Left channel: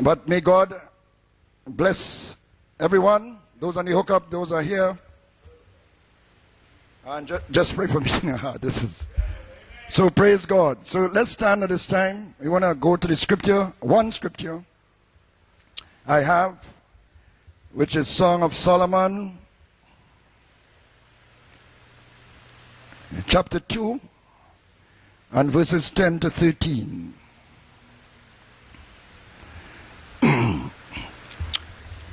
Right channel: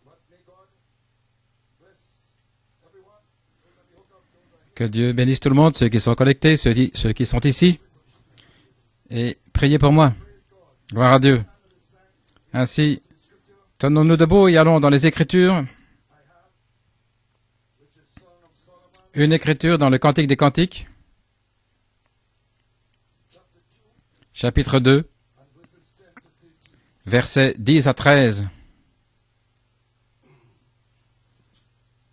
But may God bless everyone. Those on the hookup, those are here. Que Dieu bénisse tout le monde, ceux qui sont connectés, ceux qui sont Just ici. pray for me. This is Et priez pour so moi. praise God. So Gloire à let's Dieu. stand at this time. We want to Ainsi, go to the scripture. Tenons-nous One debout et scripture allons dans les Écritures. I have, which is Song of Solomon, Une écriture dans le Cantique des Cantiques, chapter 2, chapitre 2, and verses 10 to 13. versets 10 à 13.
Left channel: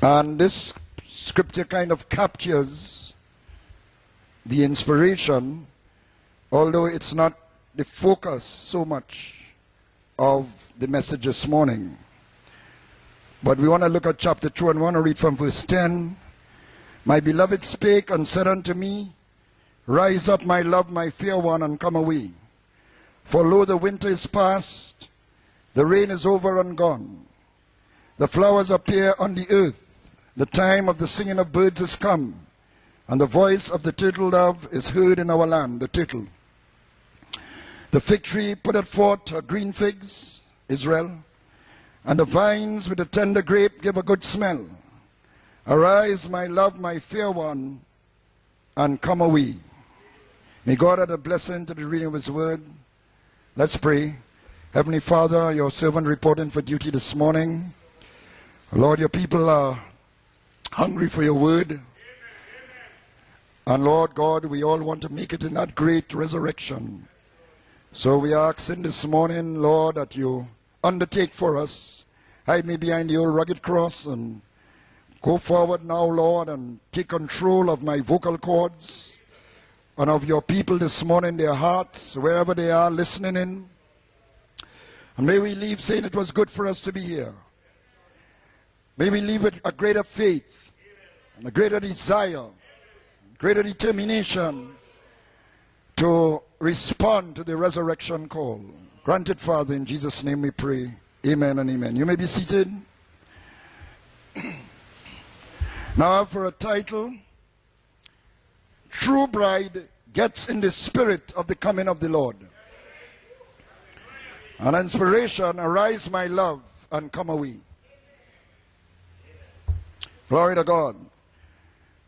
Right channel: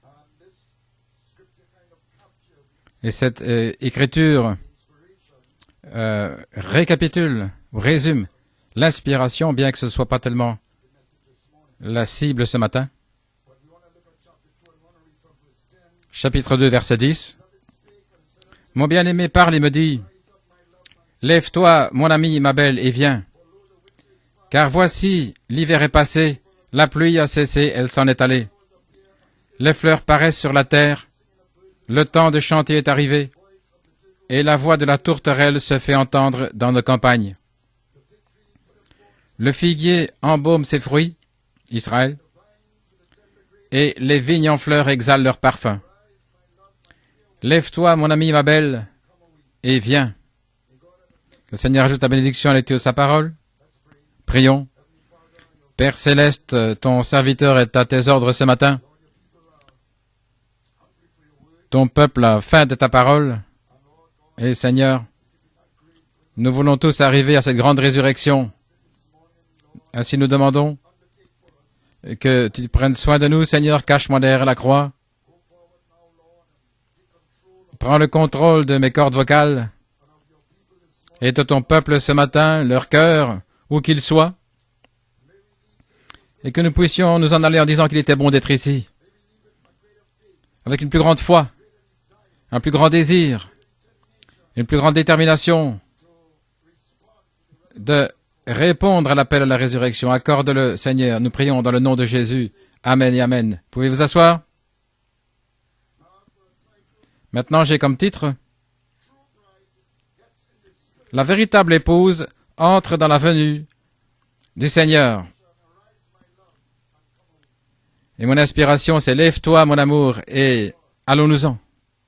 And this scripture kind of captures Et cette écriture the inspiration, récapitule, ou the résume focus so l'inspiration, bien que ce ne soit pas much tellement of the message this morning. la cible ce matin. But we want to look at chapter 2 and we want to read from verse 10. Chapitre 2, verset My 10. beloved spake and said unto Mon me, bien-aimé parle et me dit, Rise up, my love, my fair one, lève-toi, and come mon away. ami, ma belle, et viens. For lo, the winter is past, Car voici, l'hiver the est rain passé, is over and la gone. pluie a cessé, elle s'en est The allée. flowers appear on the earth. Les fleurs paraissent The sur la time terre, of the singing of birds is le come, temps de chanter est and arrivé, the voice of the turtle et la dove voix de is la heard in our tourterelle land, se the fait turtle. entendre dans nos campagnes. The fig tree putteth forth her Le green figuier figs, embaume ses Israel, fruits, Israël, and the vines with the tender grape et give a les good vignes en smell. fleurs exhalent leur parfum. Arise, my love, my fair one, Lève-toi, mon ami, ma belle, and come away. et viens. May God add a blessing Le to Seigneur the ajoute ta reading of His bénédiction à word. l'étude de sa parole. Let's pray. Prions. Heavenly Father, your Père servant according céleste, to duty ton this serviteur morning. est à tes ordres ce matin. Lord, your people are hungry for your word. Ton peuple a faim de ta parole. And Lord God, Et we Seigneur, all want to make it in that great resurrection. Nous voulons tous arriver à cette grande So we résurrection. are asking this morning, Lord, that Ainsi nous you demandons undertake for us. que tu prennes soin de nous, Seigneur. Cache-moi derrière la croix. Go forward now, Lord, and take control of Prends my le vocal contrôle de cords mes cordes vocales and of your people this morning, et de their ton peuple hearts, ce matin, wherever they leur are cœur, listening. où qu'il soit, And may we leave saying it was good et que for nous us to be puissions nous here. en aller en disant qu'il était bon d'être ici, May we leave with a greater faith, avec une plus grande foi, a greater desire, un plus grand désir, greater determination une plus grande détermination to respond to the de resurrection call. répondre à l'appel à la Granted, Father, in résurrection. Jesus' name we Accorde-le, pray. Seigneur. Nous Amen prions and dans le nom de amen. You may be Jésus. seated. Amen et Amen. Pouvez vous asseoir? Now for a title, Maintenant, j'ai comme titre True Bride Gets in the Spirit La of the véritable coming of the épouse Lord. entre dans la venue du An Seigneur. inspiration, arise my love and come away. Et mon inspiration, c'est lève-toi, mon amour, Glory et to God. allons-nous-en.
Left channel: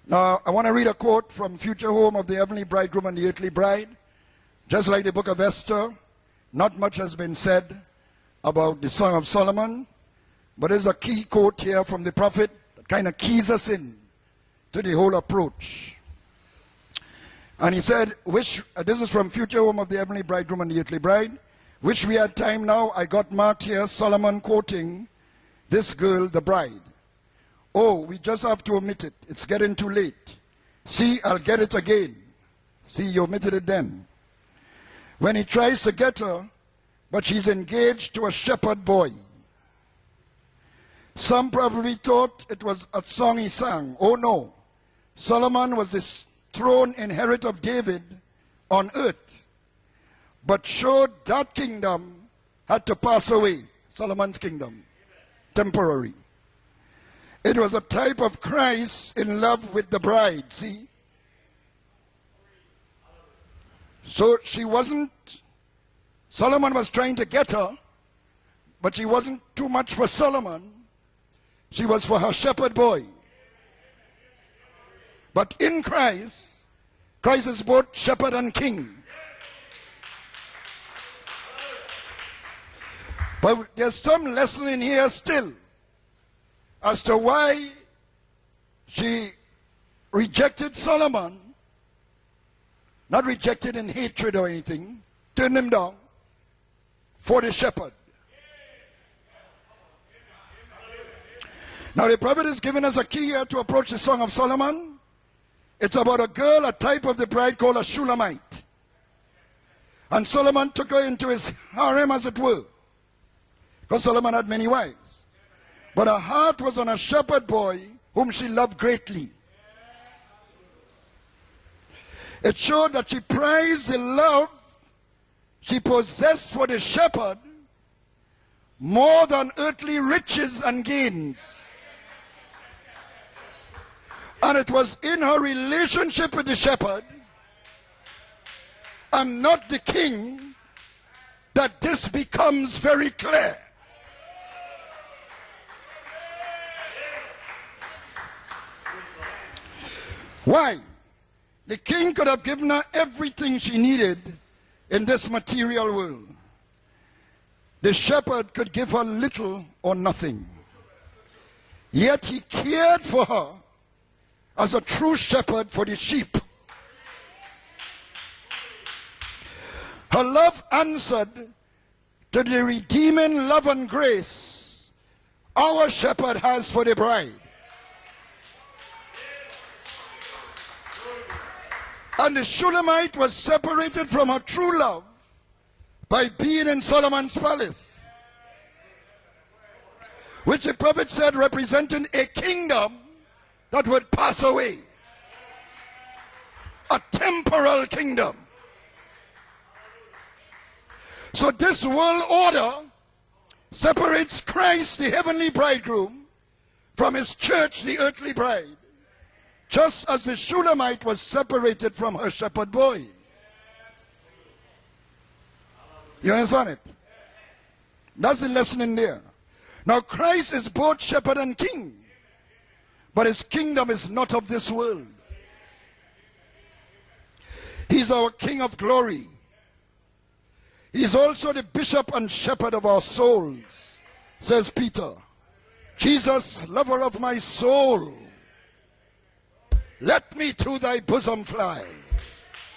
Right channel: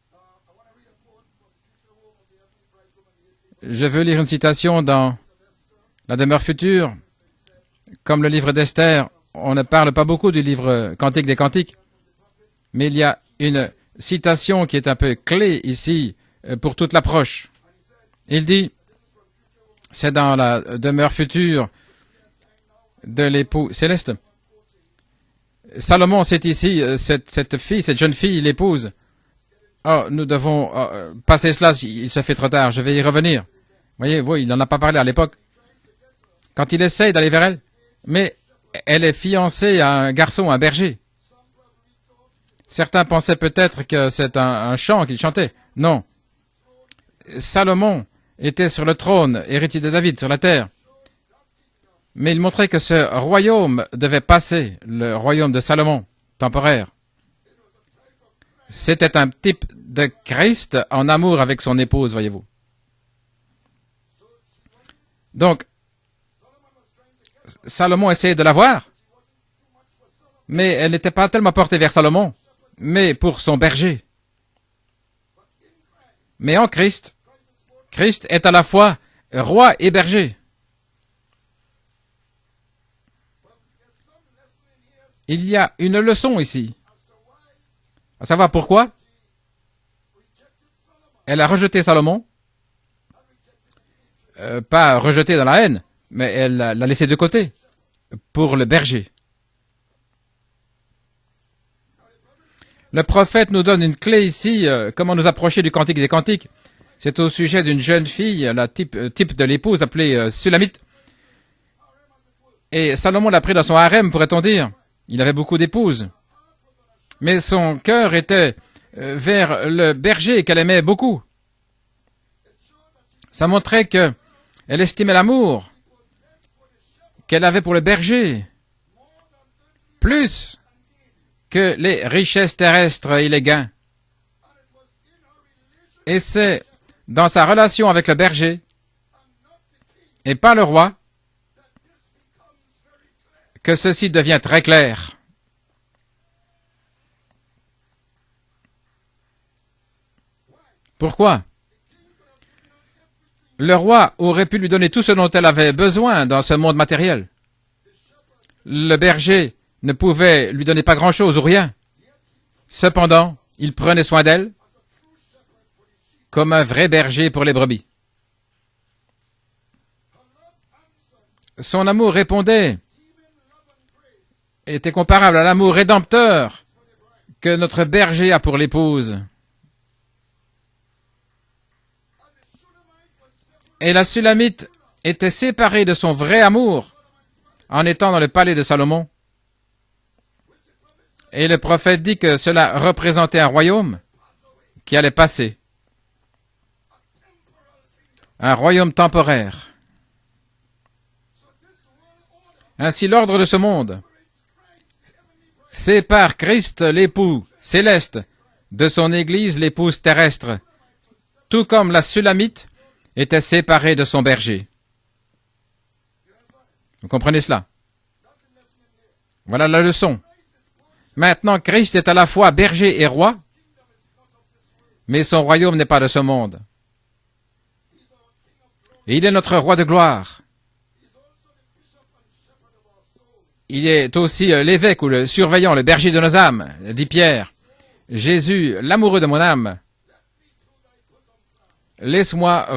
Now, I want to read a quote from Future Home of the Heavenly Bridegroom and the Earthly Bride. Je veux lire une citation Just like dans the book of Esther, la demeure not future. much has been said. Comme le livre about the d'Esther, Song of Solomon, on ne parle pas beaucoup du But there's livre a Cantique key des quote Cantiques, here from the prophet, mais il y kinda a keys us in. une citation qui est to un the peu whole clé approach. ici pour toute l'approche. And he said, Il dit, this is from Future Home of the c'est Heavenly dans la Bridegroom and the Earthly demeure Bride, future which we had time now. I got de Mark l'époux here, céleste. Solomon quoting this Salomon, girl, c'est the bride. ici cette fille, cette jeune we fille, just have to l'épouse. omit it. It's getting too Oh, late. nous devons See, passer I'll get cela, it again. il se fait trop tard, je vais y He revenir. omitted it then. Voyez, il n'en a pas parlé à l'époque. When he tries to get her, Quand il essaye but d'aller she's vers elle, engaged to mais a shepherd elle boy. est fiancée à un garçon, un berger. Some probably thought it was Certains a song pensaient he peut-être sang. que Oh, c'est no. un chant qu'il chantait. Solomon was Non, this throne inheritor of Salomon David, était sur on le earth, trône, héritier de David, sur la terre. but showed that kingdom Mais il montrait que had ce to pass away. royaume devait Solomon's passer, kingdom. le royaume de Salomon, Temporary. temporaire. It was a type of Christ C'était un in love type with the de bride. Christ en amour avec son épouse, voyez-vous. So she wasn't. Donc, Solomon was trying to get her, Salomon essayait de la voir, but she wasn't too much for Solomon. mais elle n'était pas tellement portée She vers was for Salomon, her shepherd boy. mais pour son berger. But in Christ, Mais en Christ, Christ is both Christ shepherd est and à la king. fois roi et berger. But there's some lesson in here Il still y a une leçon ici, as to why à savoir pourquoi she rejected Solomon. elle a rejeté Salomon, Not rejected in hatred or anything. pas rejeté dans la Turned him haine, down mais elle l'a laissé de for côté the shepherd. pour le berger. Now the prophet is giving us Le a key prophète to nous donne approach une the clé Song of ici, Solomon. comment nous approcher du Cantique It's des about a Cantiques. girl, a type C'est of au the bride sujet called d'une a jeune Shulamite. fille, la type de l'épouse appelée And Solomon Sulamite. took her into his harem, as it were. Et Salomon l'a pris dans son harem, Solomon pourrait-on had many dire. wives. Il avait beaucoup d'épouses. But her heart was on a shepherd Mais son boy cœur whom était she loved greatly. vers le berger qu'elle aimait beaucoup. It showed that she Ça montrait prized que in love elle estimait l'amour she possessed for the shepherd qu'elle avait pour le berger more than earthly plus riches and gains. que les richesses terrestres et les gains. And it was in her Et relationship with the c'est shepherd dans sa relation avec le berger and not the king et pas le roi that this becomes very clear. que ceci devient très clair. Why? Pourquoi? The king could have given her everything she Le roi needed. aurait pu lui donner tout ce dont elle avait besoin dans ce monde matériel. The shepherd could give Le her berger little ne or pouvait lui donner pas grand-chose ou rien. nothing. Yet he cared Cependant, for her il prenait soin d'elle as a true shepherd for the sheep. comme un vrai berger pour les brebis. Her love answered Son amour to the répondait, redeeming love and grace était comparable à l'amour our shepherd rédempteur has for the bride. que notre berger a pour l'épouse. And the Shulamite was separated Et la from her Sulamite true love était séparée de son by vrai being in amour Solomon's palace, en étant dans le palais de Salomon. which the prophet said Et le prophète dit que represented a cela kingdom représentait un that royaume would pass away, qui allait passer, a temporal kingdom. un royaume temporaire. So this world order Ainsi l'ordre de ce monde separates Christ, the heavenly bridegroom, sépare Christ, from his l'époux church, the céleste, earthly bride. de son église, l'épouse Just as the terrestre, Shulamite was tout separated comme la from her Sulamite shepherd boy. était séparée de son berger. You understand it? Vous comprenez cela? That's the lesson in there. Voilà la Now, leçon. Christ is both shepherd Maintenant, and king, Christ est à la fois berger et but roi, his kingdom is not of this world. mais son royaume n'est pas de ce monde. He's our King of glory. Il est notre roi de gloire. He's also the bishop and shepherd of our soul. Il est aussi l'évêque ou le surveillant, le berger de nos Jesus, âmes, lover dit of my Pierre. soul, Jésus, l'amoureux de mon âme, let me to thy bosom fly. laisse-moi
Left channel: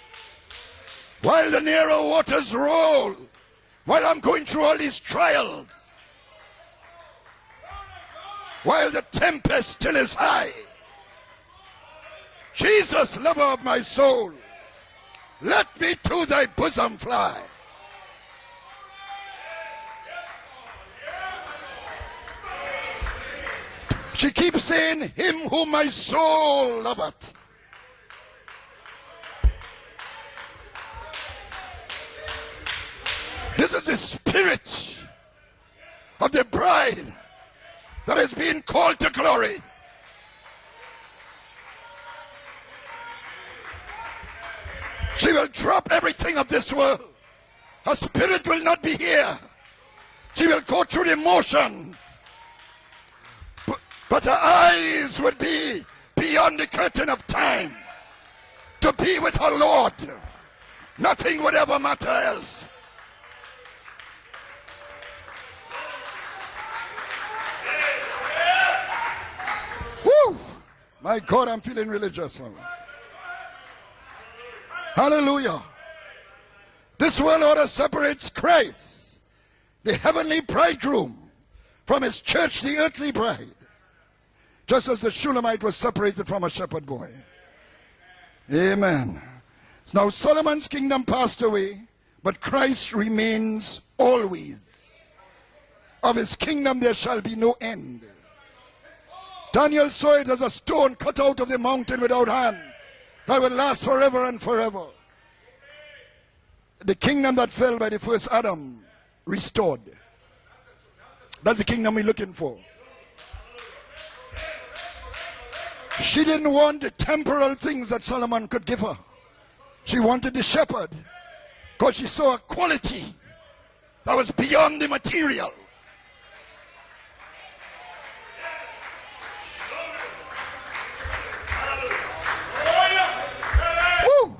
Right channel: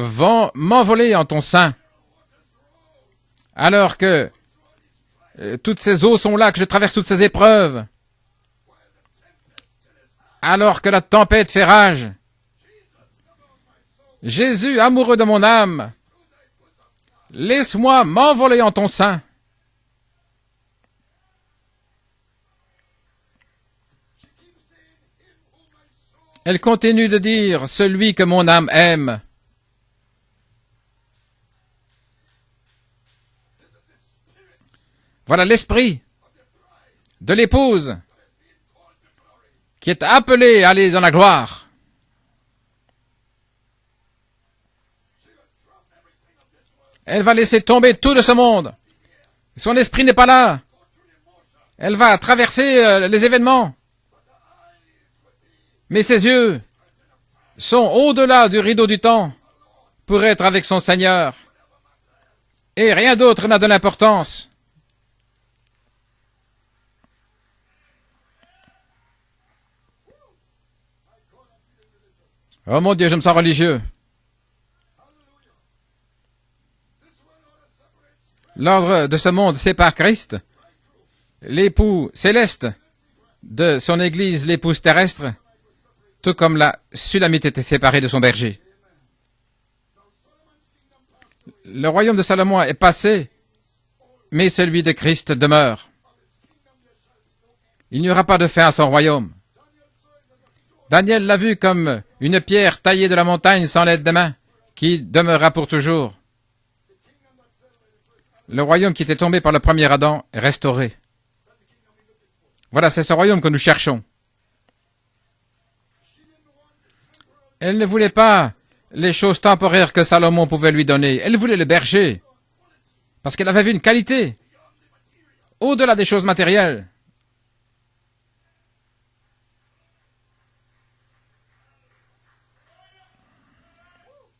m'envoler en ton While the sein, narrow waters roll, alors while que I'm going through all these trials, toutes ces eaux sont là, que je traverse toutes ces épreuves, while the tempest still is high. alors que la tempête fait rage. Jesus, lover of my soul, Jésus, amoureux de mon let âme, me to thy bosom fly. laisse-moi m'envoler en ton sein. She keeps saying, him whom my soul Elle continue de loveth. dire, celui que mon âme aime. This is the spirit Voilà l'esprit of the bride de l'épouse that is being called to glory. qui est appelée à aller dans la gloire. She will drop everything of this world. Elle va laisser tomber Her tout de ce spirit will monde. not be here. Son esprit n'est pas She là. will go through the motion, Elle va traverser les événements, but her eyes would be mais ses beyond yeux the curtain of time sont au-delà du rideau to du be temps with her Lord. pour être avec son Seigneur. Nothing would ever matter else. Et rien d'autre n'a de l'importance. Woo! My God, I'm feeling religious. Oh mon Dieu, je me sens religieux. Hallelujah. This world order separates Christ, L'ordre de ce monde sépare the Christ, heavenly bridegroom, l'époux from his church, céleste, the earthly bride. de son église, l'épouse Just as the terrestre, Shulamite was separated tout from comme her la shepherd boy. Sulamite était séparée de son berger. Amen. Now Solomon's kingdom passed away, Le royaume de but Salomon est Christ passé, remains always. mais celui de Christ demeure. Of his kingdom there shall be no end. Il n'y aura pas de fin à son royaume. Daniel saw it as a stone Daniel cut l'a out of vu the comme mountain without une hand. pierre taillée de la montagne sans l'aide des mains, Forever and forever. qui demeurera pour toujours. The kingdom that fell by the first Adam. Le royaume qui était tombé par le premier Adam est restauré. That's the kingdom we're looking for. Voilà, c'est ce royaume que nous cherchons. She didn't want the temporal Elle things ne that voulait Solomon pas could give her. les choses temporaires que Salomon pouvait lui donner. Elle voulait le But she berger, saw a quality parce qu'elle avait vu une that qualité was beyond the material. au-delà des choses matérielles. Woo!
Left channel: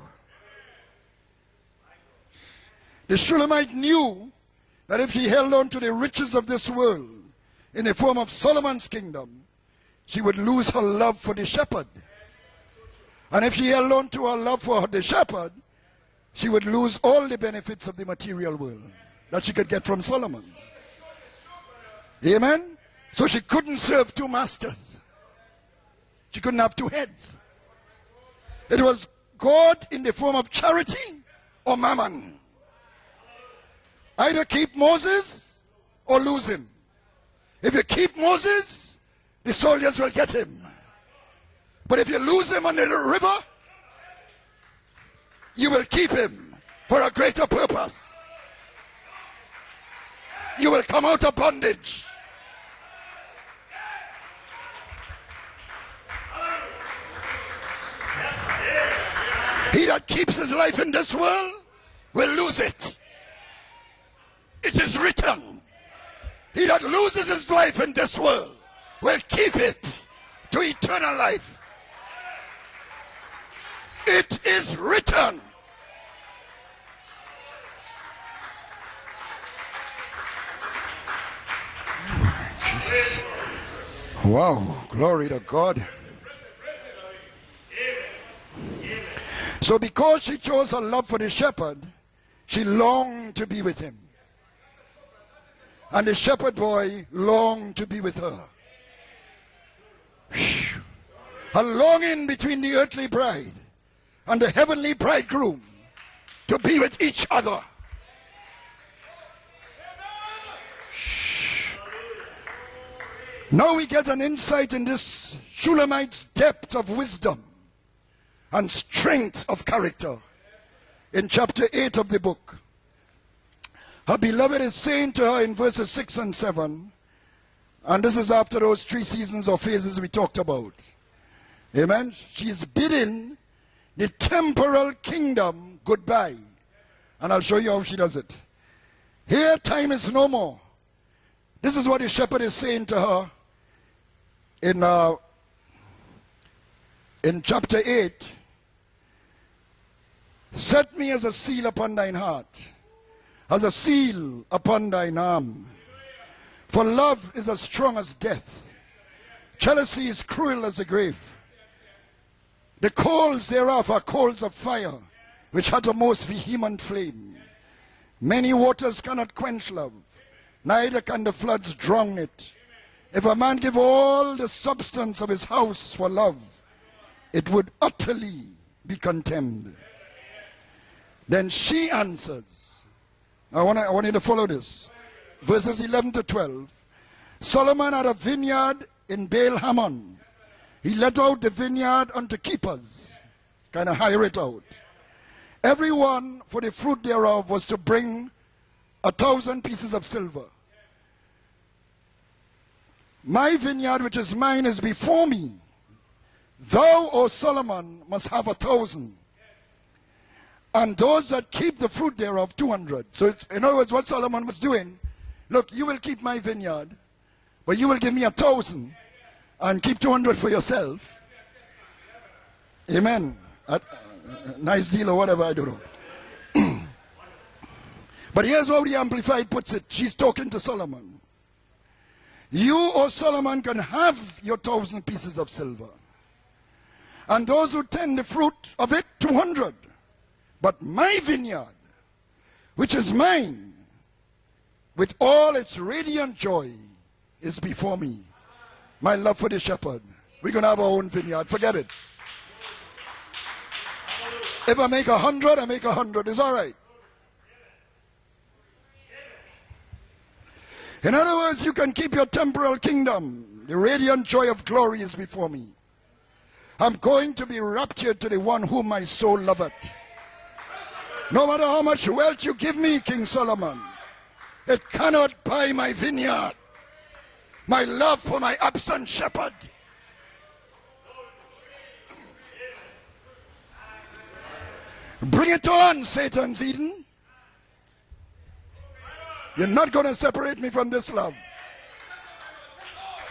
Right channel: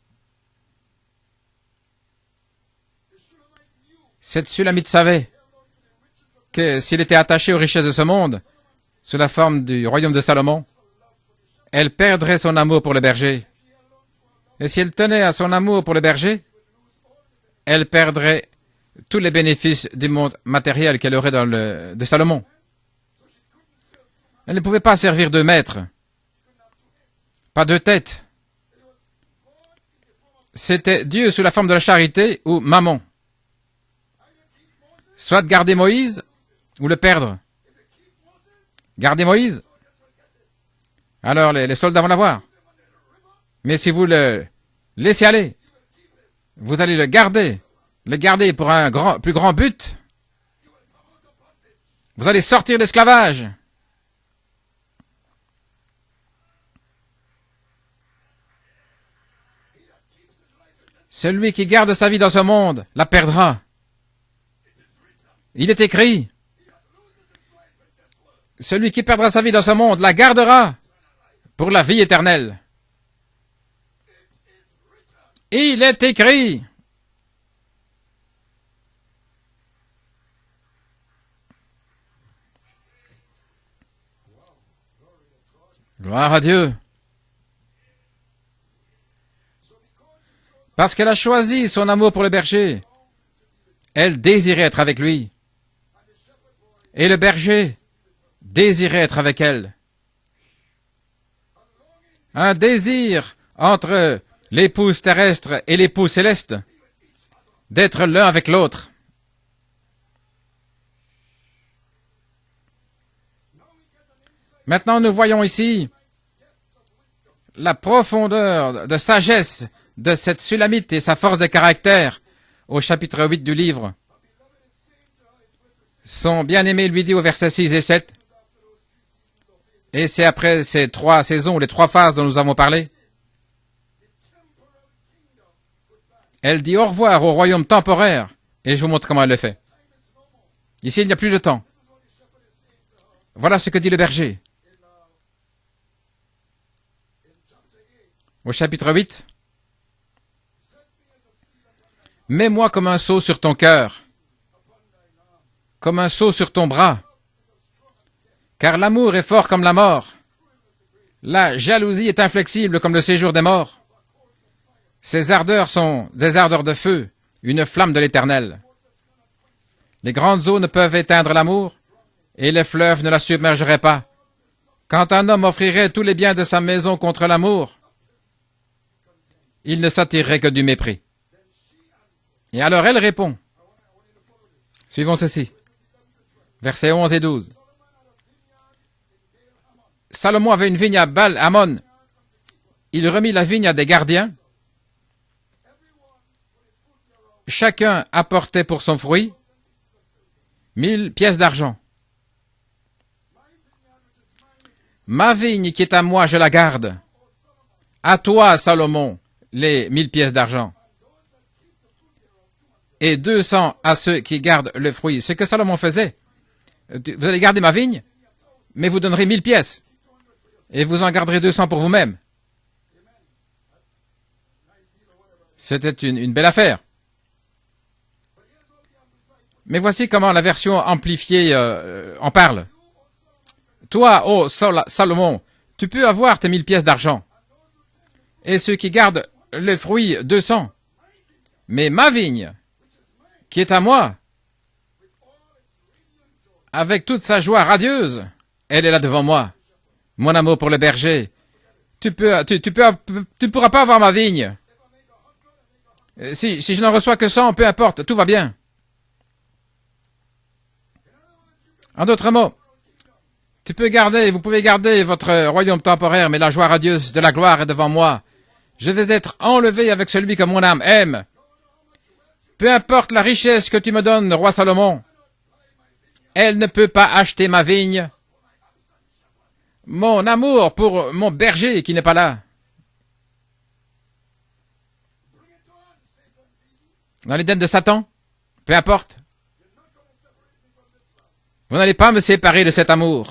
The Shulamite knew Cette Sulamite that if savait he held on to the riches of this que world, s'il était attaché aux richesses in de the ce form of monde, Solomon's kingdom, sous la forme du royaume de she would Salomon, lose her love for the shepherd. elle perdrait son amour pour le berger. And if she held on to her love Et for si elle the tenait à shepherd, son amour pour le berger, she would lose all the benefits elle of the perdrait material world. tous les that she could bénéfices get from du monde Solomon. matériel qu'elle aurait dans le de Salomon. Amen. So she couldn't serve two Elle masters. ne pouvait pas servir deux maîtres, She couldn't have two heads. pas deux têtes. It was God in the form of charity. C'était Dieu sous la forme de la or mammon. charité ou mammon. Either keep Moses Soit garder Moïse or lose him. ou le perdre. If you keep Moses, Gardez the Moïse, soldiers will get him. alors les But soldats if vont you l'avoir. lose him on the river, Mais si vous le laissez aller, you will keep him. vous allez for le a garder, greater purpose. le garder pour un plus grand but. You will come out of bondage. Vous allez sortir d'esclavage. He that keeps his life in this Celui world, qui garde sa vie dans ce monde la perdra. it is written. Il est écrit, He that loses his life in this world, celui qui perdra sa vie dans ce monde la gardera eternal life. pour la vie éternelle. it is written. Il est écrit. Wow, glory to God. Gloire à Dieu. So because she chose her Parce love qu'elle a for the choisi shepherd, son amour pour le she berger, longed to be with him. elle désirait être avec lui, And the shepherd boy Et le berger longed to be with her. désirait être avec elle. A longing between Un the earthly désir bride entre and the l'épouse heavenly terrestre bridegroom et l'épouse céleste to be with each other. d'être l'un avec l'autre. Now we get an insight Maintenant, in nous this voyons ici Shulamite's depth of wisdom. La profondeur de sagesse de cette Sulamite et sa In force de chapter 8 caractère of the book. au chapitre 8 du livre. Her beloved is saying to her in verses 6 and Son 7. bien-aimé lui dit au verset 6 et And 7, this is after those 3 seasons or phases et we c'est talked après about. ces 3 saisons, les 3 Amen. phases dont nous avons She's parlé, bidding the temporal kingdom goodbye. elle dit au revoir au And I'll royaume show you how she temporaire. does Et je vous montre comment elle le Their fait. time is no more. Ici, il n'y a plus de temps. This is what the shepherd is saying to her Voilà ce que dit le berger in chapter 8. au chapitre 8. Set me as a seal upon thine heart, Mets-moi comme un sceau sur ton as a cœur, seal upon thine arm. comme un sceau sur ton For bras, love is as strong as death. car l'amour est fort comme la mort. Jealousy is cruel as the grave. La jalousie est inflexible comme le The séjour des coals morts. thereof are coals of fire. Ses ardeurs which hath a sont most des ardeurs de vehement feu, flame. une flamme de Many l'éternel. waters cannot quench love. Les grandes eaux ne peuvent Neither can éteindre the l'amour, floods drown it. et les fleuves ne la If a man submergeraient give pas. all the substance Quand un of homme his offrirait house tous for les biens love, de sa maison contre it would l'amour, utterly be contemned. il ne s'attirerait que du mépris. Then she answers. Et alors elle répond, I want you to follow this. suivons ceci, Verses 11 to 12. versets 11 et 12. Solomon had a vineyard in Baal Hamon. Salomon avait une vigne à He let Baal out the Hamon. vineyard unto keepers, Il remit la vigne à des and hire gardiens. it out. Everyone for the fruit thereof was to Chacun bring apportait pour son fruit 1,000 pieces of silver. 1000 pièces d'argent. My vineyard which is mine is before Ma thee. vigne qui est à moi, je la garde. Thou, O Solomon, À hast toi, 100,000, Salomon, les 1000 pièces d'argent. and those that keep the fruit thereof 200. Et So, in 200 other words, à what ceux Solomon qui was gardent doing, le fruit. Ce que look, Salomon you will faisait, keep my vineyard, vous allez garder ma but you vigne, will give me 1,000 mais vous donnerez 1000 pièces. and keep 200 for yourself. Et vous en garderez 200 pour vous-même. Amen. Nice deal or whatever, I don't know. C'était une belle affaire. But here's how the Amplified puts Mais it. voici She's comment la talking to version Solomon. amplifiée en parle. You, O Solomon, can Toi, have ô your 1,000 Salomon, pieces of silver. tu peux avoir tes 1000 pièces d'argent. And those who tend the fruit Et ceux qui of it, gardent 200. le fruit, 200. But my vineyard, Mais ma vigne, which is mine, qui est à moi, with all its radiant joy, avec toute sa joie radieuse, elle est là my devant love moi. for the shepherd. Mon amour We pour can le have our own berger. vineyard, forget it. Tu pourras pas avoir ma vigne. If I make 100, I make 100. It's all right. Si je n'en reçois que 100, peu importe, tout va bien. In other words, you can keep d'autres your mots, temporal kingdom. Tu The peux radiant garder, joy vous pouvez of glory garder is votre before me. royaume temporaire, mais la joie I'm radieuse de going la to gloire be est devant moi. raptured to the one whom Je my vais être soul loveth. enlevé avec celui que mon âme aime. No matter how much wealth you Peu give me, importe King la richesse Solomon, que tu me donnes, roi Salomon, it cannot buy my vineyard. elle ne peut pas acheter ma My vigne. love for my absent shepherd. Mon amour pour mon berger qui n'est pas là. Bring it on, Satan's Eden. Dans l'Éden de Satan, peu importe. You're not going to separate me from this love. Vous n'allez pas me séparer de cet amour.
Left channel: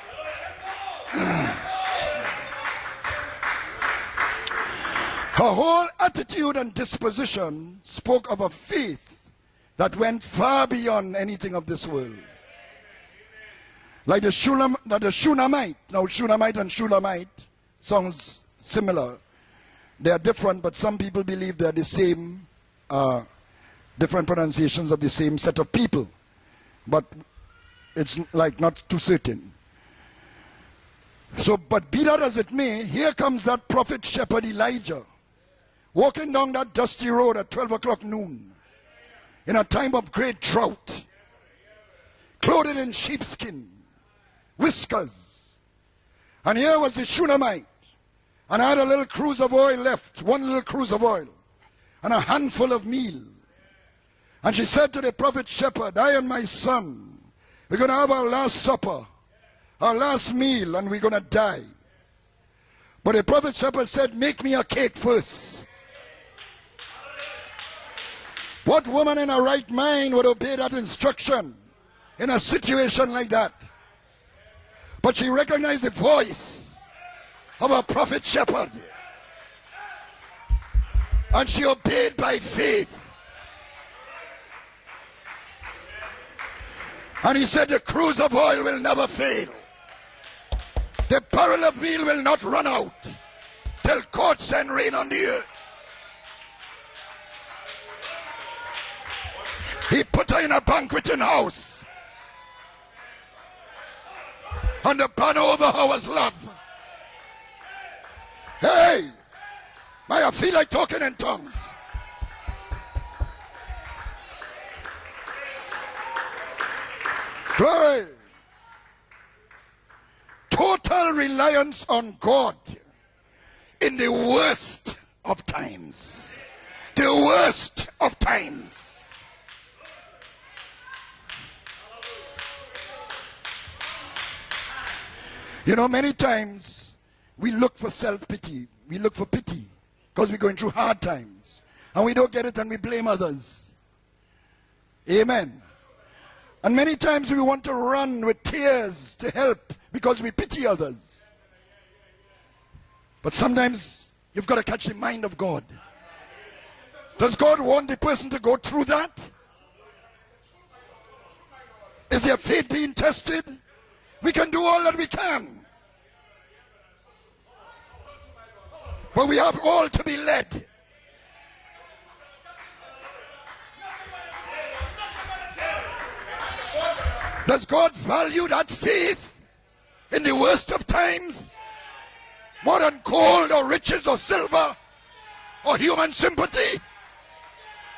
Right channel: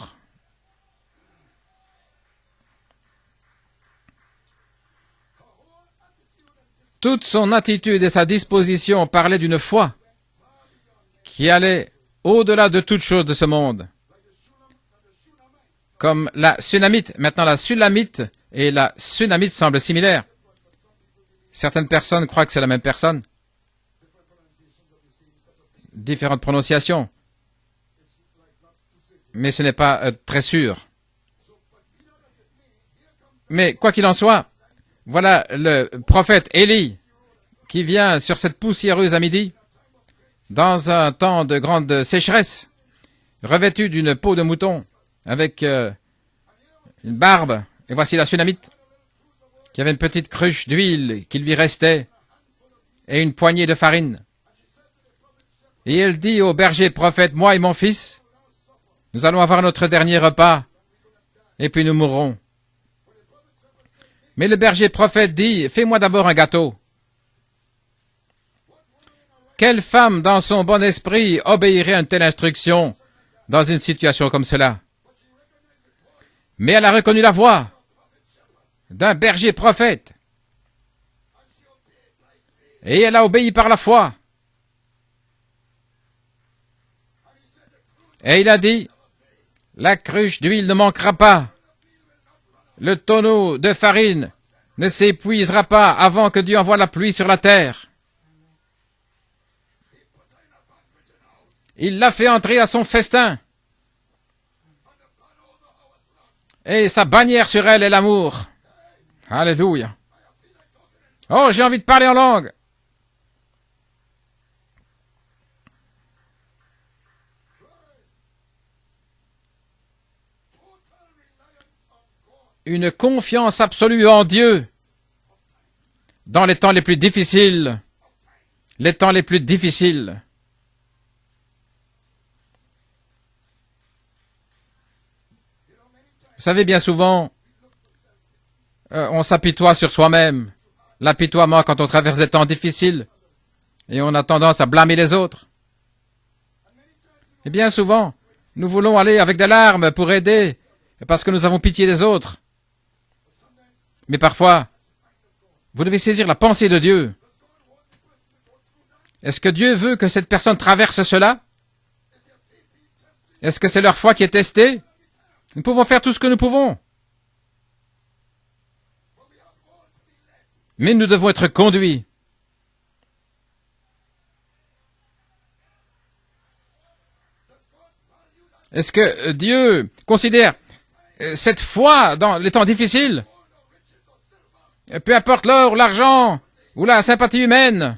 Her whole attitude and disposition Toute son attitude et sa spoke of a disposition faith parlaient d'une foi that went far beyond anything qui of allait this world. au-delà de toute chose de ce monde. Like the Shunammite. Now, Comme Shunammite la and Sunamite. Shunammite Maintenant, la Sulamite sounds et la similar. Sunamite semblent They're similaires. different, but some people believe they're Certaines the same, personnes croient que c'est la même personne. different pronunciations of the same set of people. Différentes prononciations. It's like not too certain. Mais ce n'est pas très sûr. So, but be that as it may, here comes that Mais quoi prophet qu'il en soit, shepherd Elijah, voilà le walking prophète down that Élie dusty road at 12 qui o'clock vient noon, sur cette poussiéreuse à midi in a time of great drought, dans un temps de grande sécheresse, clothed in sheepskin, revêtu d'une peau de mouton whiskers. avec And here was the une barbe. Shunammite, Et voici la Sunamite and had a little cruse of oil qui avait une left, petite one little cruche cruse of d'huile oil, qui lui restait and a handful of meat. et une poignée de farine. And she said to the prophet shepherd, Et I elle am dit my au berger son. prophète, moi et mon We're going fils, to have our last supper, nous allons avoir notre our dernier last repas meal, and we're going to die. et puis nous mourrons. But the prophet shepherd said, make Mais me le a berger cake prophète first. dit, fais-moi d'abord un gâteau. What woman in her right Quelle mind femme would dans obey son that bon esprit instruction obéirait à une telle in a instruction situation like that? dans une situation comme cela? But she recognized the voice Mais elle a reconnu la voix of a prophet shepherd. d'un berger prophète. And she obeyed by faith. Et elle a obéi par la foi. And he said, the cruse of Et il a oil will dit, never fail. la cruche d'huile ne manquera The pas. barrel of meal will not run out. Le tonneau de farine God send rain ne on the s'épuisera pas avant que Dieu envoie la pluie sur la terre. earth. He put her in a banqueting house. Il l'a fait entrer à son festin. And the banner over her was love. Et sa bannière sur elle est l'amour. Hey, Alléluia. I feel like talking in tongues. Oh, j'ai envie de parler en langue. Glory. Total reliance on God. Une confiance In absolue the en Dieu worst of times. dans les temps les plus The difficiles. worst of times. Les temps les plus difficiles. You know, many times Vous savez, bien souvent, we look for self-pity. We look on for s'apitoie pity sur when soi-même. we're going through hard times. L'apitoiement quand on traverse And we des temps look at it and we difficiles. blame others. Et on a tendance à blâmer les autres. Amen. And many times we want Bien to souvent, run with nous tears voulons aller to avec des help larmes pour because we aider, pity others. parce que nous avons pitié des autres. But sometimes Mais you've parfois, got to catch the mind of God. vous devez saisir la pensée de Dieu. Does God want the person to go through that? Est-ce que Dieu veut que cette personne traverse cela? Is their faith being tested? Est-ce que c'est leur foi qui est We can do testée? all that we can, Nous pouvons faire tout ce que nous pouvons, but we have all to be led. mais nous devons être conduits. Does God value that Est-ce faith que Dieu in the considère worst of times? cette foi dans les temps Whether difficiles, gold or riches or silver, peu importe l'or ou human l'argent sympathy. ou la sympathie humaine?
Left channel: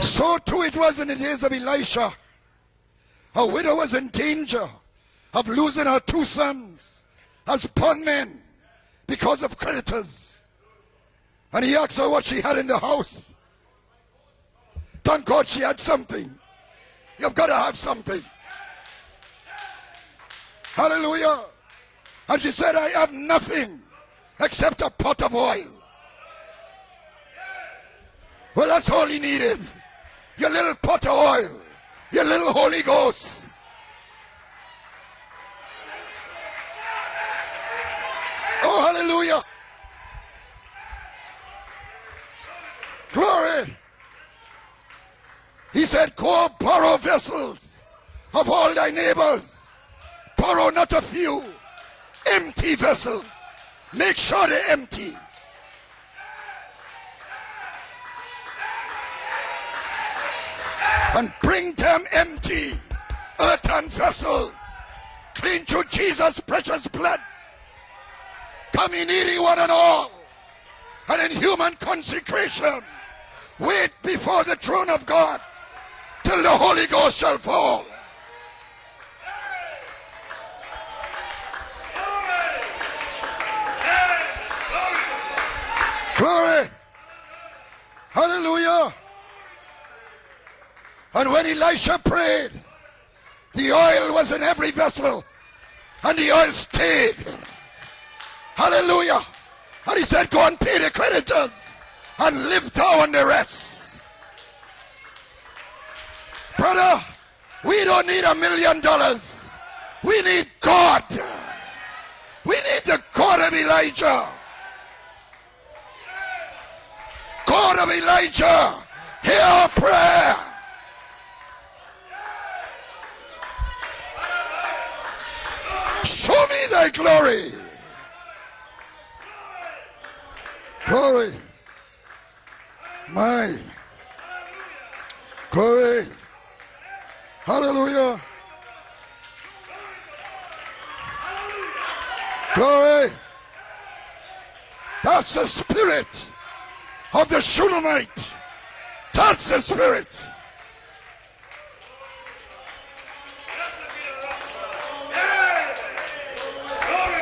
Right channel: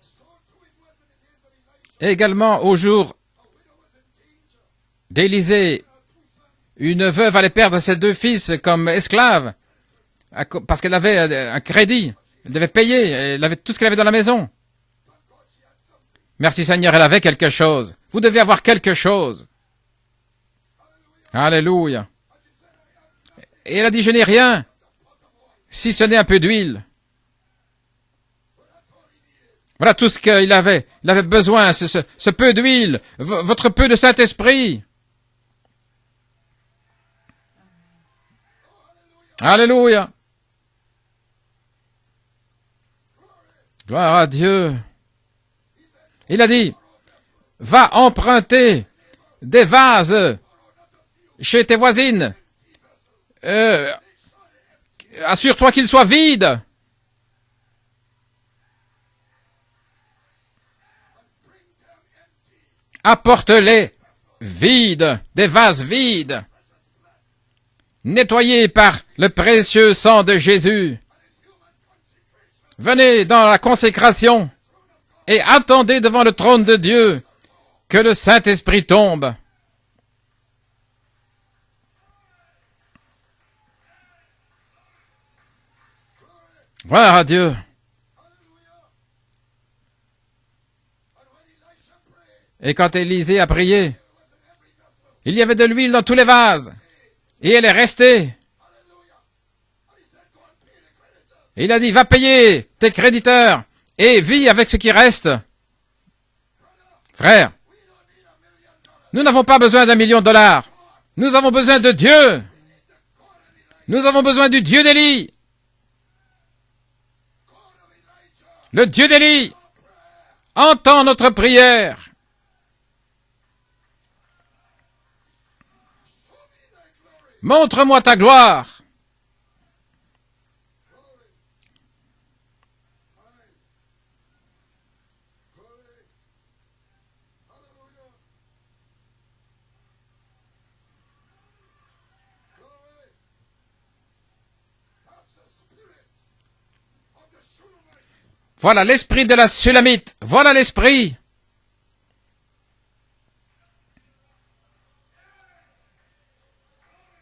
so too it was in the days of Elisha. Également, au jour A widow was in danger of d'Élisée, losing her two sons une veuve allait perdre ses deux fils comme because esclaves of creditors. parce qu'elle avait un And he crédit. also what she had Elle in devait the payer. house. Elle avait tout ce qu'elle avait dans la maison. Thank God she had something. Merci Seigneur, elle avait quelque chose. Vous devez avoir quelque chose. Hallelujah. Alléluia. And she said, I have nothing Et elle a dit, je n'ai rien, except a pot of oil. si ce n'est un peu d'huile. Well, that's all he needed. Voilà tout ce qu'il avait. Il avait besoin, ce peu d'huile, votre peu de Saint-Esprit. Oh, hallelujah. Alléluia. Glory. Gloire à Dieu. He said, go Il a dit, borrow vessels Va of all emprunter thy neighbors. des vases Borrow not a few chez tes voisines. empty vessels. Euh, Make sure they're empty. Assure-toi qu'ils soient vides. And bring them empty. Apporte-les Earthen vessels. vides, des Clean vases to vides, Jesus' precious blood. nettoyés par le précieux sang de Jésus. And in human consecration. Venez dans la Wait consécration before the throne of God. et attendez devant le till the trône de Holy Dieu Ghost shall fall. que le Saint-Esprit tombe. Glory. Gloire à Dieu. Hallelujah. And when Elisha prayed, Et quand Élisée a the prié, oil was in every vessel. il y avait de l'huile dans tous And les the oil vases. stayed. Et elle est restée. Hallelujah. And he said, go and pay the creditors. Il a dit, va payer tes créditeurs et vis avec ce qui reste. Brother, Frère, we don't need $1 million. nous n'avons pas besoin d'un million We de dollars. need God. Nous avons besoin de Dieu. We need the God of Elijah. Nous avons besoin du Dieu d'Élie. God of Elijah. Le Dieu d'Élie Hear our prayer. entend notre prière. Show me thy glory. Montre-moi ta gloire. Glory. My. Glory. Hallelujah. Glory. That's the spirit of the Shulamite. Voilà l'esprit de la Sulamite. Voilà l'esprit.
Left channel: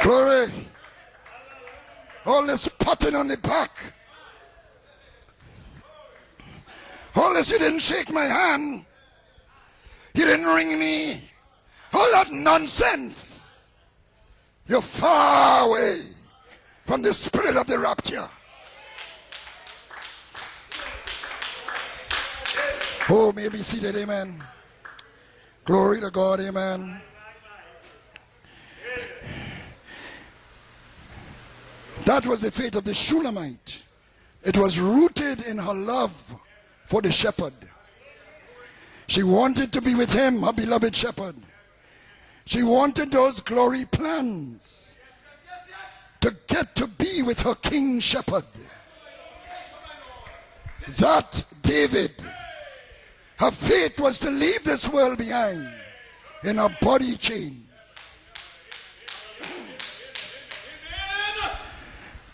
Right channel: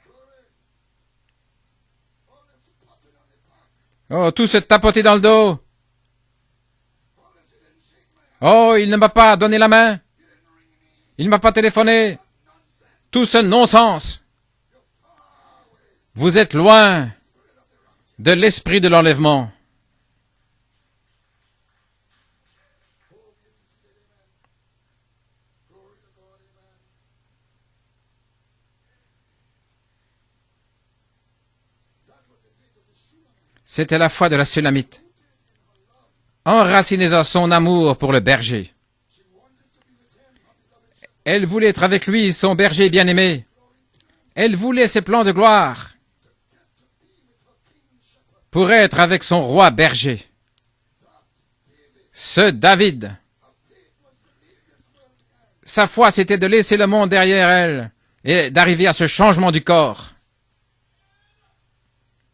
Glory. All this patting on the back. Oh, tout se tapoter dans le dos. All this, you didn't shake my hand. Oh, il ne m'a pas donné la main. You didn't ring me. Il ne m'a pas téléphoné. All that nonsense. Tout ce non-sens. You're far away Vous êtes loin from the spirit of the rapture. de l'esprit de l'enlèvement. Oh, may be seated, amen. Glory to God, amen. That was the fate of the Shulamite. C'était la foi de la It was Sunamite, rooted in her love. enracinée dans son amour pour le berger. She wanted to be with him, her beloved shepherd. Elle voulait être avec lui, son She berger wanted bien-aimé. those glory plans Elle voulait ses plans de gloire to get to be with her king shepherd. pour être avec son roi berger. That David, Ce David, her fate was to leave this world behind. sa foi, c'était de laisser le monde derrière elle et d'arriver à ce changement du corps.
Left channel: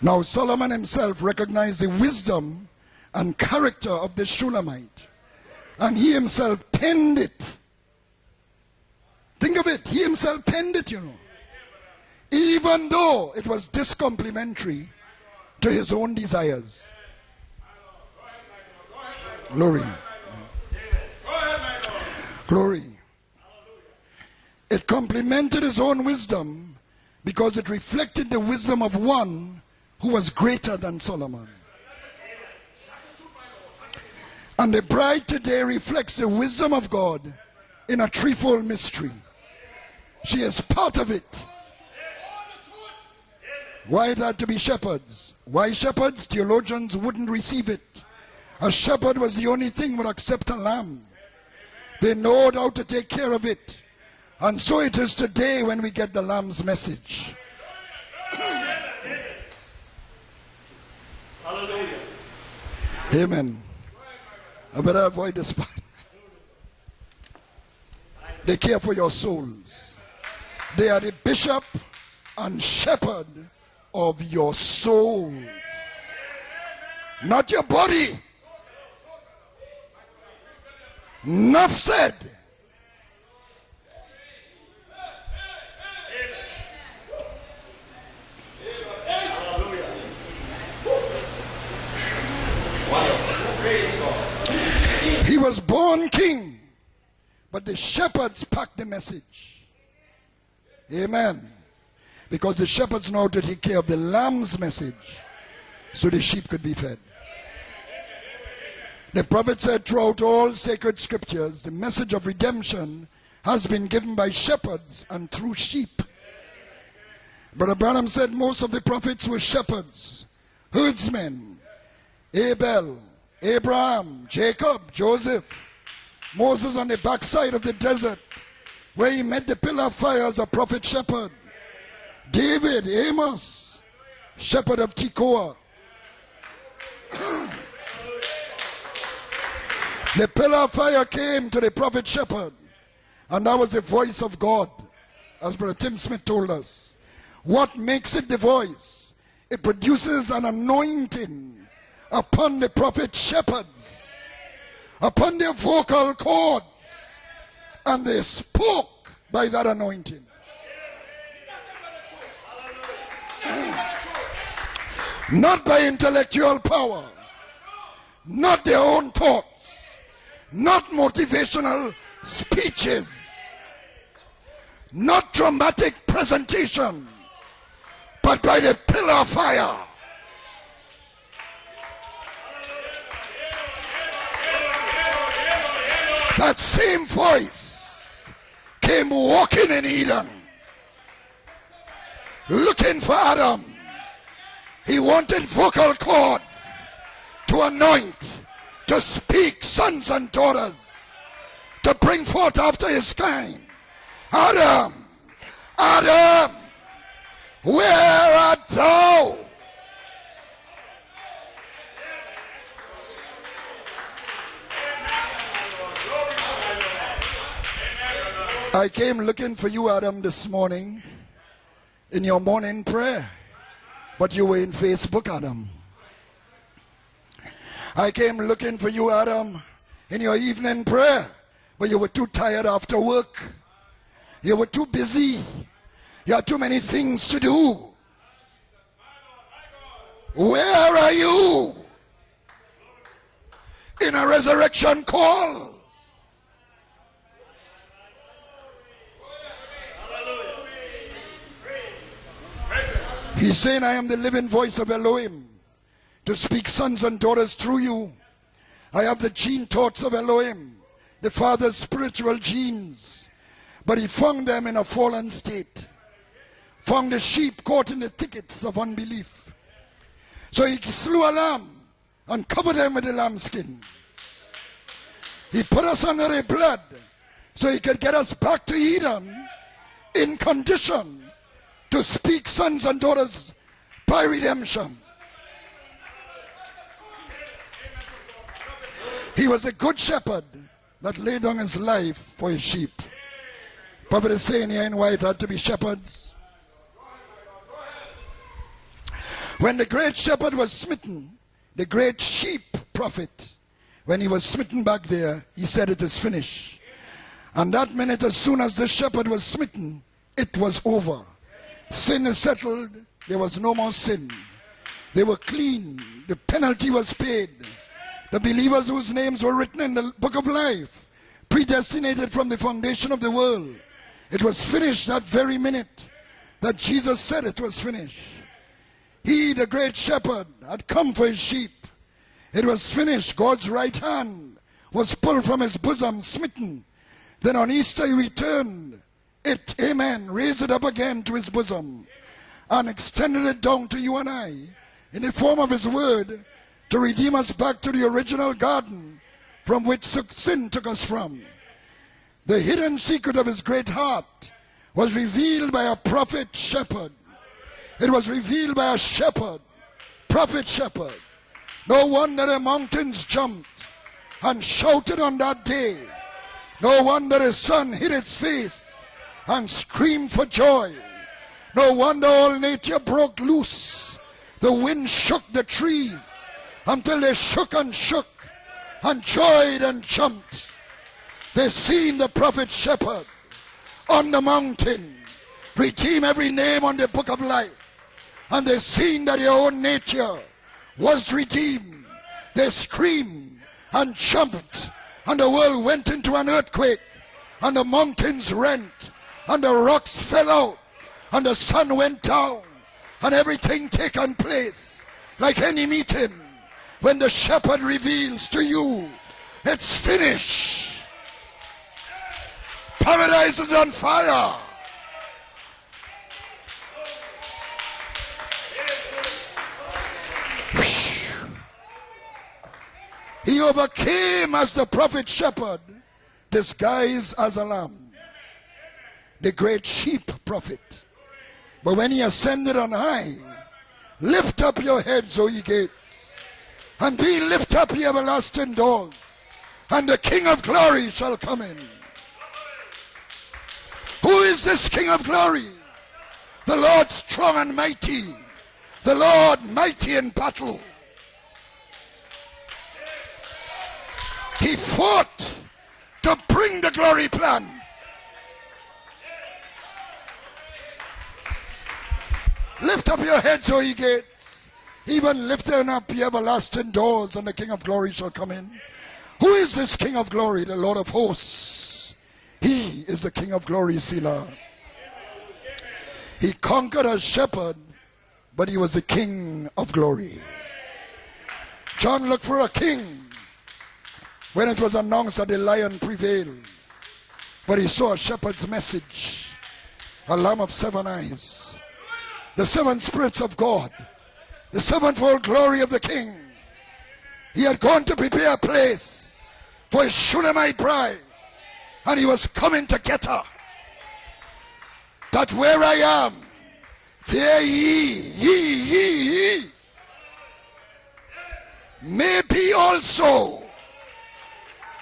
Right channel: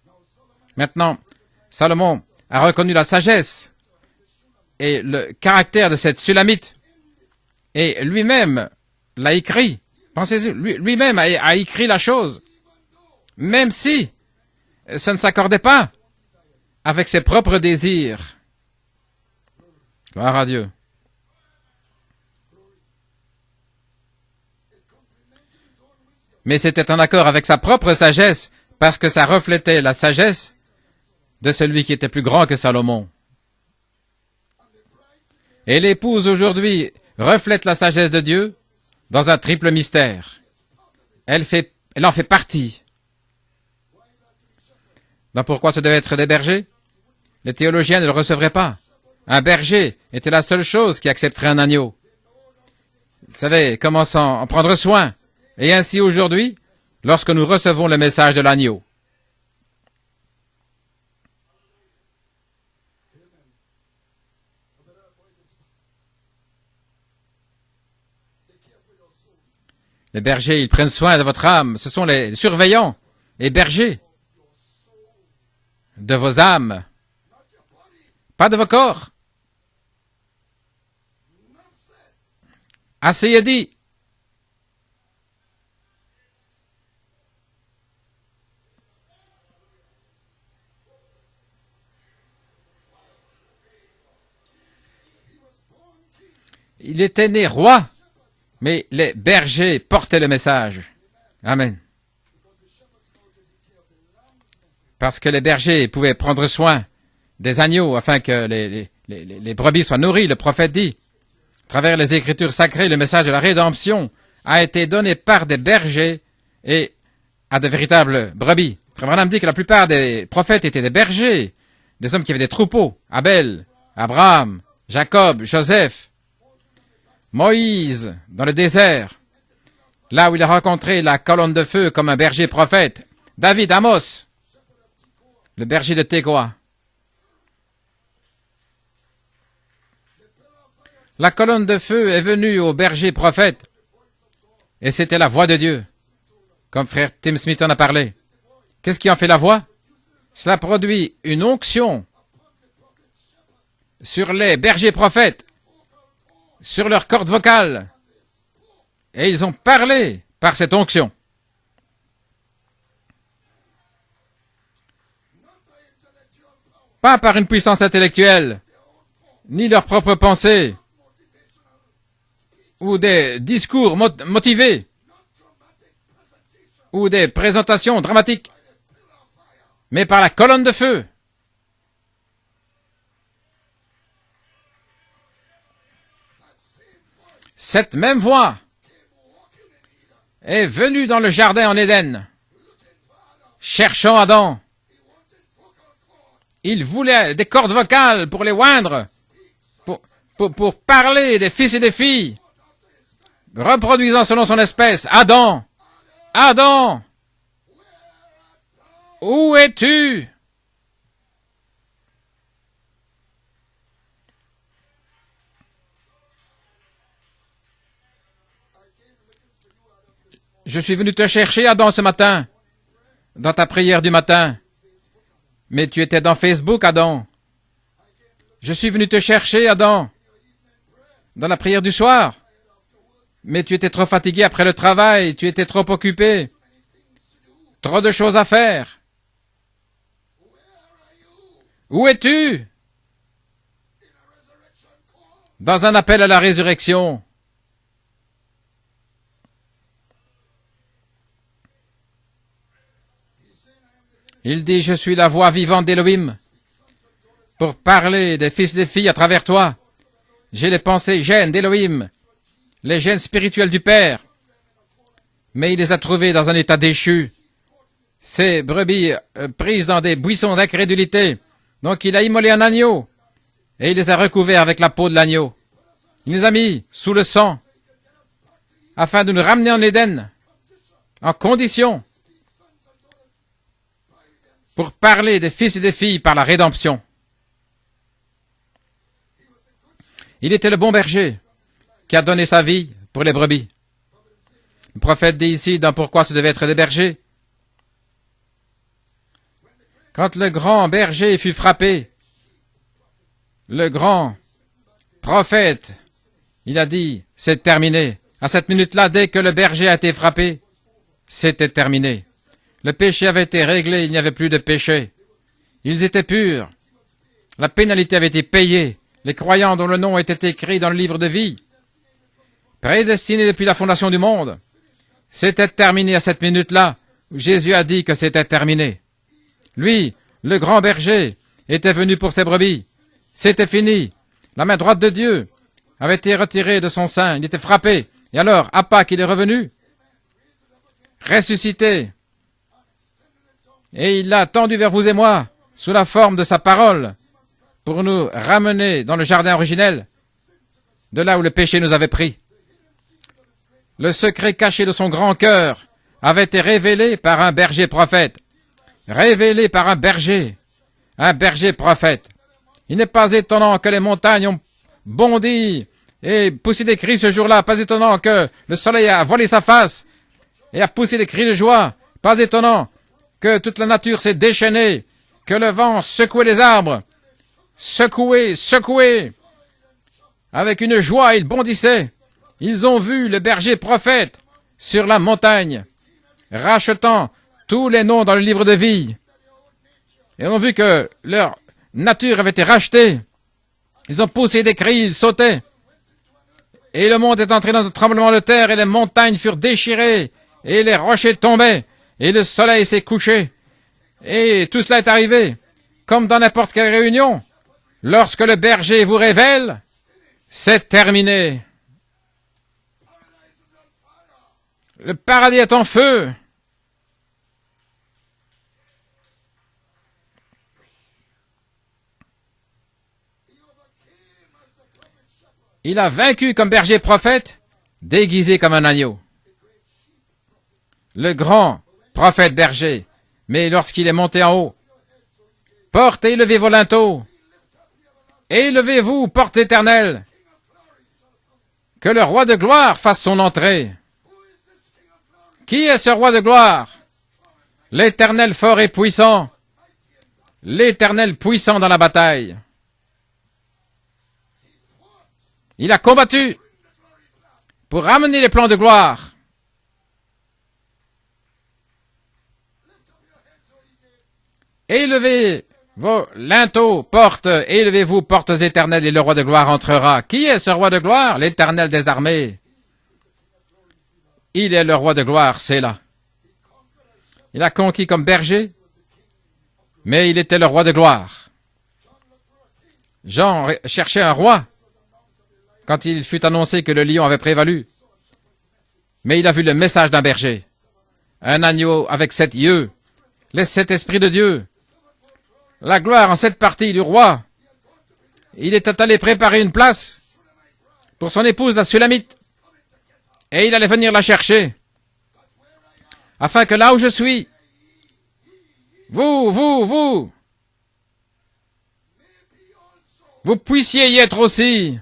Now Solomon Maintenant, himself recognized the Salomon wisdom a reconnu la and sagesse character of the Shulamite. et le caractère de And he cette himself Sulamite. penned it. Et lui-même l'a écrit. Pensez-y, lui-même a écrit la chose. Even though it Même was si discomplimentary ça ne s'accordait to pas his own desires. avec ses propres désirs. Glory. Gloire à Dieu. Glory. It complemented his own wisdom. Mais c'était en accord avec sa propre sagesse, parce que ça reflétait la Who was sagesse greater than Solomon. de celui qui était plus grand que Salomon. And the bride today Et reflects l'épouse the wisdom aujourd'hui of God reflète la in a sagesse de Dieu threefold mystery. dans un triple mystère. She is part of it. Elle en fait partie. Why it had to be shepherds? Donc pourquoi Why ce devait être shepherds? des bergers? Theologians wouldn't Les receive it. théologiens ne le recevraient pas. A shepherd was Un the berger only thing would était la accept seule a lamb. chose qui accepterait un agneau. They know how to take care Vous of it. savez comment en And prendre so it soin. is today Et when ainsi we get the aujourd'hui, lamb's message. lorsque nous recevons le message de l'agneau. Amen. I better avoid this part. They care for your souls. Les bergers, ils prennent soin de votre âme. Ce sont les surveillants et bergers Of your souls. de vos âmes, Not your body. pas de vos corps. Enough said. Assez est dit. He was born king. Il était né roi, The shepherds packed mais the les message. bergers portaient le message. Amen. Amen. Because the shepherds know how to take care of the lamb's message. Parce que les bergers pouvaient So the prendre sheep soin could be fed. des agneaux afin que les The prophet brebis said soient nourries. Le throughout all prophète dit, sacred scriptures, the à travers message les of Écritures redemption sacrées, le message de la has been rédemption given by a été shepherds donné and par true des sheep. bergers et à de Brother véritables Branham said most brebis. of the prophets Comme on dit que la were plupart des prophètes étaient des herdsmen. bergers, des hommes qui avaient des Abel, troupeaux. Abel, Abraham, Abraham, Jacob, Jacob, Joseph, Moses on the backside of the Moïse, desert, dans le désert, where he met the pillar of fire là as où il a a prophet rencontré la shepherd. colonne de feu comme un berger David, prophète. Amos, David, Amos, shepherd of Tekoa. le berger de Tekoa. The pillar of fire came La colonne to the de prophet feu est shepherd. venue au berger And prophète that was the voice of God. et c'était la voix de Dieu, Tim Smith told us. comme frère Tim Smith en What a parlé. makes it the voice? Qu'est-ce qui en fait la voix? Produces an Cela produit anointing une onction upon the prophet shepherds, sur les bergers upon prophètes, their vocal cords, sur leurs cordes vocales, and they spoke. et ils by ont that parlé anointing. par cette onction. Not by intellectual power, Pas par une puissance intellectuelle, not their own thought, ni leurs propres pensées, not motivational speeches, ou des discours motivés, not dramatic presentation, ou des présentations but dramatiques, by the pillar of fire. mais par la colonne de feu. That same voice Cette même voix came walking in Eden, est venue dans le jardin en Éden, looking for Adam. cherchant Adam. He wanted vocal cords Il voulait des cordes vocales pour les oindre, to speak sons and pour daughters, parler des fils et des to bring filles, forth after his kind. reproduisant selon son espèce. Adam, Adam, Adam, where art thou? où es-tu? I came looking for you, Adam, this morning. Je suis venu te chercher, Adam, ce in your matin, morning prayer. dans ta prière du But matin. you were in Facebook, Adam. Mais tu étais dans Facebook, Adam. I came looking Je suis for venu you, te Adam, chercher, Adam, in your evening prayer. dans la prière When du you were soir. too tired after work. Mais tu étais trop fatigué après were le too travail, busy. tu étais trop You occupé, had too many things to do. trop de choses à faire. Where are you? Où es-tu? In a resurrection call. Dans un appel à la résurrection. He's saying, I am the living Il voice dit, of je suis Elohim, la voix vivante d'Élohim to speak sons and daughters pour through you. parler des fils et des I filles à have the travers gene toi. thoughts of Elohim, J'ai les pensées the gènes Father's d'Élohim, spiritual gene. les gènes spirituels du But he Père, found them in a fallen state. mais il les a trouvés dans un état Found the déchu. sheep caught in the thickets Ces of brebis unbelief. prises dans des buissons So he d'incrédulité. slew a lamb Donc il a and immolé un covered them agneau with the lambskin. et il les a recouverts avec la peau de l'agneau. He put us under Il nous the a mis blood sous le sang so he could get us back to Eden afin de nous ramener en Éden in condition en condition to speak sons and daughters by redemption. pour parler des fils et des filles par la rédemption. He was a good shepherd Il était le bon that berger laid down his life qui a donné for sa his vie sheep. pour les brebis. Prophet is saying here in Le why prophète they dit had to be ici dans shepherds. pourquoi ce devait être des bergers. When the great Quand le shepherd was grand smitten, berger fut the frappé, great sheep prophet, le when grand he was smitten back there, he prophète, said it is finished. il a dit, c'est And terminé. that minute, as À soon cette as minute-là, the dès shepherd que was le berger a été frappé, It was over. c'était terminé. Sin is settled. Le péché avait There été was no more réglé, il n'y sin. avait plus de péché. They were clean. Ils étaient purs. Penalty was paid. La pénalité avait été The payée. believers whose names Les were croyants written dont le in the nom book était of écrit life, dans le livre de vie, predestinated from the foundation of the prédestinés world. depuis la fondation du It monde, was finished that very c'était minute. terminé à cette minute-là. that Jesus said it Jésus was a dit finished. que c'était terminé. He, the great Lui, shepherd, le grand come for berger, his sheep. était venu pour ses It brebis. was finished. C'était God's fini. right hand La main droite de was Dieu pulled from his bosom, avait été retirée de son sein. Il Then était on frappé. Easter he Et alors, returned. à Pâques, il est revenu, It, amen, raised it up again to his bosom ressuscité, and extended it down to et you il and l'a I, tendu vers vous et moi, in the form of his sous la word, forme de sa to parole, redeem us back to pour the nous original ramener dans le jardin garden from originel, which sin took us from. de là où le péché nous avait pris. The hidden secret of his great Le heart secret caché de son was grand revealed cœur by a prophet avait été révélé par un berger It was prophète, revealed by a shepherd, révélé par un berger, prophet shepherd. un berger No prophète. wonder the mountains Il n'est pas jumped étonnant que les montagnes ont and shouted on that bondi day. et poussé No des cris ce wonder jour-là. the Pas sun étonnant hid its que face le soleil a voilé sa and face screamed for et joy. a poussé des cris de joie. No wonder Pas all étonnant nature broke que loose. toute la nature s'est The déchaînée, wind shook que the le vent trees secouait les arbres, until they shook and shook secoué, and joyed and jumped. avec une joie, ils They bondissaient. seen the prophet Ils ont shepherd vu le berger prophète on the mountain, sur la montagne, redeem every name on the rachetant book of life. tous les noms dans le livre And de they vie. seen that their own nature Et on a vu que was leur redeemed. nature avait été They rachetée. screamed and Ils ont jumped, poussé des cris, ils and the sautaient. world went into an earthquake. Et le monde est entré dans un tremblement de terre et les montagnes furent déchirées et les rochers tombaient et le soleil s'est And couché. everything taken Et place. tout cela est arrivé Like any meeting, comme dans n'importe quelle when réunion. the shepherd reveals Lorsque le to berger you, vous révèle, it's finished. c'est terminé. Paradise is on fire. Le paradis est en feu. He overcame as the prophet shepherd, Il a vaincu comme berger disguised prophète, as a lamb. déguisé comme un agneau. The great sheep prophet. Le grand But when he prophète ascended berger. on high, Mais lorsqu'il est monté en lift haut, up your heads, O ye gates, portez et levez vos linteaux, and be lift up, ye everlasting et doors, levez-vous, portes and éternelles, the King of glory shall come in. que le roi de gloire fasse son entrée. Who is this King of glory? Qui est ce roi de The gloire? Lord strong and mighty. L'Éternel fort et The puissant, Lord mighty in battle. l'Éternel puissant dans la bataille. He fought Il a to combattu bring the glory plan. pour ramener les plans de gloire. Lift up your heads, O ye gates. Élevez vos linteaux, portes, élevez-vous, portes éternelles, et le roi de gloire entrera. Qui est ce roi de gloire? L'Éternel des armées. He is the King of glory, Selah. Il est le roi de gloire, c'est là. He conquered as Il a shepherd, conquis comme berger, but he was the King of glory. mais il était le roi de gloire. John looked for a king Jean cherchait un roi when it was announced that the lion quand il fut prevailed, annoncé que le lion avait but prévalu, he saw a shepherd's message, mais il a vu le message d'un a berger, lamb of 7 eyes, un agneau avec 7 the yeux, 7 spirits of les God, 7 esprits de Dieu, the sevenfold glory of la the gloire en 7 parties du roi. king. He had gone to prepare a Il place était allé préparer une for his place Shulamite bride, pour son épouse, la and he Sulamite, was coming to get her. et il allait venir la chercher, That where I am, afin que là où je suis, here ye vous, may be also. vous puissiez y être aussi.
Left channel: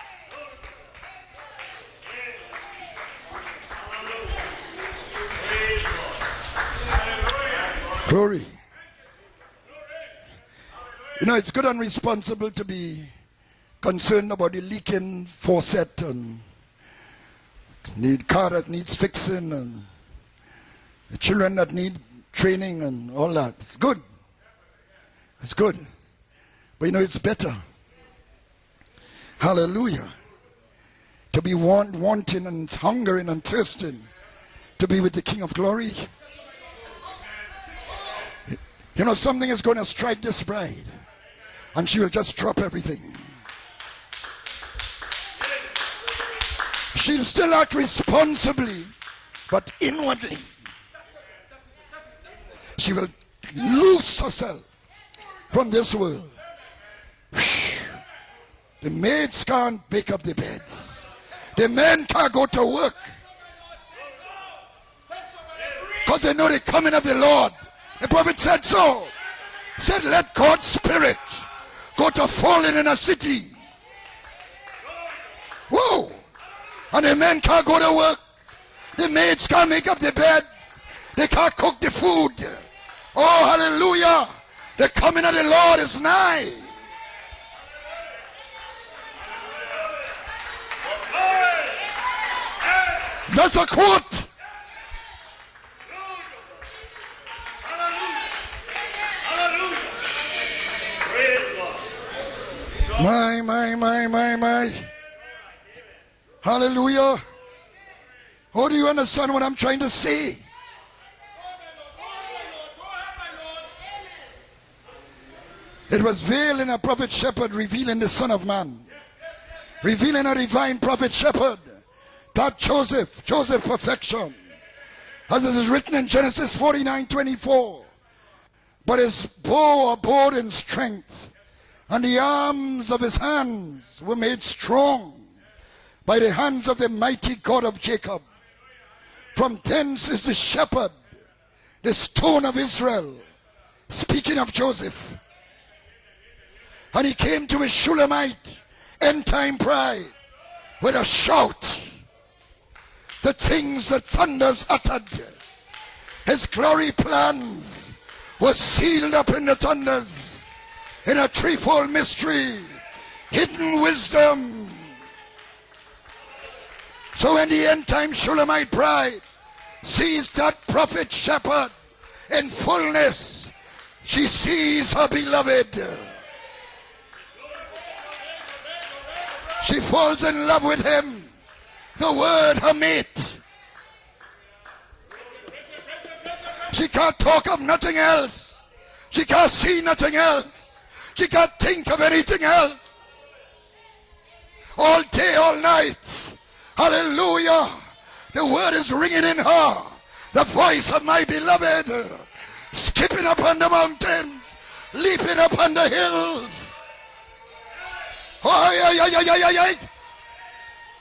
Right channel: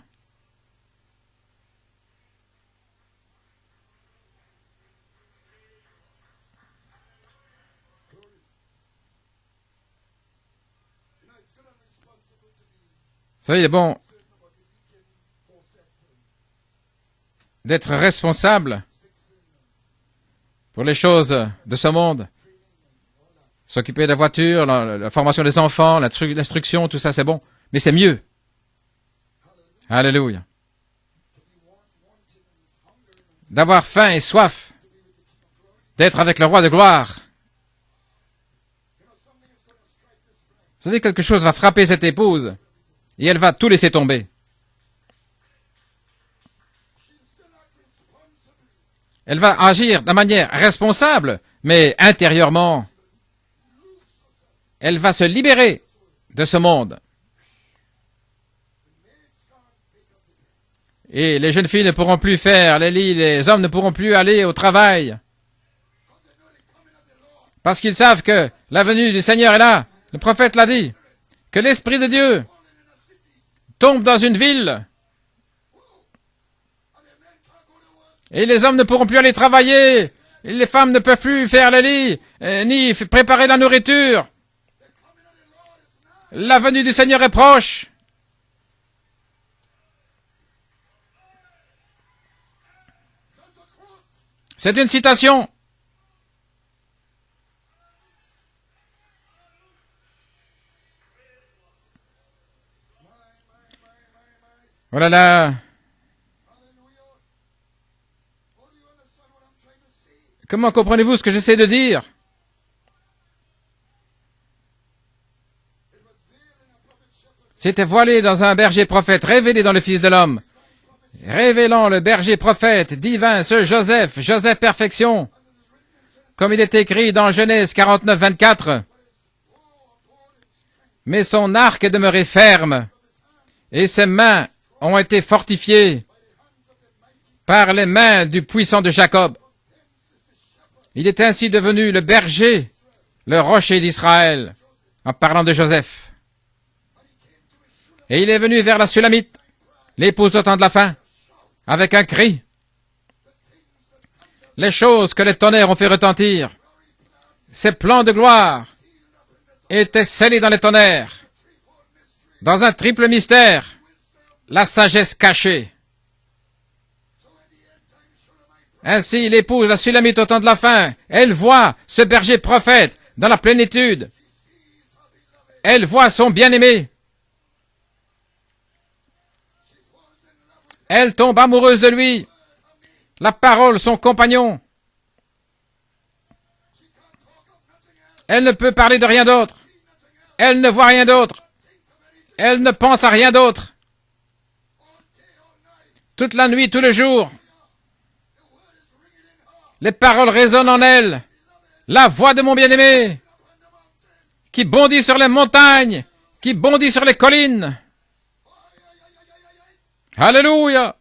Glory. You know, it's good and responsible to be Vous savez, il est bon concerned about the leaking faucet and d'être the car responsable that needs fixing and pour les choses children that de ce need monde. training and all that. It's good. S'occuper de la voiture, la formation des enfants, l'instruction, You tout know, ça it's c'est bon. better. Mais c'est mieux. Hallelujah. Alléluia. To be wanting and hungering and D'avoir thirsting faim et soif, to be with the King of glory. d'être avec le roi de gloire. You know, something is going to strike this bride. Vous savez, quelque chose va frapper And cette she'll just épouse drop everything. et elle va tout laisser tomber. She'll still act responsibly. Elle va agir de manière responsable, mais intérieurement, She will lose herself elle va se from libérer this world. de ce monde. The maids can't pick up the beds. Et les jeunes filles ne pourront plus faire les lits, les hommes ne pourront plus aller au travail. Because they know the coming of the Lord. Parce qu'ils savent que la venue du Seigneur est là. Said, Le let prophète l'a God's dit. spirit Que l'Esprit de go to Dieu falling in a city. tombe dans une ville Whoa! And the men can't go to work. et les hommes ne pourront plus aller travailler. Et les femmes ne peuvent plus faire le lit, ni préparer la nourriture. Hallelujah. The coming of the Lord is nigh. La venue du Seigneur est proche. That's a quote. C'est une citation. My. Oh là là. Hallelujah. How do you understand what I'm trying to say? Comment comprenez-vous ce que j'essaie de dire? It was veiled in a prophet shepherd C'était revealing voilé the Son dans of un Man. berger prophète, révélé dans le Fils de Revealing l'homme, a divine prophet shepherd. révélant le berger That prophète Joseph, divin, ce Joseph Joseph, perfection. Joseph perfection, As it is written in Genesis comme il est écrit dans 49:24. Genèse 49, 24. But his bow abode in strength. Mais son arc And the demeurait ferme, arms of his hand et ses were mains made strong ont été fortifiées by the hands of the mighty God par of les Jacob. mains du puissant de Jacob. From thence is the shepherd, Il est ainsi devenu the le stone of berger, Israel. le rocher Speaking d'Israël, of Joseph. en parlant de Joseph. And he came to his Et il Shulamite, est venu vers la Sulamite, end-time bride, l'épouse au temps de la fin, with a shout. avec un cri. The things that thunders Les uttered, choses que les tonnerres ont fait his retentir, glory plans ses plans de were gloire sealed up in the thunder, étaient scellés dans les tonnerres, in a threefold mystery, dans un triple mystère, hidden wisdom. la sagesse cachée. So when the end-time Shulamite bride, Ainsi, l'épouse, la Sulamite au temps de la fin, elle voit ce berger prophète dans la plénitude. she sees her beloved. Elle voit son bien-aimé. She falls in love with him. Elle tombe amoureuse de The lui. word, her mate. La parole, son compagnon. She can't talk of nothing else. Elle ne peut parler de rien She can't d'autre. see nothing else. Elle ne voit rien She d'autre. can't think of anything Elle ne else. pense à rien d'autre. All day, all night. Toute la nuit, tout le jour, Hallelujah. The word is ringing in her. les paroles The résonnent en voice of elle. my beloved. La voix de mon bien-aimé Skipping up on the mountain. qui bondit sur les montagnes, qui bondit sur les collines. Aïe, aïe, aïe, aïe, aïe, aïe, aïe. Alléluia.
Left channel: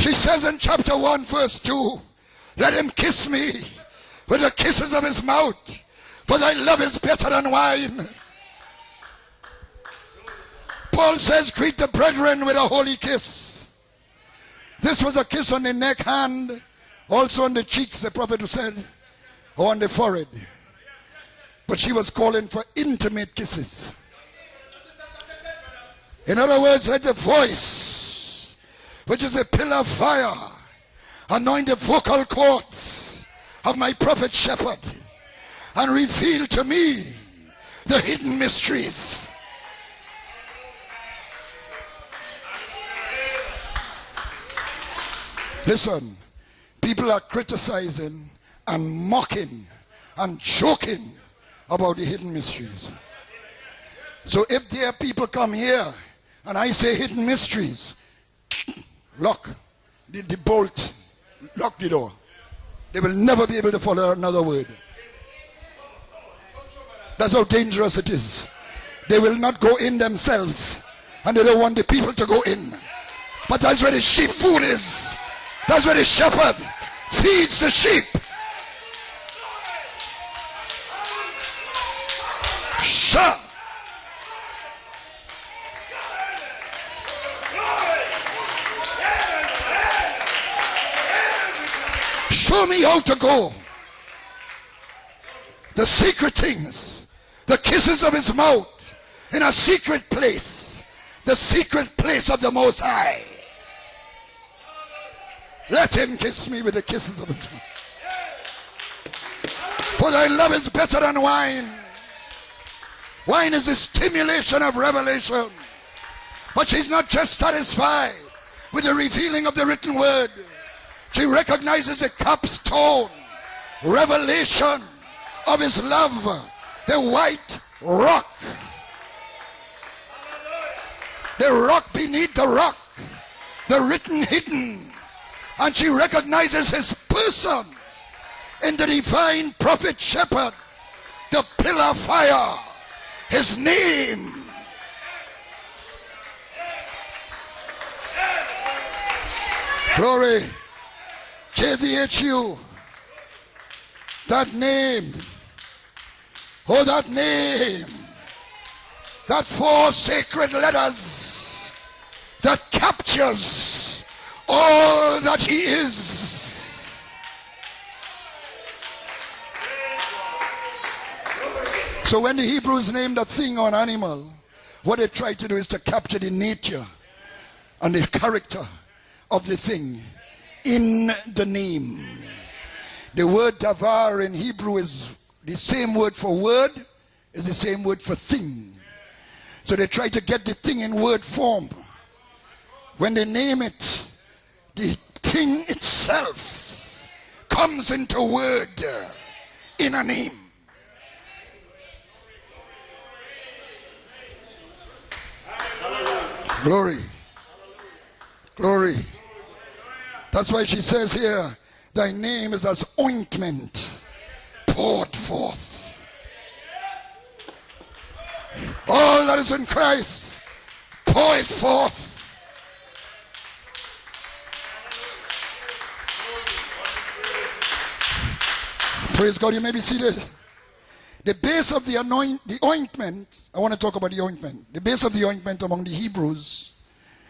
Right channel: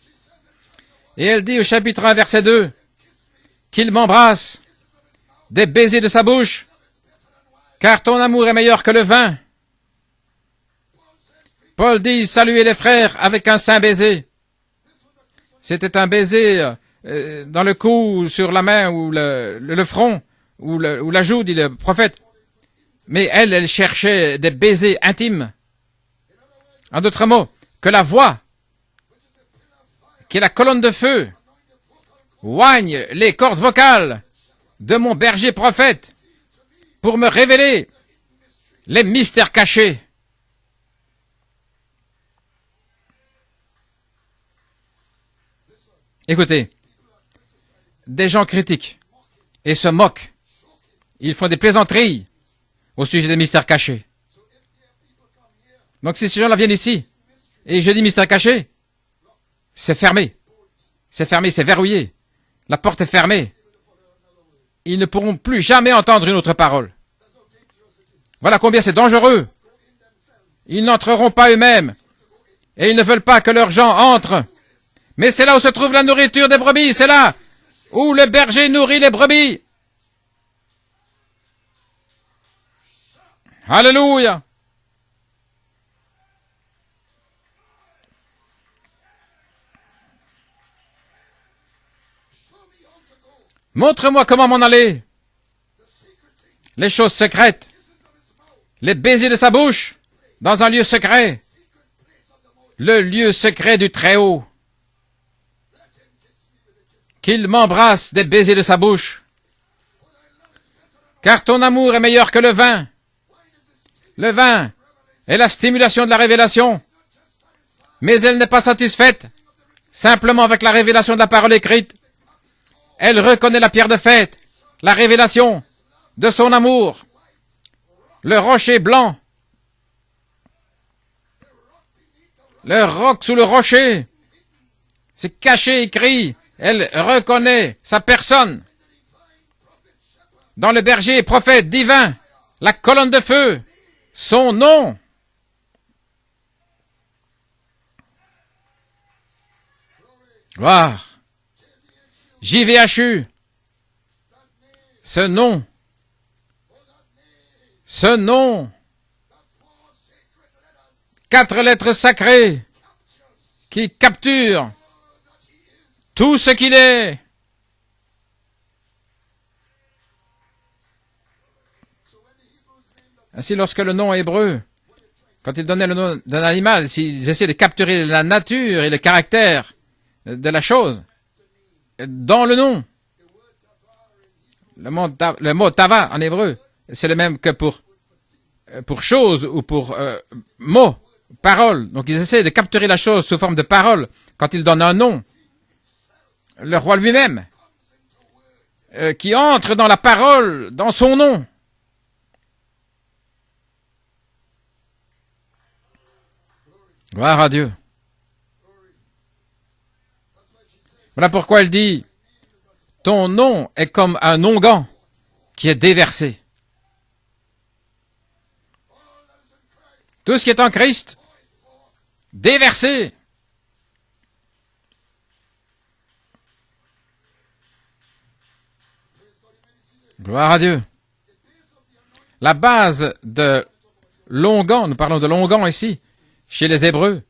She says in chapter 1, Et elle dit au verse 2, chapitre 1, verset 2, let him kiss me qu'il with m'embrasse the kisses of his mouth. des baisers de sa But bouche, thy love is better than wine. car ton amour est meilleur que le vin. Paul says, greet the Paul brethren dit, with saluez a les holy frères kiss. avec un saint baiser. This was a kiss on the neck C'était un and baiser also on dans the le cheeks, cou, the ou prophet sur la said. main, ou le On the front, forehead. ou la joue, dit le But she was prophète. calling for intimate Mais elle kisses. cherchait des baisers intimes. In other words, En let the d'autres mots, voice, que la voix, which is a pillar of fire, qui est la colonne de feu, anoint the vocal cords oigne les cordes of my vocales prophet shepherd, de mon berger and prophète reveal to me pour me révéler the hidden mysteries. les mystères cachés. Listen, Écoutez, people are criticizing des gens critiquent and mocking et se moquent. and joking Ils font des about the plaisanteries hidden mysteries. au sujet des mystères cachés. So if there people come here, Donc si ces gens-là viennent I say ici hidden mystery, et je dis mystère caché, lock c'est fermé. the bolt. C'est fermé, c'est verrouillé. La porte They est will fermée. never be able to follow another word. Ils ne pourront plus jamais entendre une autre parole. That's how dangerous it is. Voilà combien c'est They will dangereux. not go in themselves. Ils n'entreront And pas they don't want eux-mêmes the people to go in. et ils ne veulent pas que But leurs that's gens where the sheep entrent. food is. Mais c'est là où se That's trouve where la the nourriture shepherd des brebis. C'est là feeds the sheep. où le berger nourrit les brebis. Shout. Alléluia. Show me how to go. Montre-moi comment m'en aller. The secret things. Les choses The secrètes, kisses of his mouth. les baisers de In sa a bouche, secret place. dans un lieu secret, The secret place of the Most le High. lieu secret du Très-Haut. Let him kiss me with the kisses of Qu'il m'embrasse des baisers de sa bouche. For thy love is better than Car ton wine. amour est meilleur que le vin. Le vin est la stimulation de la révélation, mais elle n'est pas satisfaite simplement avec la révélation de la parole écrite. Elle reconnaît la pierre de fête, la révélation de son amour, le rocher blanc, le roc sous le rocher. C'est caché, écrit. Elle reconnaît sa personne dans le berger et prophète divin, la colonne de feu, son nom. Gloire. JVHU. Ce nom. Ce nom. 4 lettres sacrées qui capturent tout ce qu'il est. Ainsi, lorsque le nom hébreu, quand ils donnaient le nom d'un animal, s'ils essayaient de capturer la nature et le caractère de la chose dans le nom. Le mot tava en hébreu, c'est le même que pour chose ou pour mot, parole. Donc ils essaient de capturer la chose sous forme de parole. Quand ils donnent un nom, le roi lui-même, qui entre dans la parole, dans son nom. Gloire à Dieu. Voilà pourquoi elle dit, ton nom est comme un onguent qui est déversé. Tout ce qui est en Christ, déversé. Gloire à Dieu. La base de l'onguent, nous parlons de l'onguent ici, chez les Hébreux,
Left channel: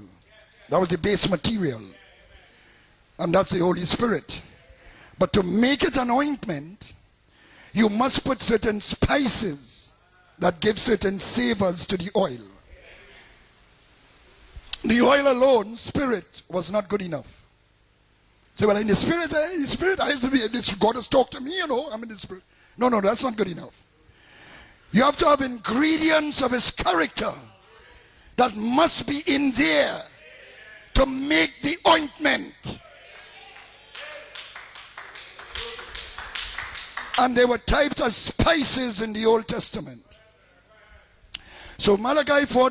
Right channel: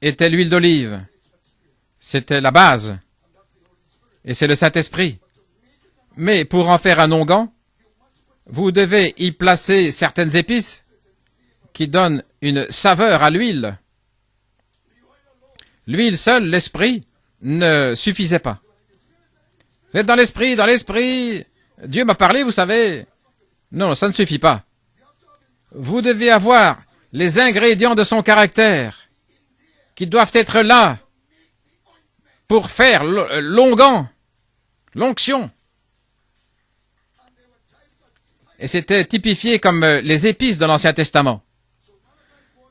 était l'huile d'olive. C'était la base. Et c'est le Saint-Esprit. Mais pour en faire un onguent, vous devez y placer certaines épices qui donnent une saveur à l'huile. L'huile seule, l'esprit, ne suffisait pas. Mais dans l'esprit, Dieu m'a parlé, vous savez. Non, ça ne suffit pas. Vous devez avoir les ingrédients de son caractère qui doivent être là pour faire l'onguent, l'onction. Et c'était typifié comme les épices de l'Ancien Testament.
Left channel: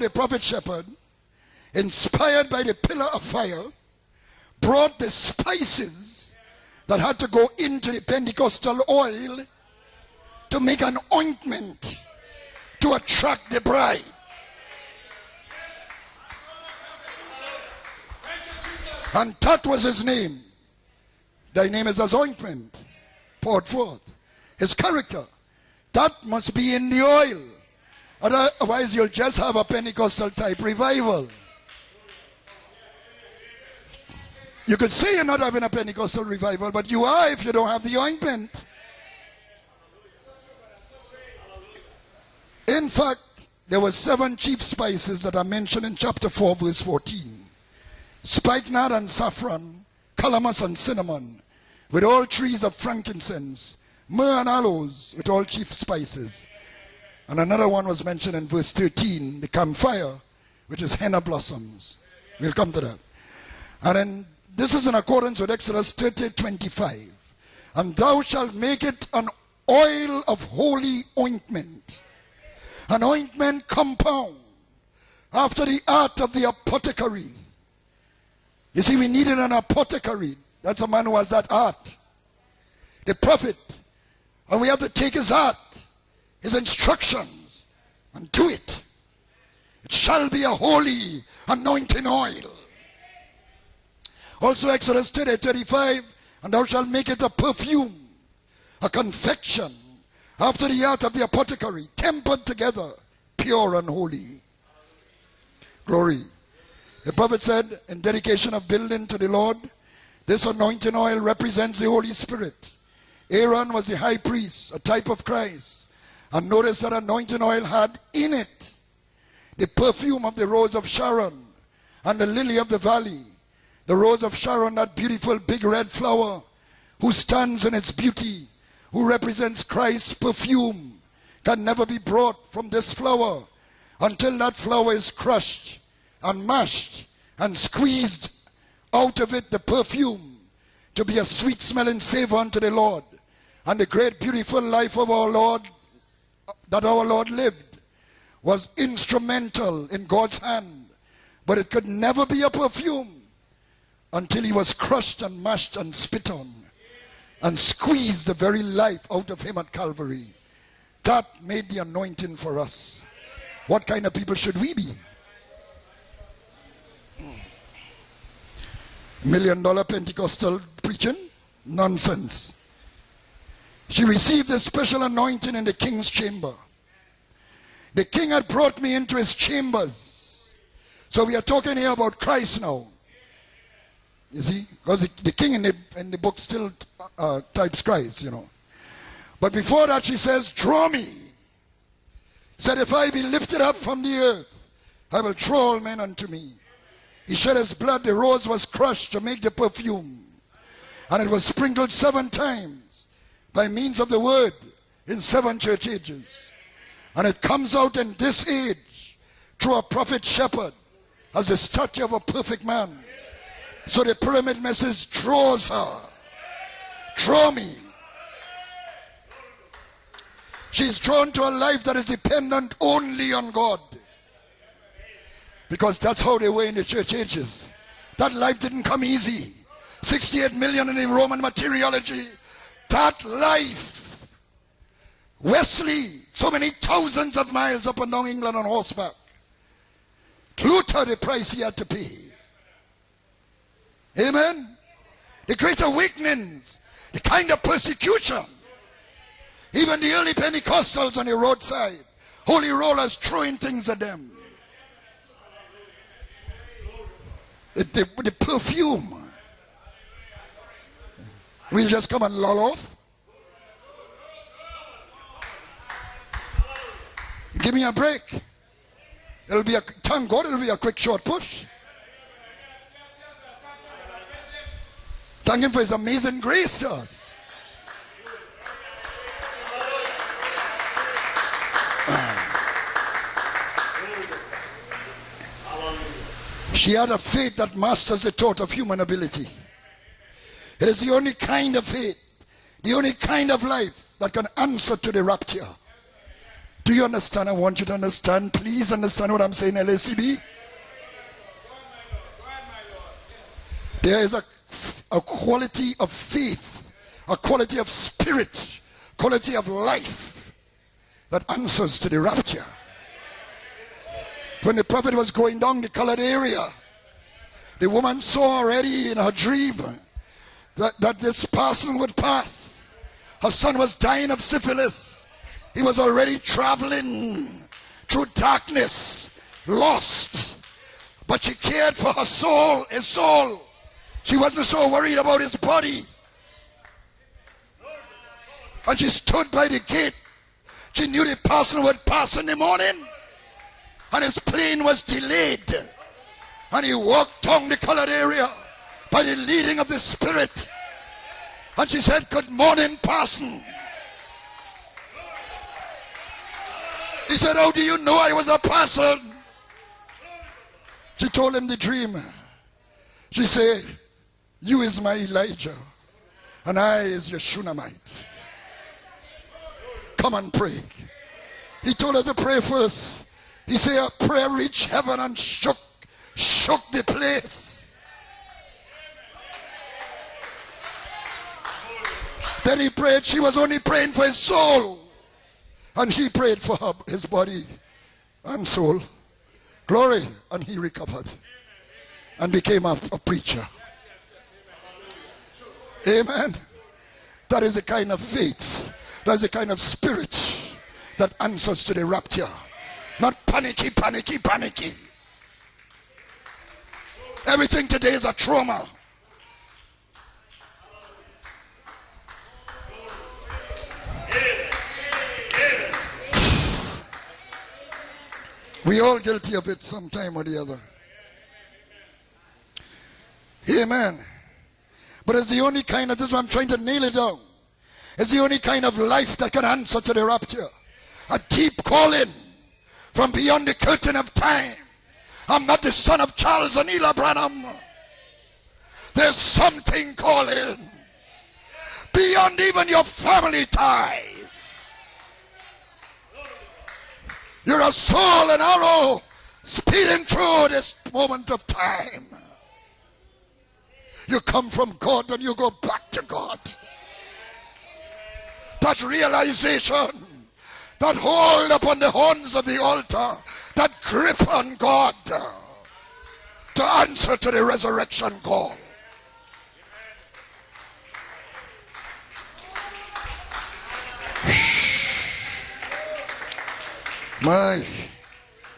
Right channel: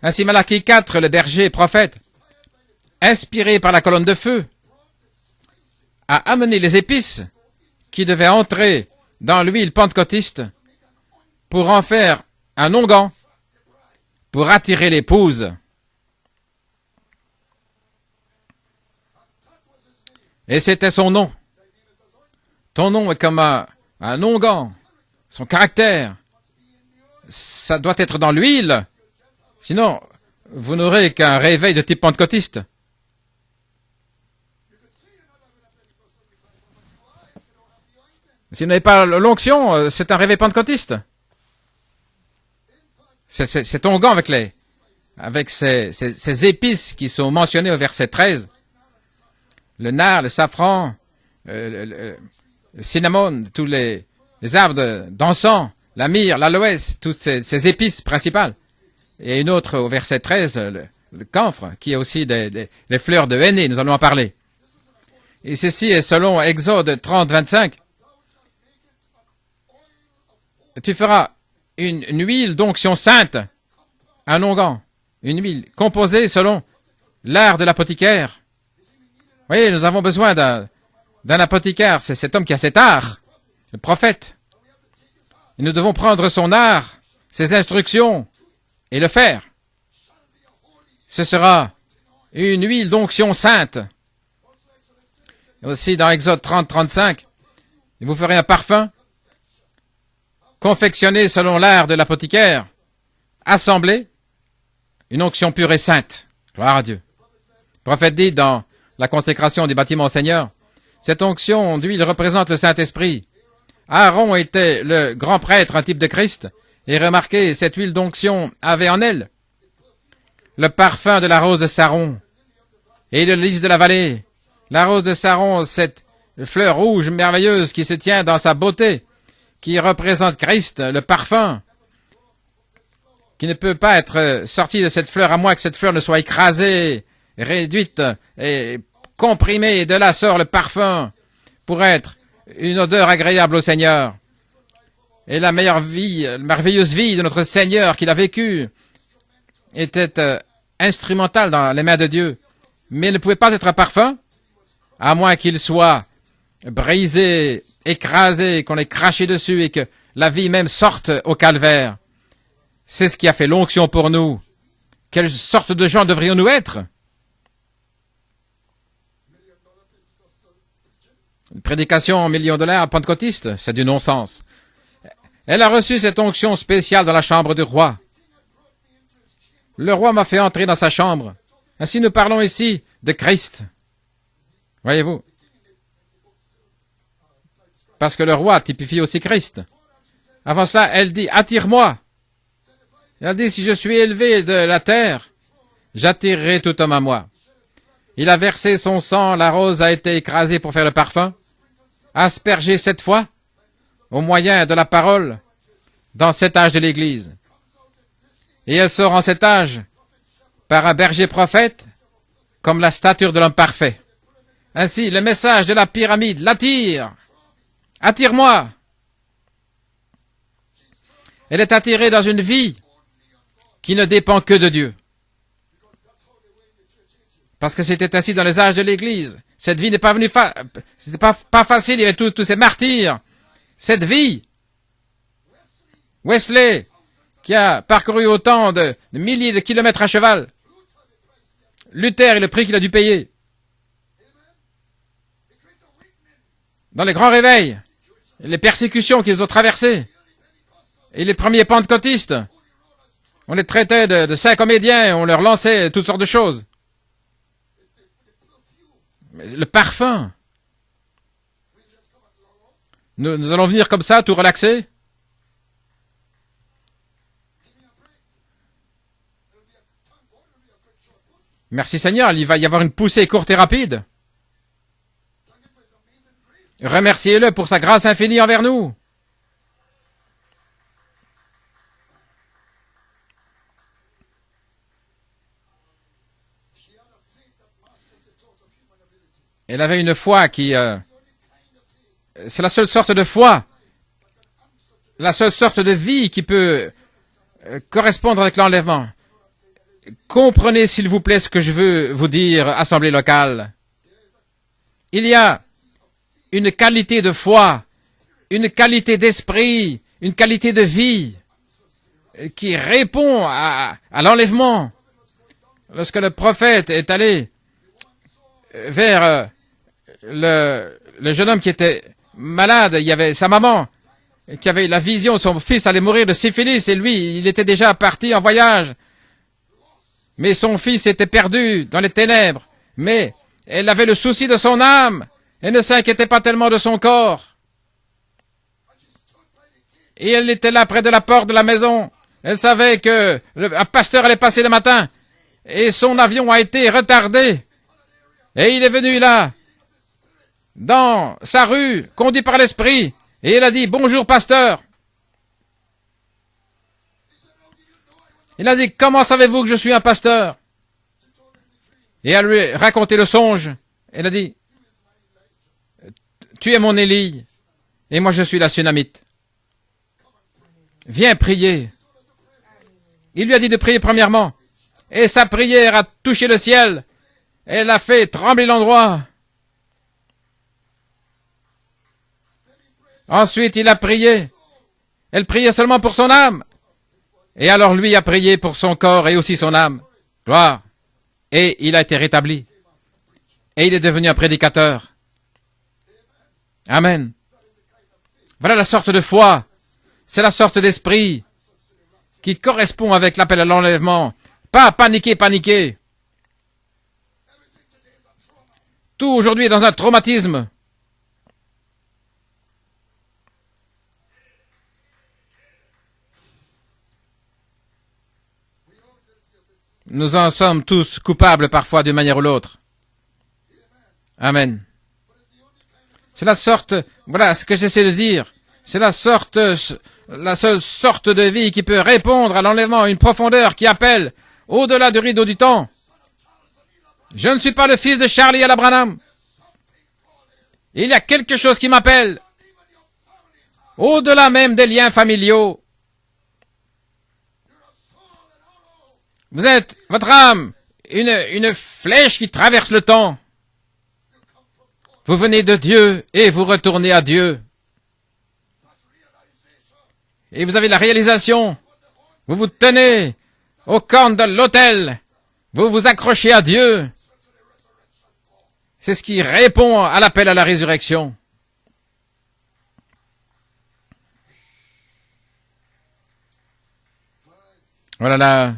Ainsi, Malachie 4, le berger et prophète, inspiré par la colonne de feu, a amené les épices qui devaient entrer dans l'huile pentecôtiste pour en faire un onguent pour attirer l'épouse. Et c'était son nom. Ton nom est comme un onguent. Son caractère, ça doit être dans l'huile. Sinon, vous n'aurez qu'un réveil de type pentecôtiste. Si vous n'avez pas l'onction, c'est un réveil pentecôtiste. C'est onguent avec ces épices qui sont mentionnées au verset 13. Le nard, le safran, le cinnamon, tous les arbres d'encens, la myrrhe, l'aloès, toutes ces épices principales. Et une autre au verset 13, le camphre, qui est aussi les fleurs de henné, nous allons en parler. Et ceci est selon Exode 30, 25. Tu feras une huile d'onction sainte, un onguent, une huile composée selon l'art de l'apothicaire. Oui, nous avons besoin d'un apothicaire, c'est cet homme qui a cet art, le prophète. Et nous devons prendre son art, ses instructions, et le faire. Ce sera une huile d'onction sainte. Aussi dans Exode 30, 35, vous ferez un parfum confectionné selon l'art de l'apothicaire, assemblé, une onction pure et sainte. Gloire à Dieu. Le prophète dit dans la consécration du bâtiment au Seigneur, cette onction d'huile représente le Saint-Esprit. Aaron était le grand prêtre, un type de Christ, et remarquez, cette huile d'onction avait en elle le parfum de la rose de Saron et le lys de la vallée. La rose de Saron, cette fleur rouge merveilleuse qui se tient dans sa beauté, qui représente Christ, le parfum, qui ne peut pas être sorti de cette fleur à moins que cette fleur ne soit écrasée, réduite et comprimée. De là sort le parfum pour être une odeur agréable au Seigneur. Et la merveilleuse vie de notre Seigneur qu'il a vécue était instrumentale dans les mains de Dieu. Mais il ne pouvait pas être un parfum à moins qu'il soit brisé, écrasé, qu'on ait craché dessus et que la vie même sorte au calvaire. C'est ce qui a fait l'onction pour nous. Quelle sorte de gens devrions-nous être? Une prédication $1 pentecôtiste, c'est du non-sens. Elle a reçu cette onction spéciale dans la chambre du roi. Le roi m'a fait entrer dans sa chambre. Ainsi nous parlons ici de Christ. Voyez-vous? Parce que le roi typifie aussi Christ. Avant cela, elle dit, attire-moi. Elle dit, si je suis élevé de la terre, j'attirerai tout homme à moi. Il a versé son sang, la rose a été écrasée pour faire le parfum, aspergée 7 fois, au moyen de la parole, dans cet âge de l'Église. Et elle sort en cet âge par un berger prophète, comme la stature de l'homme parfait. Ainsi, le message de la pyramide l'attire. Attire-moi. Elle est attirée dans une vie qui ne dépend que de Dieu. Parce que c'était ainsi dans les âges de l'Église. Cette vie n'est pas venue pas facile, il y avait tous ces martyrs. Cette vie, Wesley, qui a parcouru autant de milliers de kilomètres à cheval, Luther et le prix qu'il a dû payer. Dans les grands réveils, les persécutions qu'ils ont traversées, et les premiers pentecôtistes, on les traitait de saints comédiens, on leur lançait toutes sortes de choses. Le parfum. Nous allons venir comme ça, tout relaxer. Merci Seigneur, il va y avoir une poussée courte et rapide. Remerciez-le pour sa grâce infinie envers nous. Elle avait une foi qui... c'est la seule sorte de foi, la seule sorte de vie qui peut correspondre avec l'enlèvement. Comprenez s'il vous plaît ce que je veux vous dire, assemblée locale. Il y a une qualité de foi, une qualité d'esprit, une qualité de vie qui répond à l'enlèvement. Lorsque le prophète est allé vers le jeune homme qui était malade, il y avait sa maman qui avait la vision, son fils allait mourir de syphilis et lui, il était déjà parti en voyage. Mais son fils était perdu dans les ténèbres. Mais elle avait le souci de son âme. Elle ne s'inquiétait pas tellement de son corps. Et elle était là près de la porte de la maison. Elle savait que un pasteur allait passer le matin. Et son avion a été retardé. Et il est venu là, dans sa rue, conduit par l'esprit. Et il a dit, bonjour pasteur. Il a dit, comment savez-vous que je suis un pasteur? Et elle lui a raconté le songe. Elle a dit, tu es mon Élie, et moi je suis la Sunamite. Viens prier. Il lui a dit de prier premièrement. Et sa prière a touché le ciel. Elle a fait trembler l'endroit. Ensuite, il a prié. Elle priait seulement pour son âme. Et alors lui a prié pour son corps et aussi son âme. Gloire. Et il a été rétabli. Et il est devenu un prédicateur. Amen. Voilà la sorte de foi. C'est la sorte d'esprit qui correspond avec l'appel à l'enlèvement. Pas paniquer. Tout aujourd'hui est dans un traumatisme. Nous en sommes tous coupables parfois d'une manière ou l'autre. Amen. C'est la sorte, voilà ce que j'essaie de dire, c'est la seule sorte de vie qui peut répondre à l'enlèvement, une profondeur qui appelle au-delà du rideau du temps. Je ne suis pas le fils de Charlie à la Branham. Il y a quelque chose qui m'appelle, au-delà même des liens familiaux. Vous êtes, votre âme, une flèche qui traverse le temps. Vous venez de Dieu et vous retournez à Dieu. Et vous avez la réalisation. Vous vous tenez au cornes de l'autel. Vous vous accrochez à Dieu. C'est ce qui répond à l'appel à la résurrection. Voilà là.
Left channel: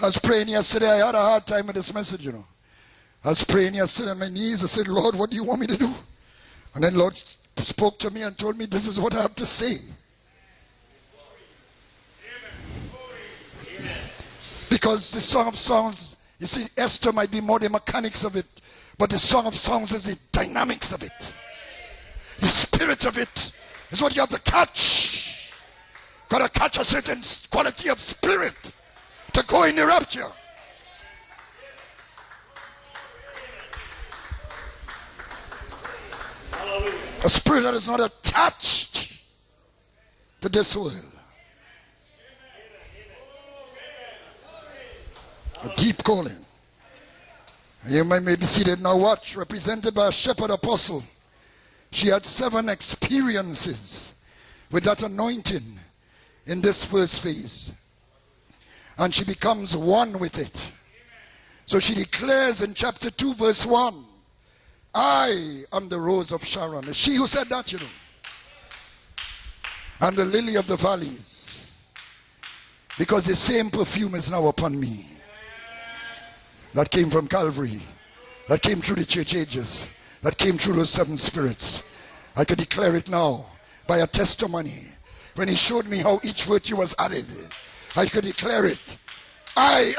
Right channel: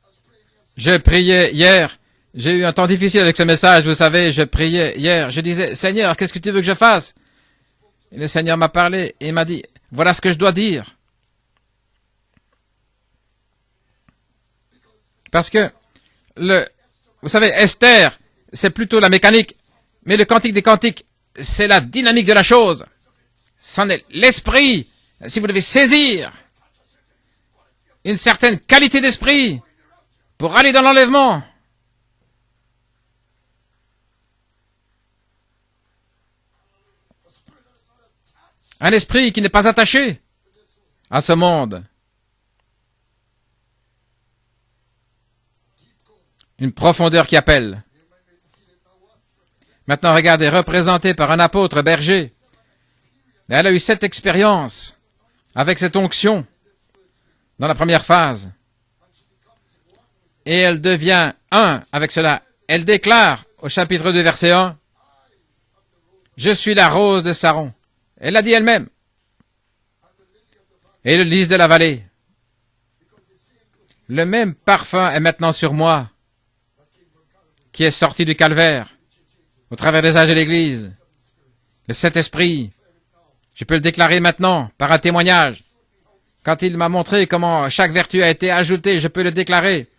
Je priais hier. J'ai eu un temps difficile avec ce message, vous savez. Je priais hier. Je disais, Seigneur, qu'est-ce que tu veux que je fasse? Le Seigneur m'a parlé et il m'a dit, voilà ce que je dois dire. Parce que, vous savez, Esther, c'est plutôt la mécanique. Mais le cantique des cantiques, c'est la dynamique de la chose. C'en est l'esprit. Si vous devez saisir une certaine qualité d'esprit pour aller dans l'enlèvement. Un esprit qui n'est pas attaché à ce monde. Une profondeur qui appelle. Maintenant, regardez, représenté par un apôtre berger. Elle a eu 7 expériences avec cette onction dans la première phase. Et elle devient un avec cela. Elle déclare au chapitre 2, verset 1, « Je suis la rose de Saron. » Elle l'a dit elle-même. Et le lys de la vallée. Le même parfum est maintenant sur moi, qui est sorti du calvaire, au travers des âges de l'Église. Et cet esprit, je peux le déclarer maintenant par un témoignage. Quand il m'a montré comment chaque vertu a été ajoutée, je peux le déclarer.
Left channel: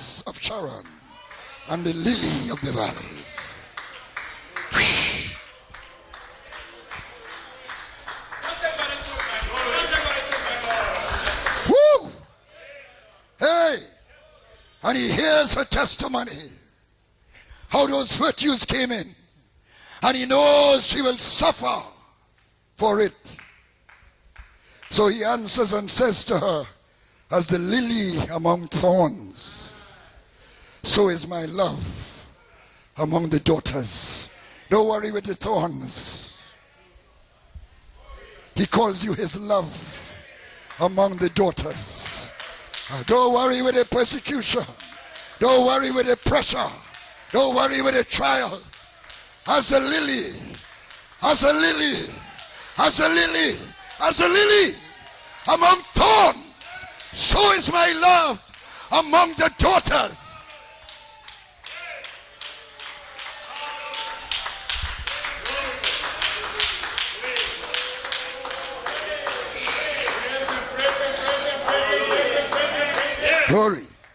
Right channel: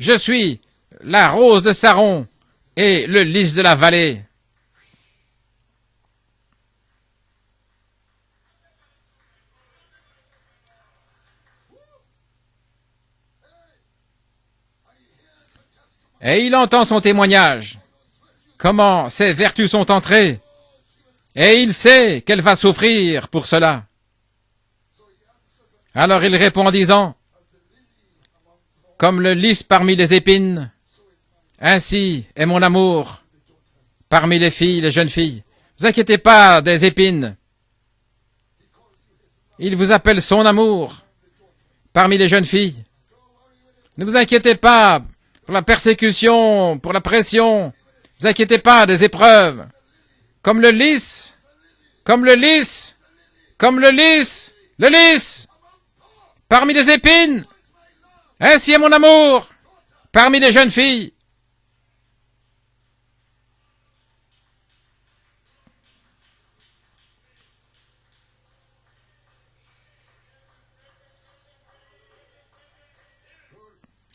Je suis la rose de Saron et le lys de la vallée. Et il entend son témoignage, comment ces vertus sont entrées, et il sait qu'elle va souffrir pour cela. Alors il répond en disant, comme le lys parmi les épines, ainsi est mon amour parmi les filles, les jeunes filles. Ne vous inquiétez pas des épines. Il vous appelle son amour parmi les jeunes filles. Ne vous inquiétez pas pour la persécution, pour la pression. Ne vous inquiétez pas des épreuves. Comme le lys, comme le lys, comme le lys, parmi les épines. Ainsi est mon amour parmi les jeunes filles.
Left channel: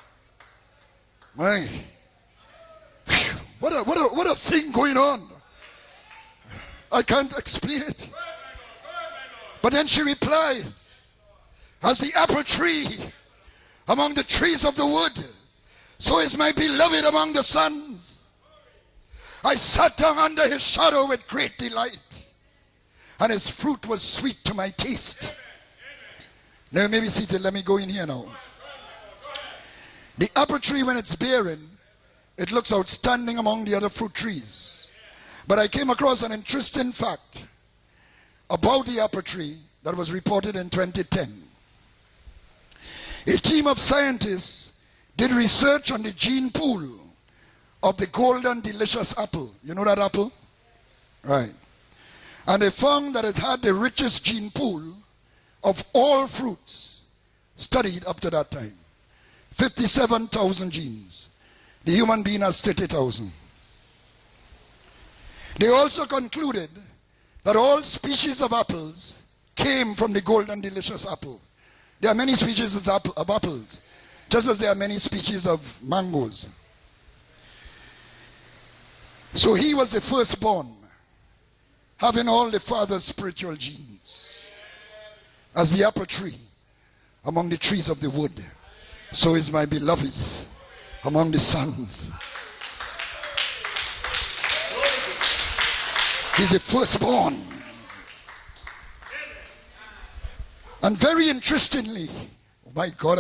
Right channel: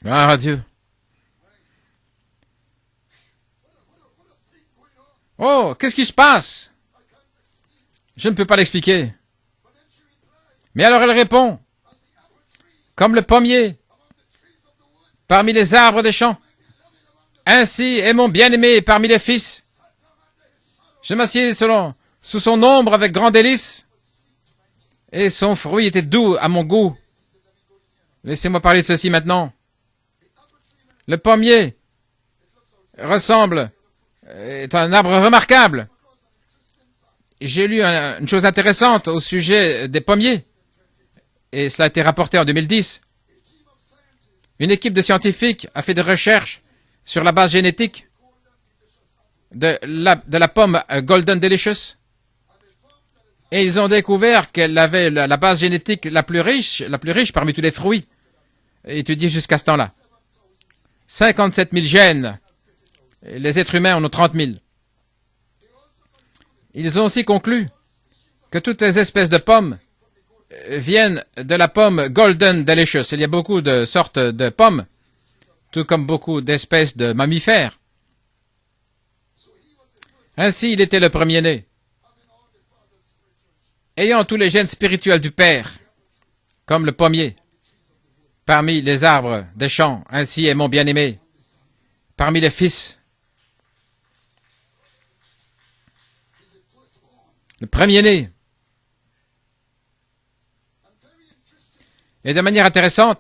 Gloire à Dieu. Oh, qu'est-ce qui se passe? Je ne peux pas l'expliquer. Mais alors elle répond, comme le pommier parmi les arbres des champs, ainsi est mon bien-aimé parmi les fils. Je m'assieds sous son ombre avec grand délice, et son fruit était doux à mon goût. Laissez-moi parler de ceci maintenant. Le pommier ressemble, est un arbre remarquable. J'ai lu une chose intéressante au sujet des pommiers, et cela a été rapporté en 2010. Une équipe de scientifiques a fait des recherches sur la base génétique de la pomme Golden Delicious. Et ils ont découvert qu'elle avait la base génétique la plus riche parmi tous les fruits étudiés jusqu'à ce temps-là. 57 000 gènes. Et les êtres humains en ont 30 000. Ils ont aussi conclu que toutes les espèces de pommes viennent de la pomme Golden Delicious. Il y a beaucoup de sortes de pommes, tout comme beaucoup d'espèces de mammifères. Ainsi, il était le premier-né, ayant tous les gènes spirituels du Père, comme le pommier, parmi les arbres des champs. Ainsi est mon bien-aimé, parmi les fils. Le premier-né. Et de manière intéressante,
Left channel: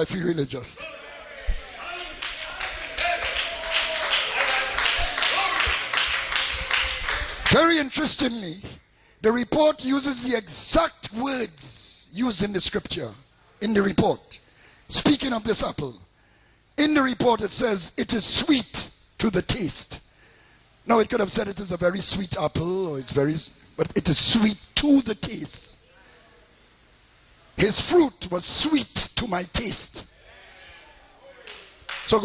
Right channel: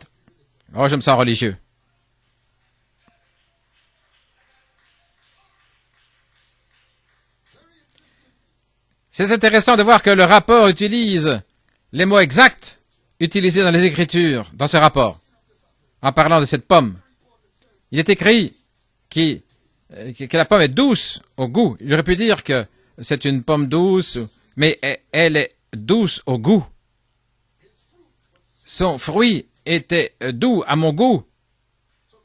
oh, je me sens religieux. C'est intéressant de voir que le rapport utilise les mots exacts utilisés dans les Écritures, dans ce rapport. En parlant de cette pomme, il est écrit que la pomme est douce au goût. Il aurait pu dire que c'est une pomme douce, mais elle est douce au goût. Son fruit était doux à mon goût. Donc,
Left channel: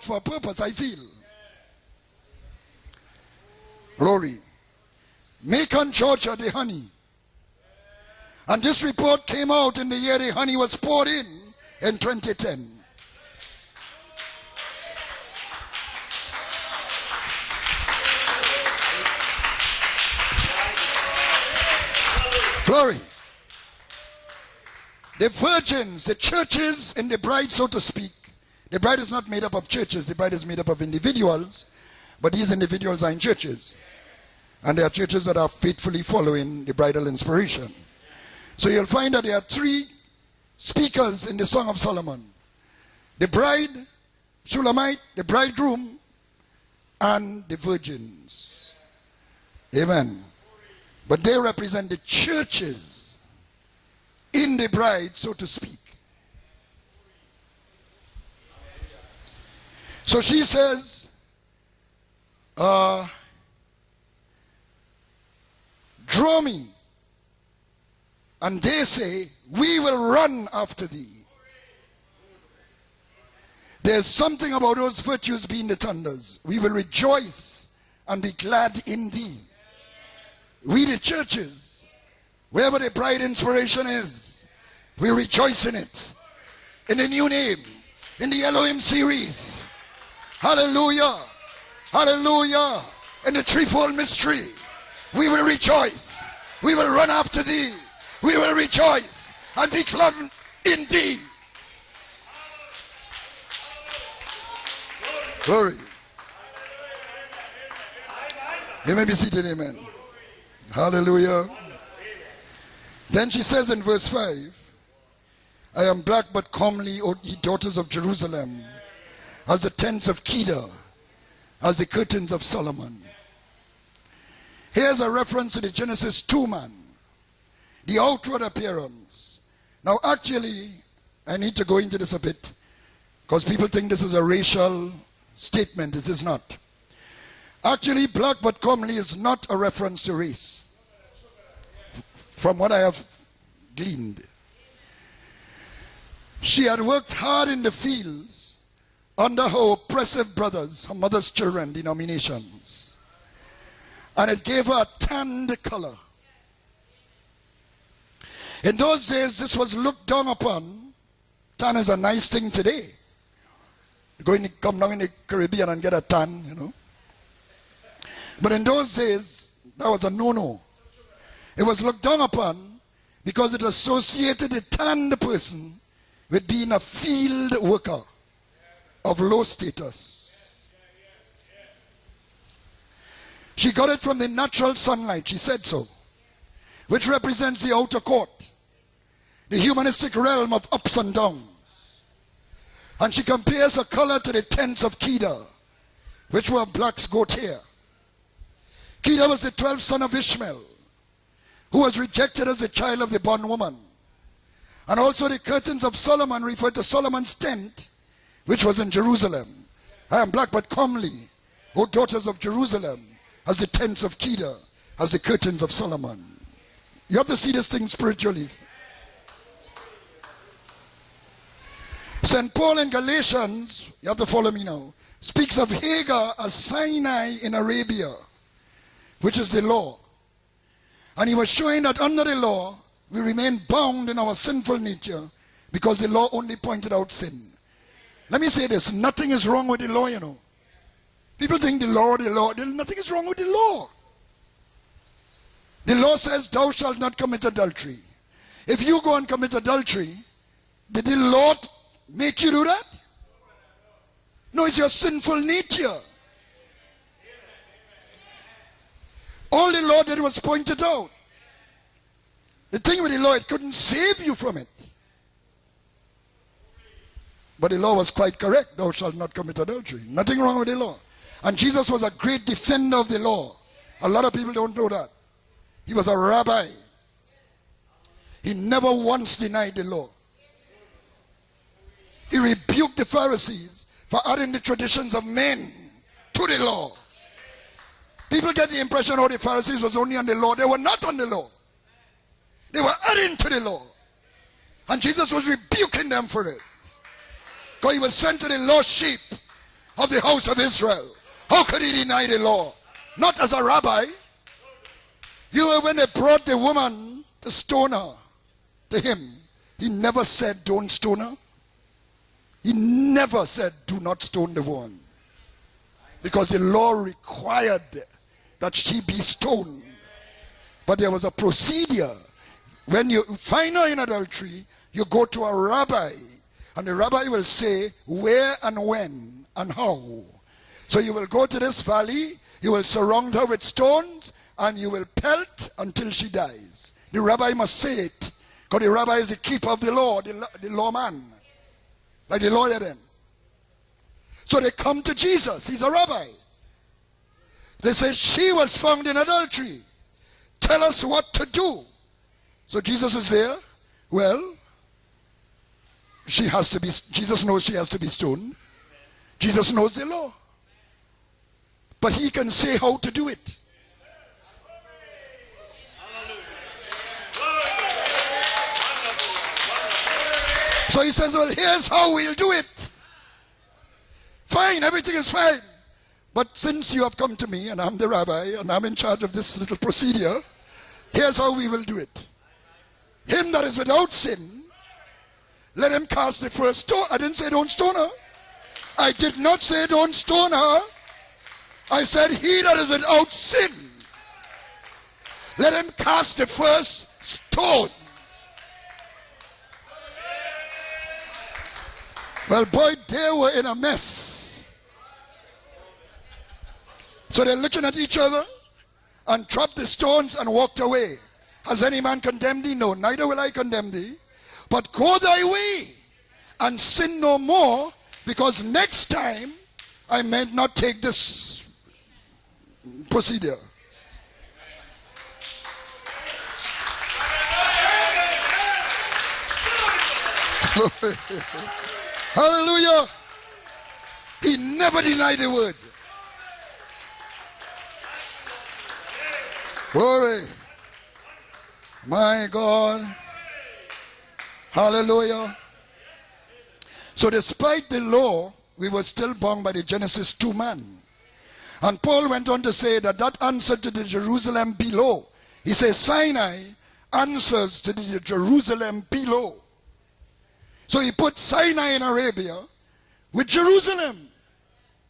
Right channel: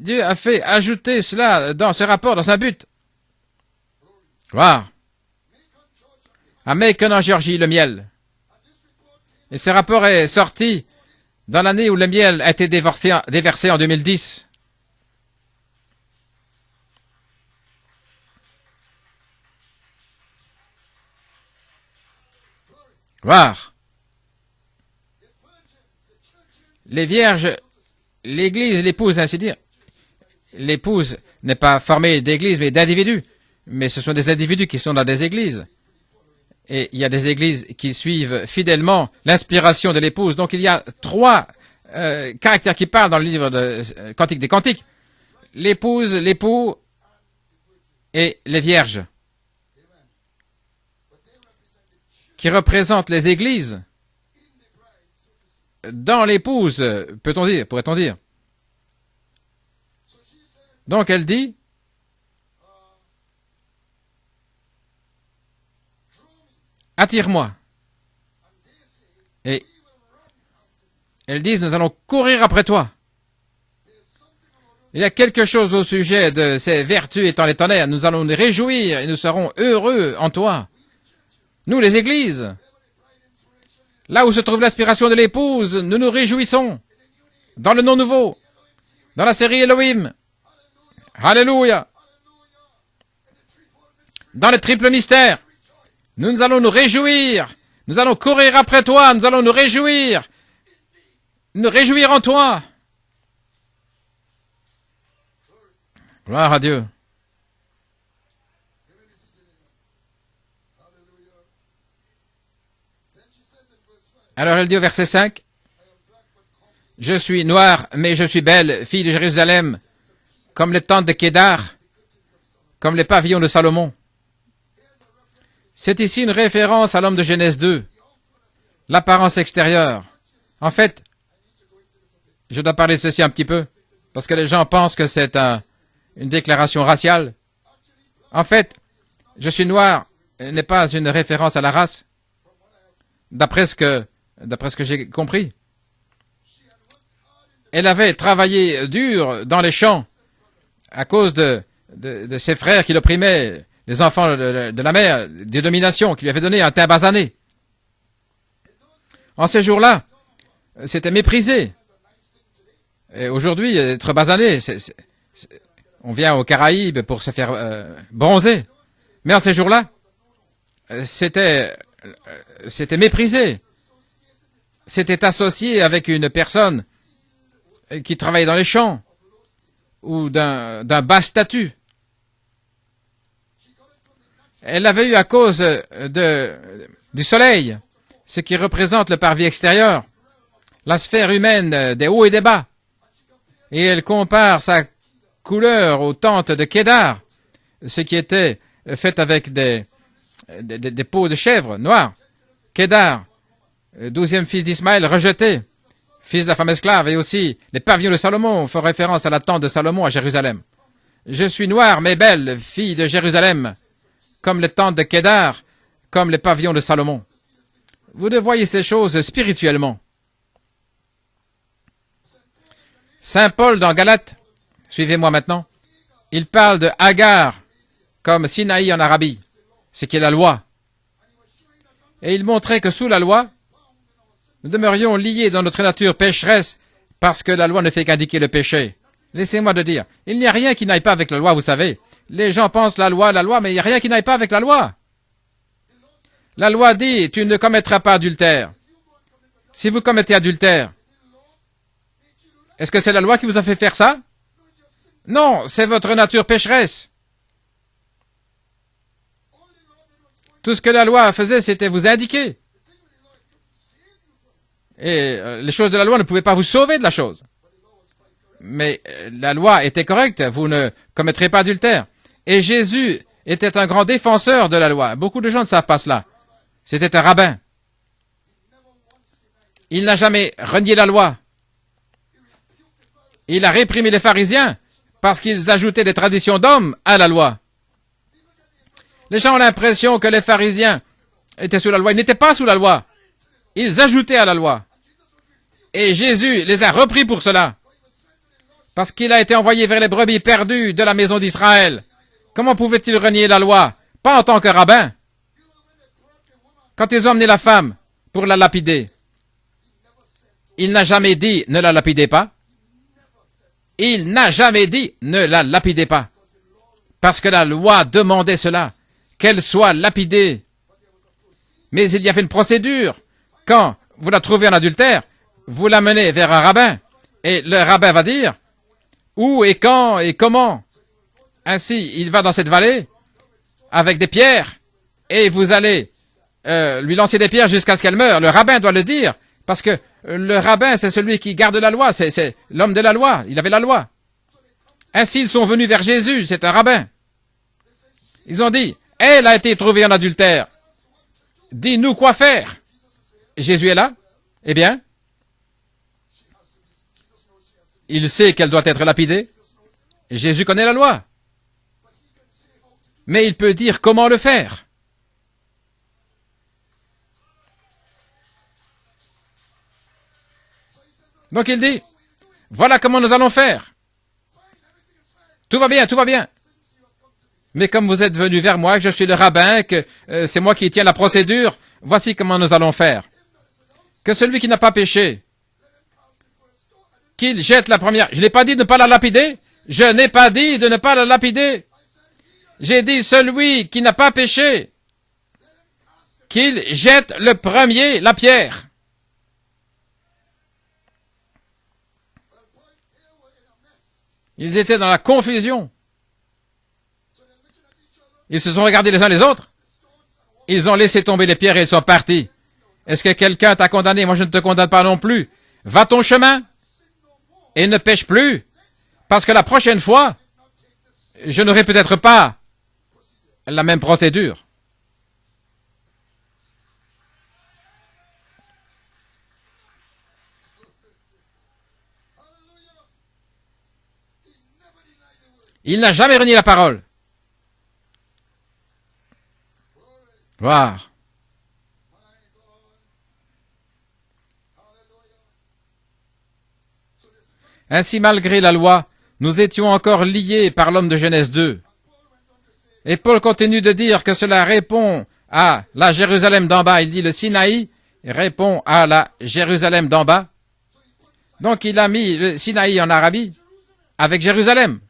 Dieu a fait ajouter cela dans ce rapport, dans un but. Gloire. À Macon en Géorgie, le miel. Et ce rapport est sorti dans l'année où le miel a été déversé en 2010. Gloire. Les vierges, l'église, l'épouse, ainsi dire. L'épouse n'est pas formée d'église, mais d'individus. Mais ce sont des individus qui sont dans des églises. Et il y a des églises qui suivent fidèlement l'inspiration de l'épouse. Donc il y a trois caractères qui parlent dans le livre de Cantique des Cantiques. L'épouse, l'époux et les vierges. Qui représentent les églises. Dans l'épouse, pourrait-on dire. Donc elle dit, attire-moi. Et elles disent, nous allons courir après toi. Il y a quelque chose au sujet de ces vertus étant les tonnerres. Nous allons nous réjouir et nous serons heureux en toi. Nous, les églises, là où se trouve l'inspiration de l'épouse, nous nous réjouissons dans le nom nouveau, dans la série Elohim. Alléluia. Dans le triple mystère, nous allons nous réjouir. Nous allons courir après toi. Nous allons nous réjouir. Nous réjouir en toi. Gloire à Dieu. You may be seated, amen. Hallelujah. Then she says in verse 5, alors elle dit au verset 5, I am black but comely, je suis noire, mais je suis belle, fille de Jérusalem, comme les tentes de Kédar, comme les pavillons de Salomon. C'est ici une référence à l'homme de Genèse 2, l'apparence extérieure. En fait, je dois parler de ceci un petit peu, parce que les gens pensent que c'est une déclaration raciale. En fait, je suis noir n'est pas une référence à la race, d'après ce que j'ai compris. Elle avait travaillé dur dans les champs à cause de ses frères qui l'opprimaient, les enfants de la mère, des dominations, qui lui avaient donné un teint basané. En ces jours-là, c'était méprisé. Et aujourd'hui, être basané, on vient aux Caraïbes pour se faire bronzer. Mais en ces jours-là, c'était méprisé. C'était associé avec une personne qui travaillait dans les champs ou d'un bas statut. Elle l'avait eu à cause du soleil, ce qui représente le parvis extérieur, la sphère humaine des hauts et des bas. Et elle compare sa couleur aux tentes de Kédar, ce qui était fait avec des peaux de chèvre noires. Kédar, 12e fils d'Ismaël, rejeté, fils de la femme esclave, et aussi les pavillons de Salomon font référence à la tente de Salomon à Jérusalem. Je suis noire mais belle, fille de Jérusalem, comme les tentes de Kédar, comme les pavillons de Salomon. Vous devez voir ces choses spirituellement. Saint Paul dans Galates, suivez-moi maintenant, il parle de Hagar comme Sinaï en Arabie, ce qui est la loi. Et il montrait que sous la loi, nous demeurions liés dans notre nature pécheresse parce que la loi ne fait qu'indiquer le péché. Laissez-moi le dire. Il n'y a rien qui n'aille pas avec la loi, vous savez. Les gens pensent la loi, mais il n'y a rien qui n'aille pas avec la loi. La loi dit, tu ne commettras pas adultère. Si vous commettez adultère, est-ce que c'est la loi qui vous a fait faire ça? Non, c'est votre nature pécheresse. Tout ce que la loi faisait, c'était vous indiquer. Et les choses de la loi ne pouvaient pas vous sauver de la chose. Mais la loi était correcte, vous ne commettrez pas adultère. Et Jésus était un grand défenseur de la loi. Beaucoup de gens ne savent pas cela. C'était un rabbin. Il n'a jamais renié la loi. Il a réprimé les pharisiens parce qu'ils ajoutaient des traditions d'hommes à la loi. Les gens ont l'impression que les pharisiens étaient sous la loi. Ils n'étaient pas sous la loi. Ils ajoutaient à la loi. Et Jésus les a repris pour cela. Parce qu'il a été envoyé vers les brebis perdues de la maison d'Israël. Comment pouvait-il renier la loi? Pas en tant que rabbin. Quand ils ont emmené la femme pour la lapider, il n'a jamais dit « ne la lapidez pas ». Il n'a jamais dit « ne la lapidez pas ». Parce que la loi demandait cela, qu'elle soit lapidée. Mais il y avait une procédure. Quand vous la trouvez en adultère, vous la menez vers un rabbin. Et le rabbin va dire où et quand et comment. Ainsi, il va dans cette vallée avec des pierres et vous allez lui lancer des pierres jusqu'à ce qu'elle meure. Le rabbin doit le dire. Parce que le rabbin, c'est celui qui garde la loi. C'est l'homme de la loi. Il avait la loi. Ainsi, ils sont venus vers Jésus. C'est un rabbin. Ils ont dit, elle a été trouvée en adultère. Dis-nous quoi faire. Jésus est là. Eh bien, il sait qu'elle doit être lapidée. Jésus connaît la loi. Mais il peut dire comment le faire. Donc il dit, voilà comment nous allons faire. Tout va bien, tout va bien. Mais comme vous êtes venu vers moi, je suis le rabbin, que c'est moi qui tiens la procédure, voici comment nous allons faire. Que celui qui n'a pas péché, qu'il jette la première. Je n'ai pas dit de ne pas la lapider. Je n'ai pas dit de ne pas la lapider. J'ai dit celui qui n'a pas péché, qu'il jette le premier la pierre. Ils étaient dans la confusion. Ils se sont regardés les uns les autres. Ils ont laissé tomber les pierres et ils sont partis. Est-ce que quelqu'un t'a condamné? Moi, je ne te condamne pas non plus. Va ton chemin et ne pêche plus, parce que la prochaine fois, je n'aurai peut-être pas la même procédure. Hallelujah. Il n'a jamais renié la parole. Gloire. My God. Hallelujah. Ainsi, malgré la loi, nous étions encore liés par l'homme de Genèse 2. Et Paul continue de dire que cela répond à la Jérusalem d'en bas. Il dit le Sinaï répond à la Jérusalem d'en bas. Donc il a mis le Sinaï en Arabie avec Jérusalem,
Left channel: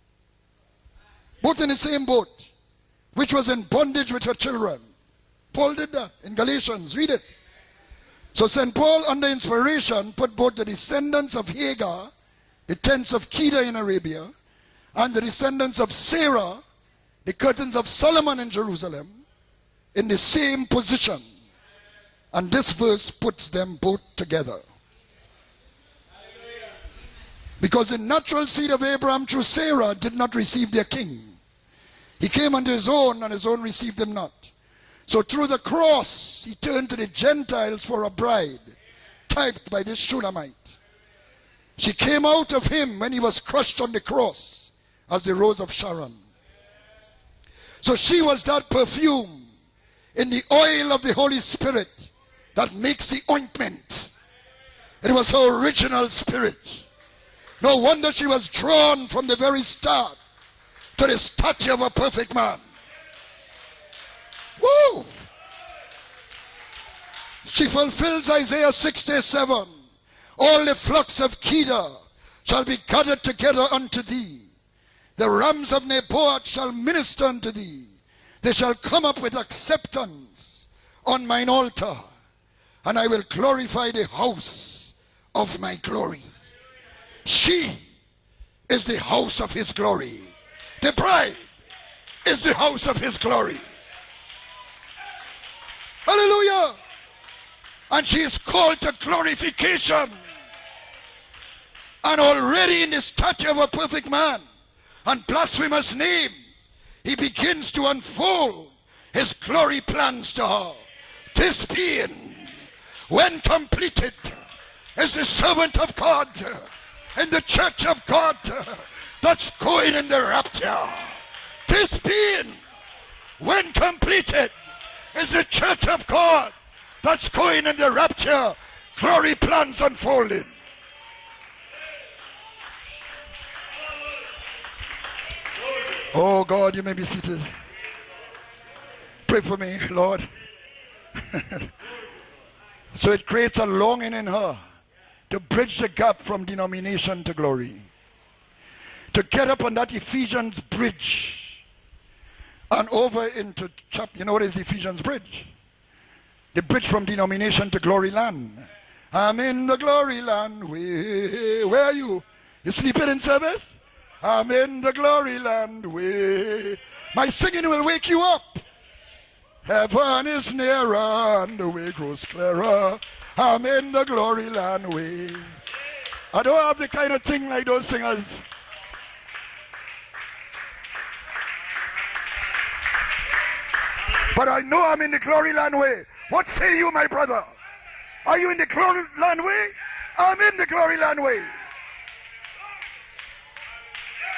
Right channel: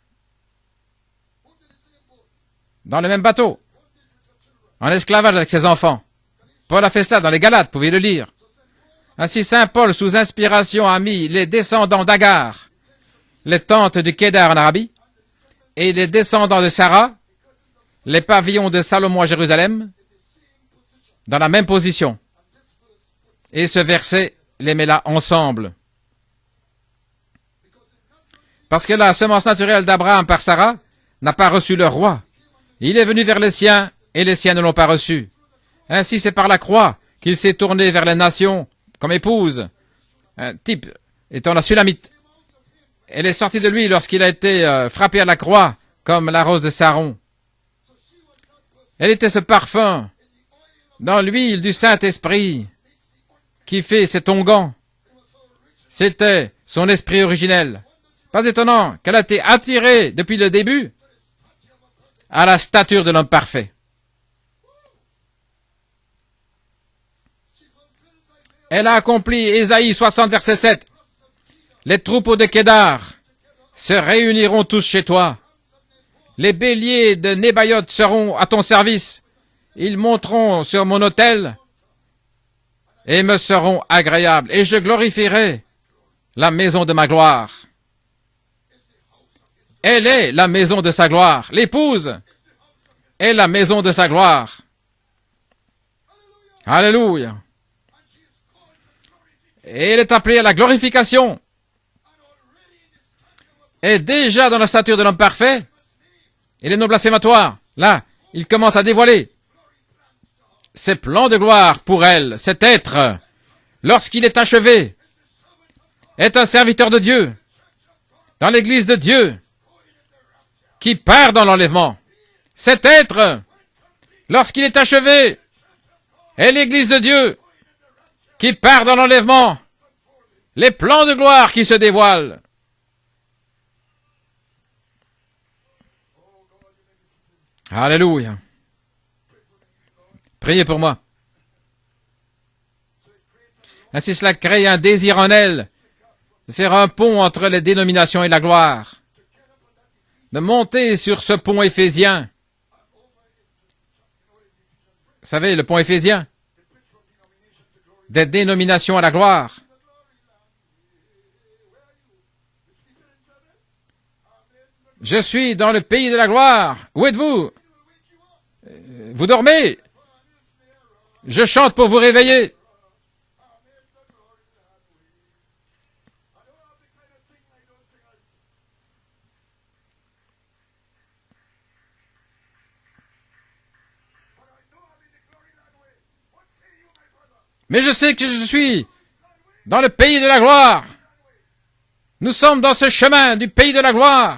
dans le même bateau, en esclavage avec ses enfants. Paul a fait cela dans les Galates, vous pouvez le lire. Ainsi Saint Paul, sous inspiration, a mis les descendants d'Agar, les tentes du Kédar en Arabie, et les descendants de Sarah, les pavillons de Salomon à Jérusalem, dans la même position. Et ce verset les met là ensemble. Parce que la semence naturelle d'Abraham par Sarah n'a pas reçu le roi. Il est venu vers les siens et les siens ne l'ont pas reçu. Ainsi c'est par la croix qu'il s'est tourné vers les nations comme épouse. Un type étant la Sulamite. Elle est sortie de lui lorsqu'il a été frappé à la croix comme la rose de Saron. Elle était ce parfum dans l'huile du Saint-Esprit qui fait cet onguent. C'était son esprit originel. Pas étonnant qu'elle a été attirée depuis le début à la stature de l'homme parfait. Elle a accompli Ésaïe 60, verset 7. Les troupeaux de Kédar se réuniront tous chez toi. Les béliers de Nébaïoth seront à ton service. Ils monteront sur mon autel et me seront agréables. Et je glorifierai la maison de ma gloire. Elle est la maison de sa gloire. L'épouse est la maison de sa gloire. Alléluia. Et elle est appelée à la glorification. Et déjà dans la stature de l'homme parfait, et les noms blasphématoires, là, il commence à dévoiler ses plans de gloire pour elle. Cet être, lorsqu'il est achevé, est un serviteur de Dieu dans l'église de Dieu qui part dans l'enlèvement. Cet être, lorsqu'il est achevé, est l'église de Dieu qui part dans l'enlèvement. Les plans de gloire qui se dévoilent. Oh God, you may be seated. Alléluia. Pray for me, Lord. Priez pour moi. So it creates a longing Ainsi, cela crée un désir en elle, faire un pont entre les dénominations et la gloire, de monter sur ce pont éphésien. Vous savez, le pont éphésien, des dénominations à la gloire. Je suis dans le pays de la gloire. Où êtes-vous? Vous dormez? Je chante pour vous réveiller. Mais je sais que je suis dans le pays de la gloire. Nous sommes dans ce chemin du pays de la gloire.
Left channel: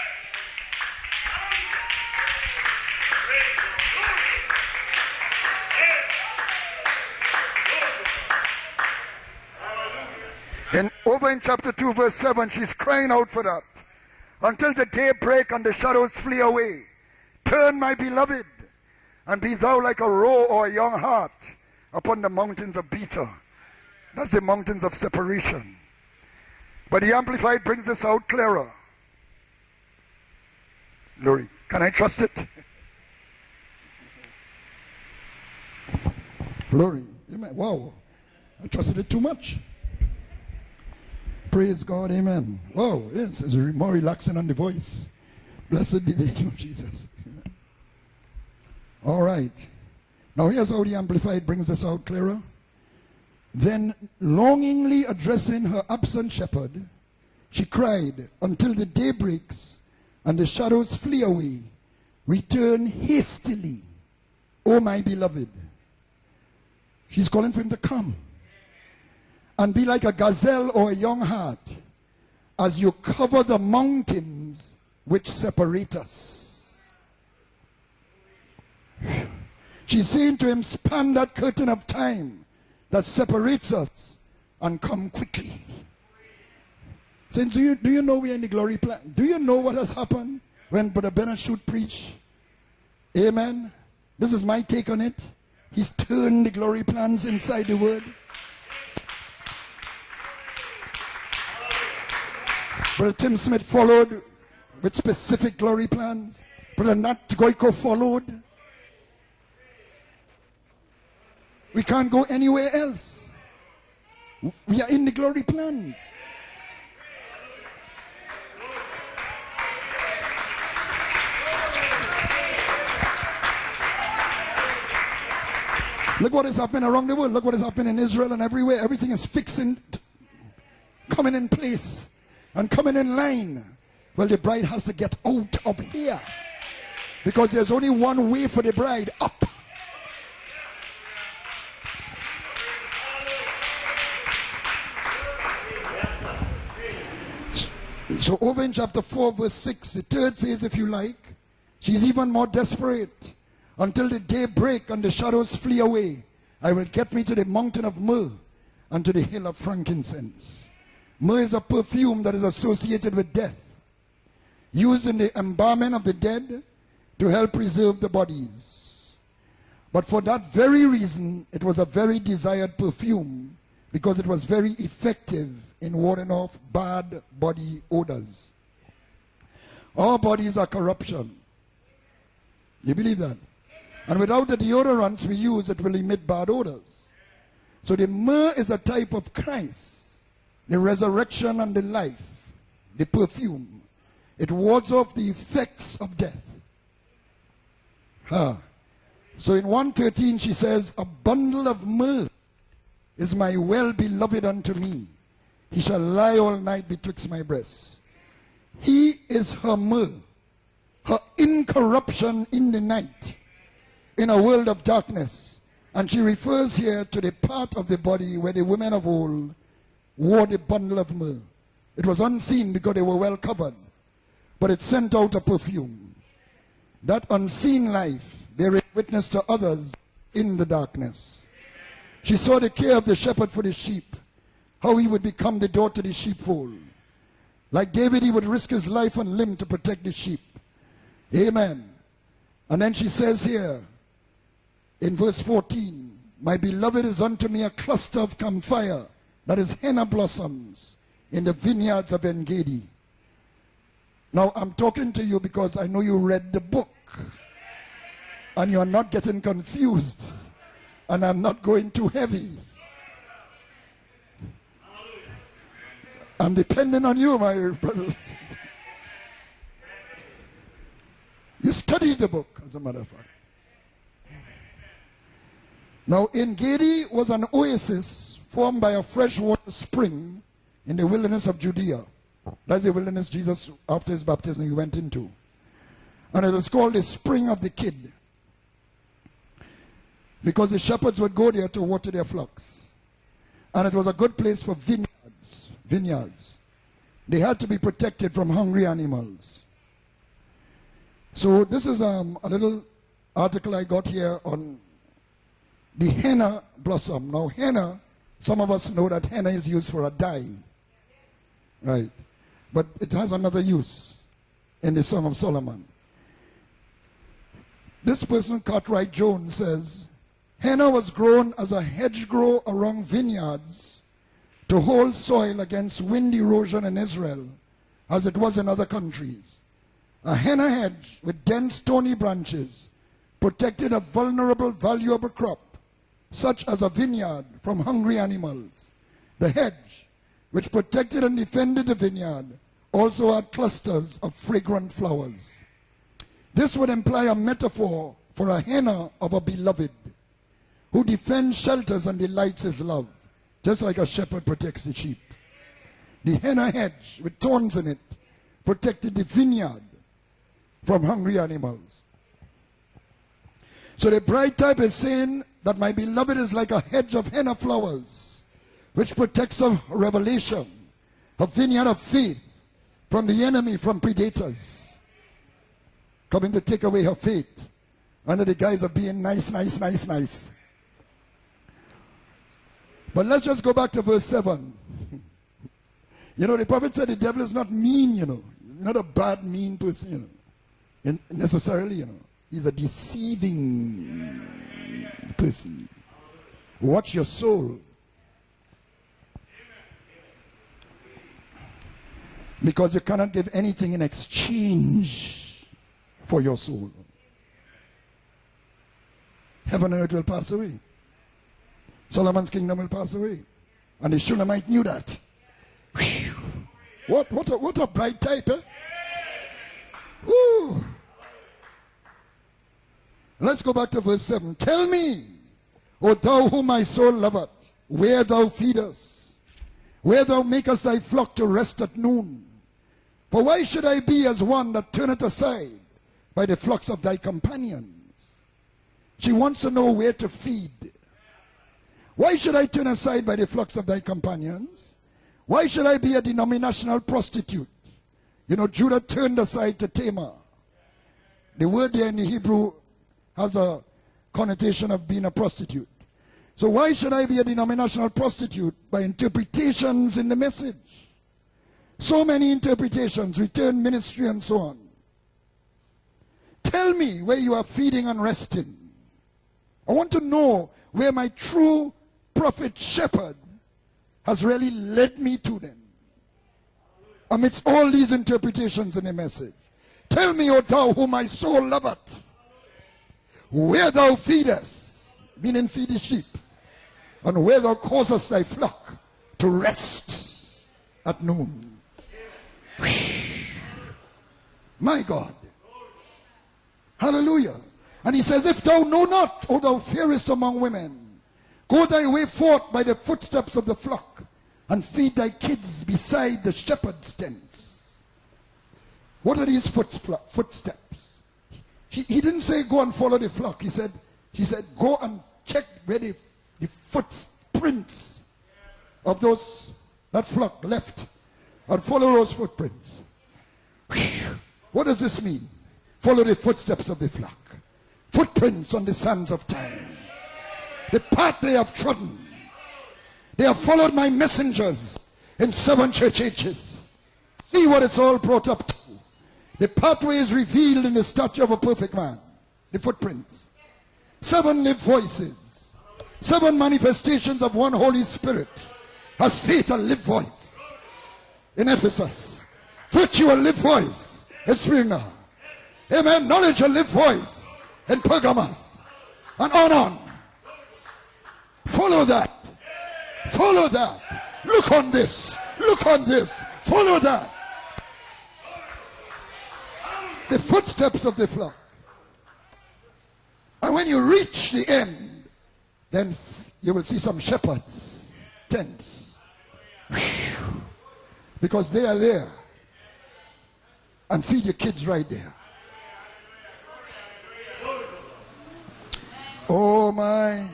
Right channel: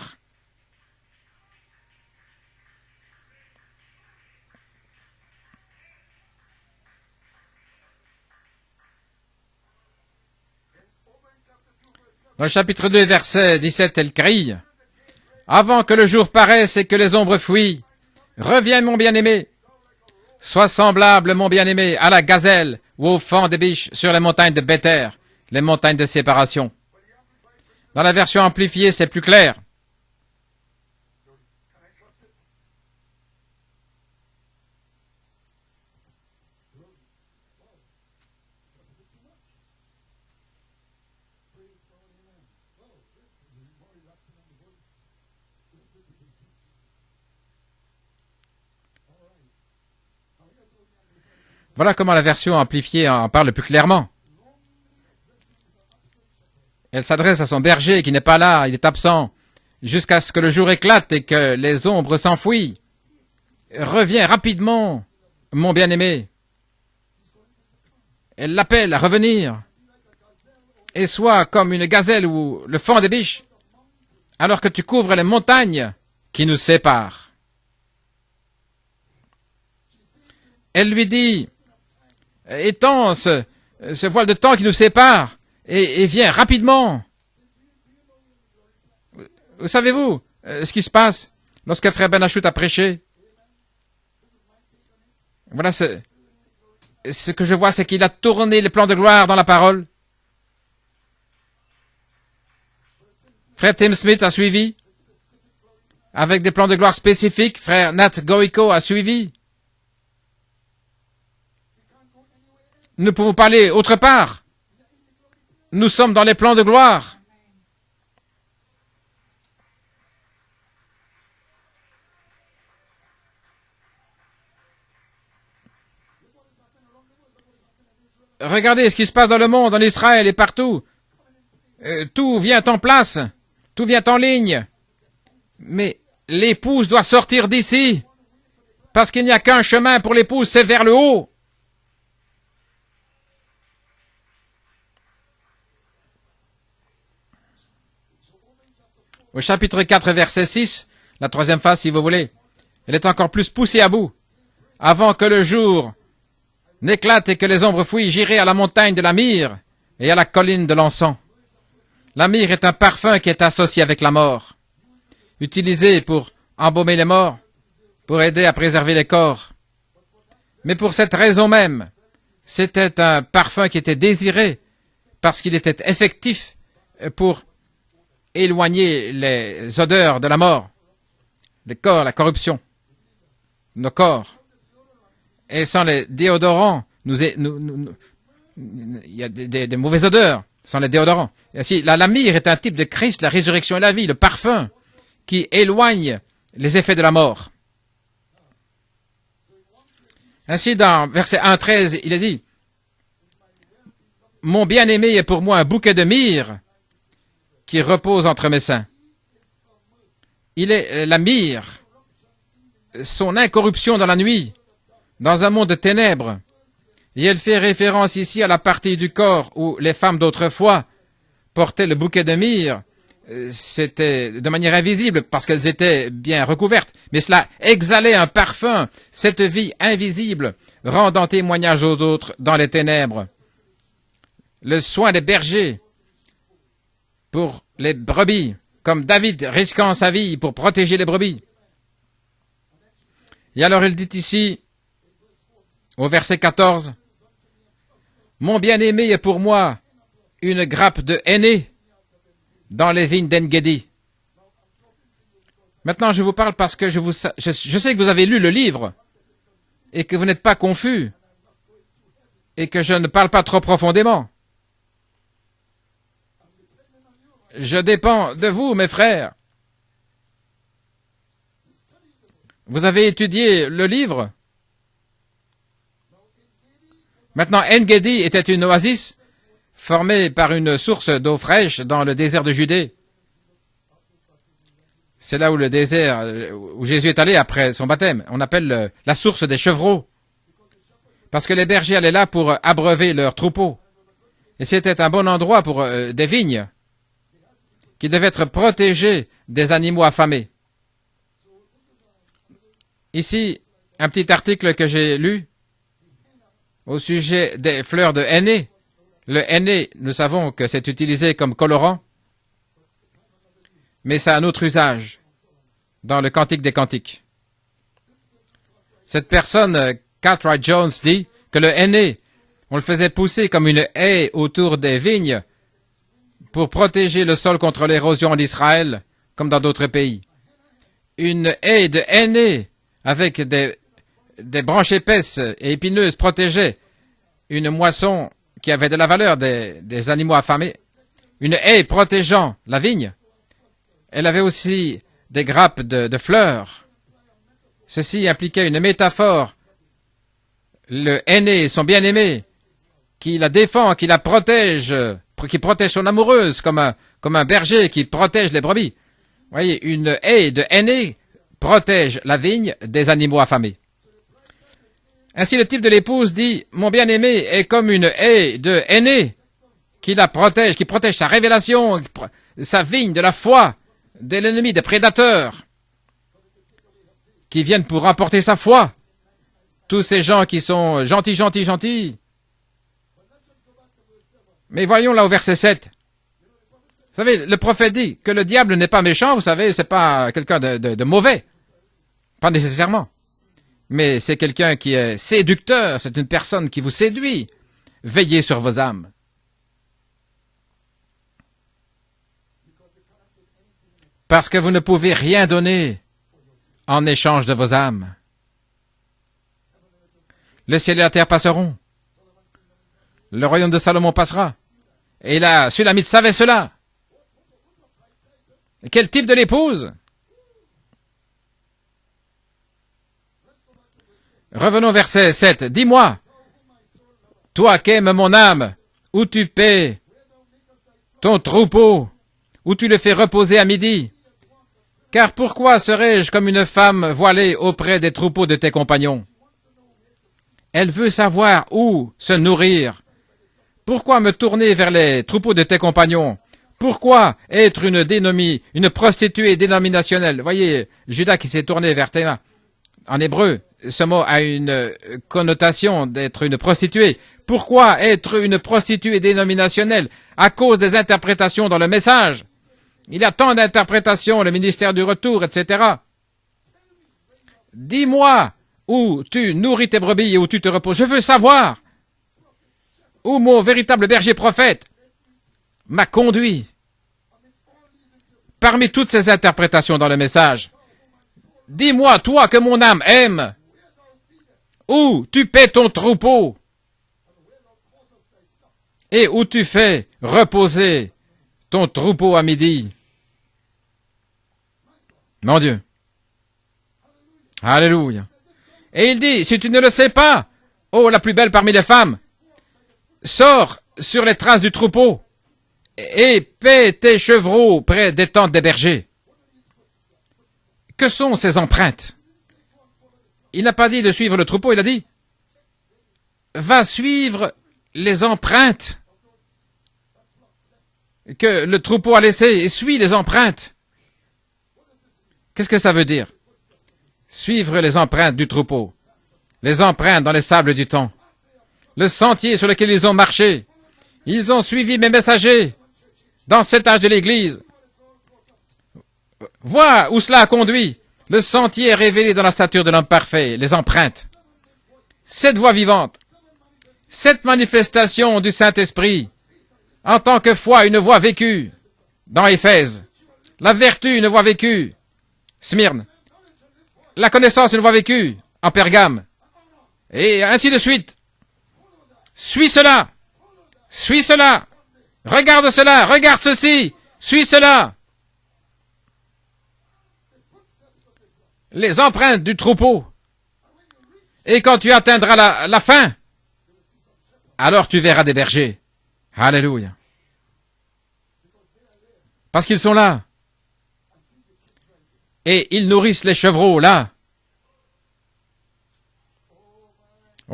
Au chapitre 2, verset 17, elle crie, « Avant que le jour paraisse et que les ombres fuient, reviens mon bien-aimé, sois semblable mon bien-aimé à la gazelle ou au faon des biches sur les montagnes de Béther, les montagnes de séparation. » Dans la version amplifiée, c'est plus clair. Wow, I trusted it too much. Praise God, amen. Wow, yes, it's more relaxing on the voice. Blessed be the name of Jesus. All right. Now here's how the Amplified brings us. Voilà comment la version amplifiée en parle plus clairement. Elle s'adresse à son berger qui n'est pas là, il est absent, jusqu'à ce que le jour éclate et que les ombres s'enfuient. Reviens rapidement, mon bien-aimé. Elle l'appelle à revenir et sois comme une gazelle ou le faon des biches alors que tu couvres les montagnes qui nous séparent. Elle lui dit, étends ce voile de temps qui nous sépare et viens rapidement. Savez-vous ce qui se passe lorsque frère Ben Achout a prêché? Voilà, ce que je vois, c'est qu'il a tourné les plans de gloire dans la parole. Frère Tim Smith a suivi, avec des plans de gloire spécifiques. Frère Nat Goiko a suivi. Nous ne pouvons pas aller autre part. Nous sommes dans les plans de gloire. Regardez ce qui se passe dans le monde, en Israël et partout. Tout vient en place, tout vient en ligne. Mais l'épouse doit sortir d'ici, parce qu'il n'y a qu'un chemin pour l'épouse, c'est vers le haut. Au chapitre 4, verset 6, la troisième phase, si vous voulez, elle est encore plus poussée à bout, avant que le jour n'éclate et que les ombres fuient, j'irai à la montagne de la myrrhe et à la colline de l'encens. La myrrhe est un parfum qui est associé avec la mort, utilisé pour embaumer les morts, pour aider à préserver les corps. Mais pour cette raison même, c'était un parfum qui était désiré parce qu'il était effectif pour éloigner les odeurs de la mort, les corps, la corruption, nos corps. Et sans les déodorants, il y a des mauvaises odeurs sans les déodorants. Ainsi, la myrrhe est un type de Christ, la résurrection et la vie, le parfum qui éloigne les effets de la mort. Ainsi, dans verset 1:13, il est dit, « Mon bien-aimé est pour moi un bouquet de myrrhe qui repose entre mes seins. » Il est la myrrhe, son incorruption dans la nuit, dans un monde de ténèbres. Et elle fait référence ici à la partie du corps où les femmes d'autrefois portaient le bouquet de myrrhe. C'était de manière invisible parce qu'elles étaient bien recouvertes. Mais cela exhalait un parfum, cette vie invisible, rendant témoignage aux autres dans les ténèbres. Le soin des bergers pour les brebis, comme David risquant sa vie pour protéger les brebis. Et alors il dit ici, au verset 14, « Mon bien-aimé est pour moi une grappe de henné dans les vignes d'En-Gedi. » Maintenant, je vous parle parce que je sais que vous avez lu le livre et que vous n'êtes pas confus et que je ne parle pas trop profondément. Je dépends de vous, mes frères. Vous avez étudié le livre. Maintenant, En-Gedi était une oasis formée par une source d'eau fraîche dans le désert de Judée. C'est là où le désert, où Jésus est allé après son baptême. On appelle la source des chevreaux. Parce que les bergers allaient là pour abreuver leurs troupeaux. Et c'était un bon endroit pour des vignes qui devaient être protégées des animaux affamés. Ici, un petit article que j'ai lu au sujet des fleurs de henné. Le henné, nous savons que c'est utilisé comme colorant, mais ça a un autre usage dans le Cantique des Cantiques. Cette personne, Cartwright Jones, dit que le henné, on le faisait pousser comme une haie autour des vignes pour protéger le sol contre l'érosion en Israël, comme dans d'autres pays. Une haie de henné avec des branches épaisses et épineuses protégeait une moisson qui avait de la valeur des animaux affamés. Une haie protégeant la vigne. Elle avait aussi des grappes de fleurs. Ceci impliquait une métaphore. Le henné, son bien-aimé, qui la défend, qui la protège, qui protège son amoureuse, comme un berger qui protège les brebis. Vous voyez, une haie de henné protège la vigne des animaux affamés. Ainsi, le type de l'épouse dit, « Mon bien-aimé est comme une haie de henné qui la protège, qui protège sa révélation, sa vigne de la foi, de l'ennemi, des prédateurs, qui viennent pour remporter sa foi. Tous ces gens qui sont gentils. Mais voyons là au verset 7. Vous savez, le prophète dit que le diable n'est pas méchant, vous savez, c'est pas quelqu'un de mauvais. Pas nécessairement. Mais c'est quelqu'un qui est séducteur, c'est une personne qui vous séduit. Veillez sur vos âmes. Parce que vous ne pouvez rien donner en échange de vos âmes. Le ciel et la terre passeront. Le royaume de Salomon passera. Et la Sulamite savait cela. Quel type de l'épouse? Revenons au verset 7. Dis-moi, toi qu'aime mon âme, où tu paies ton troupeau, où tu le fais reposer à midi. Car pourquoi serais-je comme une femme voilée auprès des troupeaux de tes compagnons? Elle veut savoir où se nourrir. Pourquoi me tourner vers les troupeaux de tes compagnons? Pourquoi être une prostituée dénominationnelle? Voyez, Judas qui s'est tourné vers Théma. En hébreu, ce mot a une connotation d'être une prostituée. Pourquoi être une prostituée dénominationnelle? À cause des interprétations dans le message. Il y a tant d'interprétations, le ministère du retour, etc. Dis-moi où tu nourris tes brebis et où tu te reposes. Je veux savoir où mon véritable berger prophète m'a conduit. Parmi toutes ces interprétations dans le message, dis-moi, toi que mon âme aime, où tu paies ton troupeau et où tu fais reposer ton troupeau à midi. Mon Dieu. Alléluia. Et il dit, si tu ne le sais pas, oh, la plus belle parmi les femmes, sors sur les traces du troupeau et paie tes chevreaux près des tentes des bergers. Que sont ces empreintes? Il n'a pas dit de suivre le troupeau, il a dit, va suivre les empreintes que le troupeau a laissées et suis les empreintes. Qu'est-ce que ça veut dire? Suivre les empreintes du troupeau, les empreintes dans les sables du temps, le sentier sur lequel ils ont marché. Ils ont suivi mes messagers dans cet âge de l'Église. Vois où cela a conduit. Le sentier est révélé dans la stature de l'homme parfait, les empreintes. 7 voix vivantes, 7 manifestations du Saint-Esprit, en tant que foi, une voix vécue dans Éphèse, la vertu, une voix vécue, Smyrne, la connaissance, une voix vécue en Pergame, et ainsi de suite. Suis cela, suis cela, regarde cela, regarde ceci, suis cela. Les empreintes du troupeau. Et quand tu atteindras la fin, alors tu verras des bergers. Alléluia. Parce qu'ils sont là. Et ils nourrissent les chevreaux là. Oh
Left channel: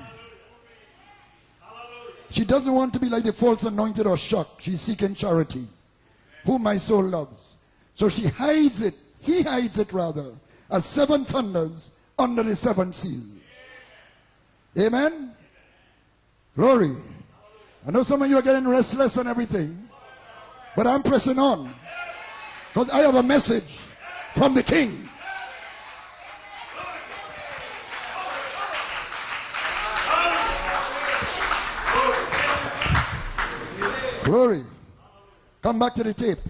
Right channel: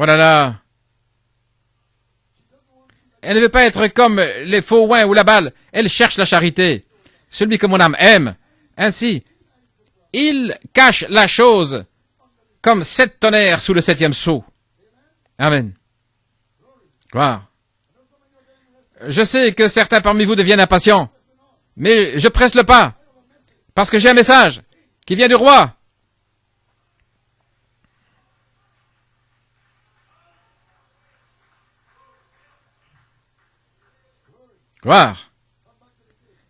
là là. Elle ne veut pas être comme les faux oins ou la balle. Elle cherche la charité. Celui que mon âme aime. Ainsi, il cache la chose comme 7 tonnerres sous le 7e sceau. Amen. Gloire. Je sais que certains parmi vous deviennent impatients, mais je presse le pas parce que j'ai un message qui vient du roi. Gloire.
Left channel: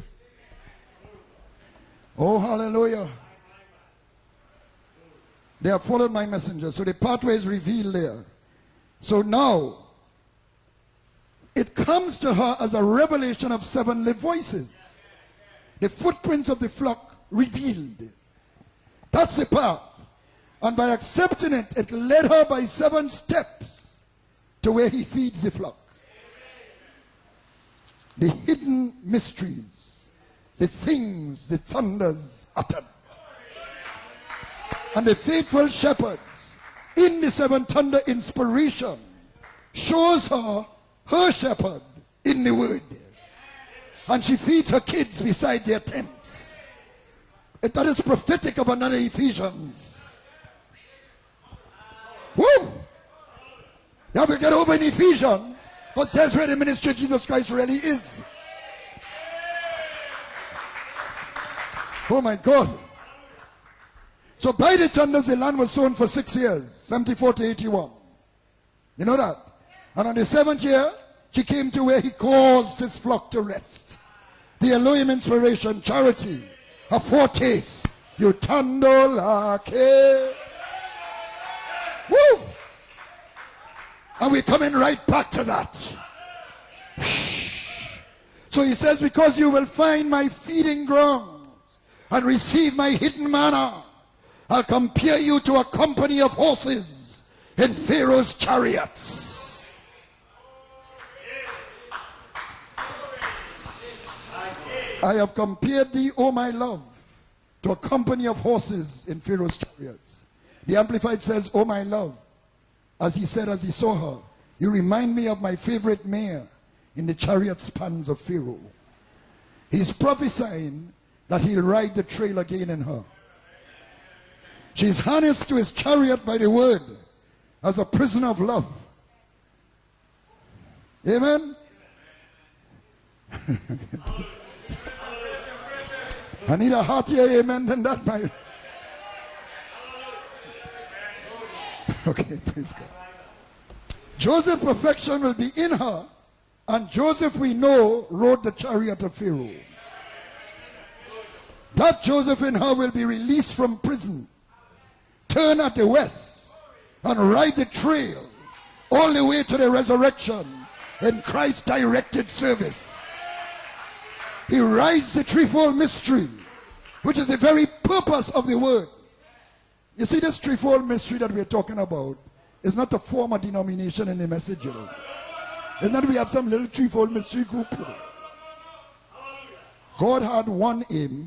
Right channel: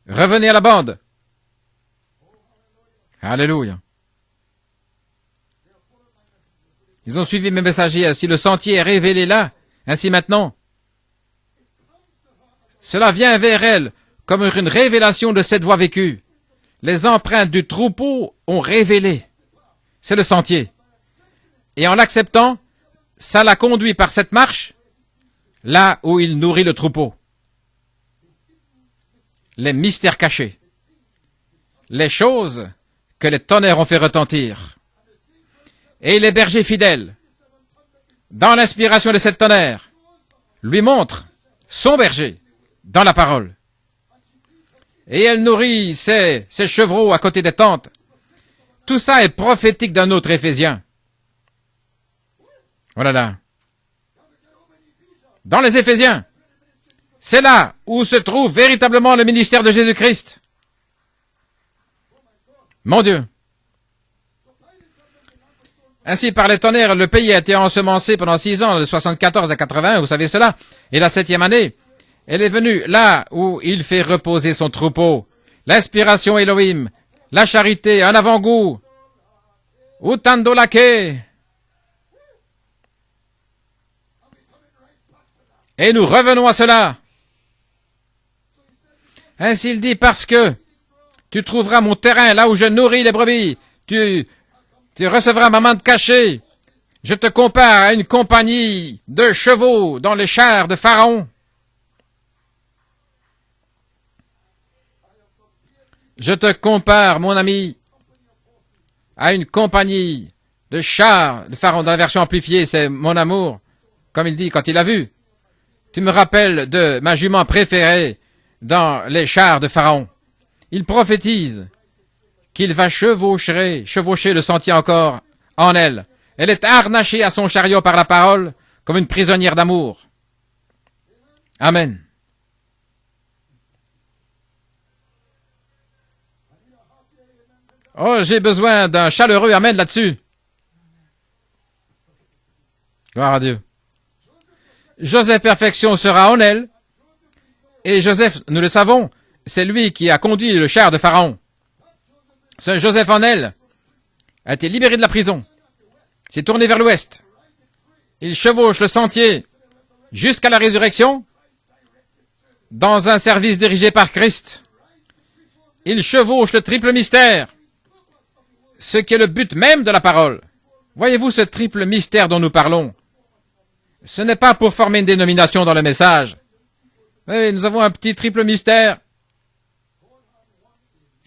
Revenez à la bande. Oh, hallelujah. Alléluia. They have followed my messenger. So the Ils pathway ont suivi is mes revealed messagers. there. Ainsi le sentier est révélé là. Ainsi maintenant, It comes to her as a cela vient vers revelation elle of 7 live comme voices. une révélation de cette voie vécue. Footprints of the flock Les empreintes du revealed. troupeau ont révélé. That's the path. C'est le sentier. And by accepting it, Et en it led her l'acceptant, by 7 ça steps l'a conduit par cette marche to where he feeds the flock. là où il nourrit le troupeau. The hidden mystery, Les mystères cachés, the things, the thunder, les choses que les tonnerres ont fait retentir. and the faithful shepherd Et les bergers fidèles, in the 7 thunder dans inspiration l'inspiration de cette tonnerre, shows her lui montrent her shepherd son berger in the word. dans la parole. And she feeds her kids Et elle beside nourrit their tent. ses chevreaux à côté des tentes. That is prophetic of another Tout ça est Ephesians. prophétique d'un autre Éphésien. Woo! Voilà là. You have to get over in Ephesians. Dans les Éphésiens, That's where the ministry of Jesus c'est là Christ really où is. se trouve véritablement le ministère de Jésus-Christ. Oh my God. Mon Dieu. So by the thunders, the land was sown for Ainsi, 6 par les years, tonnerres, le pays a été 24, ensemencé pendant 6 ans, de 74 à 80, vous And savez the cela. 7th year, Et la 7e he année, came to where he calls elle est venue the là flock to où rest. il fait reposer son The Elohim troupeau. inspiration, L'inspiration charity, Elohim, a foretaste, la charité, un avant-goût. Utandolake. Utandolake. Woo! And we're coming right back to that. Et nous revenons à cela. So he says, because you Ainsi, will il dit, find parce my que feeding ground. Tu trouveras mon terrain là où je nourris les brebis. Tu recevras ma main cachée. Je te compare à une compagnie de chevaux dans les chars de Pharaon. Je Je te compare, mon ami, à une compagnie Le char, le pharaon dans la version amplifiée, c'est mon amour. Comme il dit quand il l'a vu, tu me rappelles de ma jument préférée dans les chars de Pharaon. Il prophétise qu'il va chevaucher le sentier encore en elle. Elle est harnachée à son chariot par la parole comme une prisonnière d'amour. Amen. Oh, j'ai besoin d'un chaleureux amen là-dessus. Gloire à Dieu. Joseph Perfection sera en elle. Et Joseph, nous le savons, c'est lui qui a conduit le char de Pharaon. Ce Joseph en elle a été libéré de la prison, s'est tourné vers l'ouest. Il chevauche le sentier jusqu'à la résurrection dans un service dirigé par Christ. Il chevauche le triple mystère, ce qui est le but même de la parole. Voyez-vous ce triple mystère dont nous parlons? Ce n'est pas pour former une dénomination dans le message. Oui, nous avons un petit triple mystère.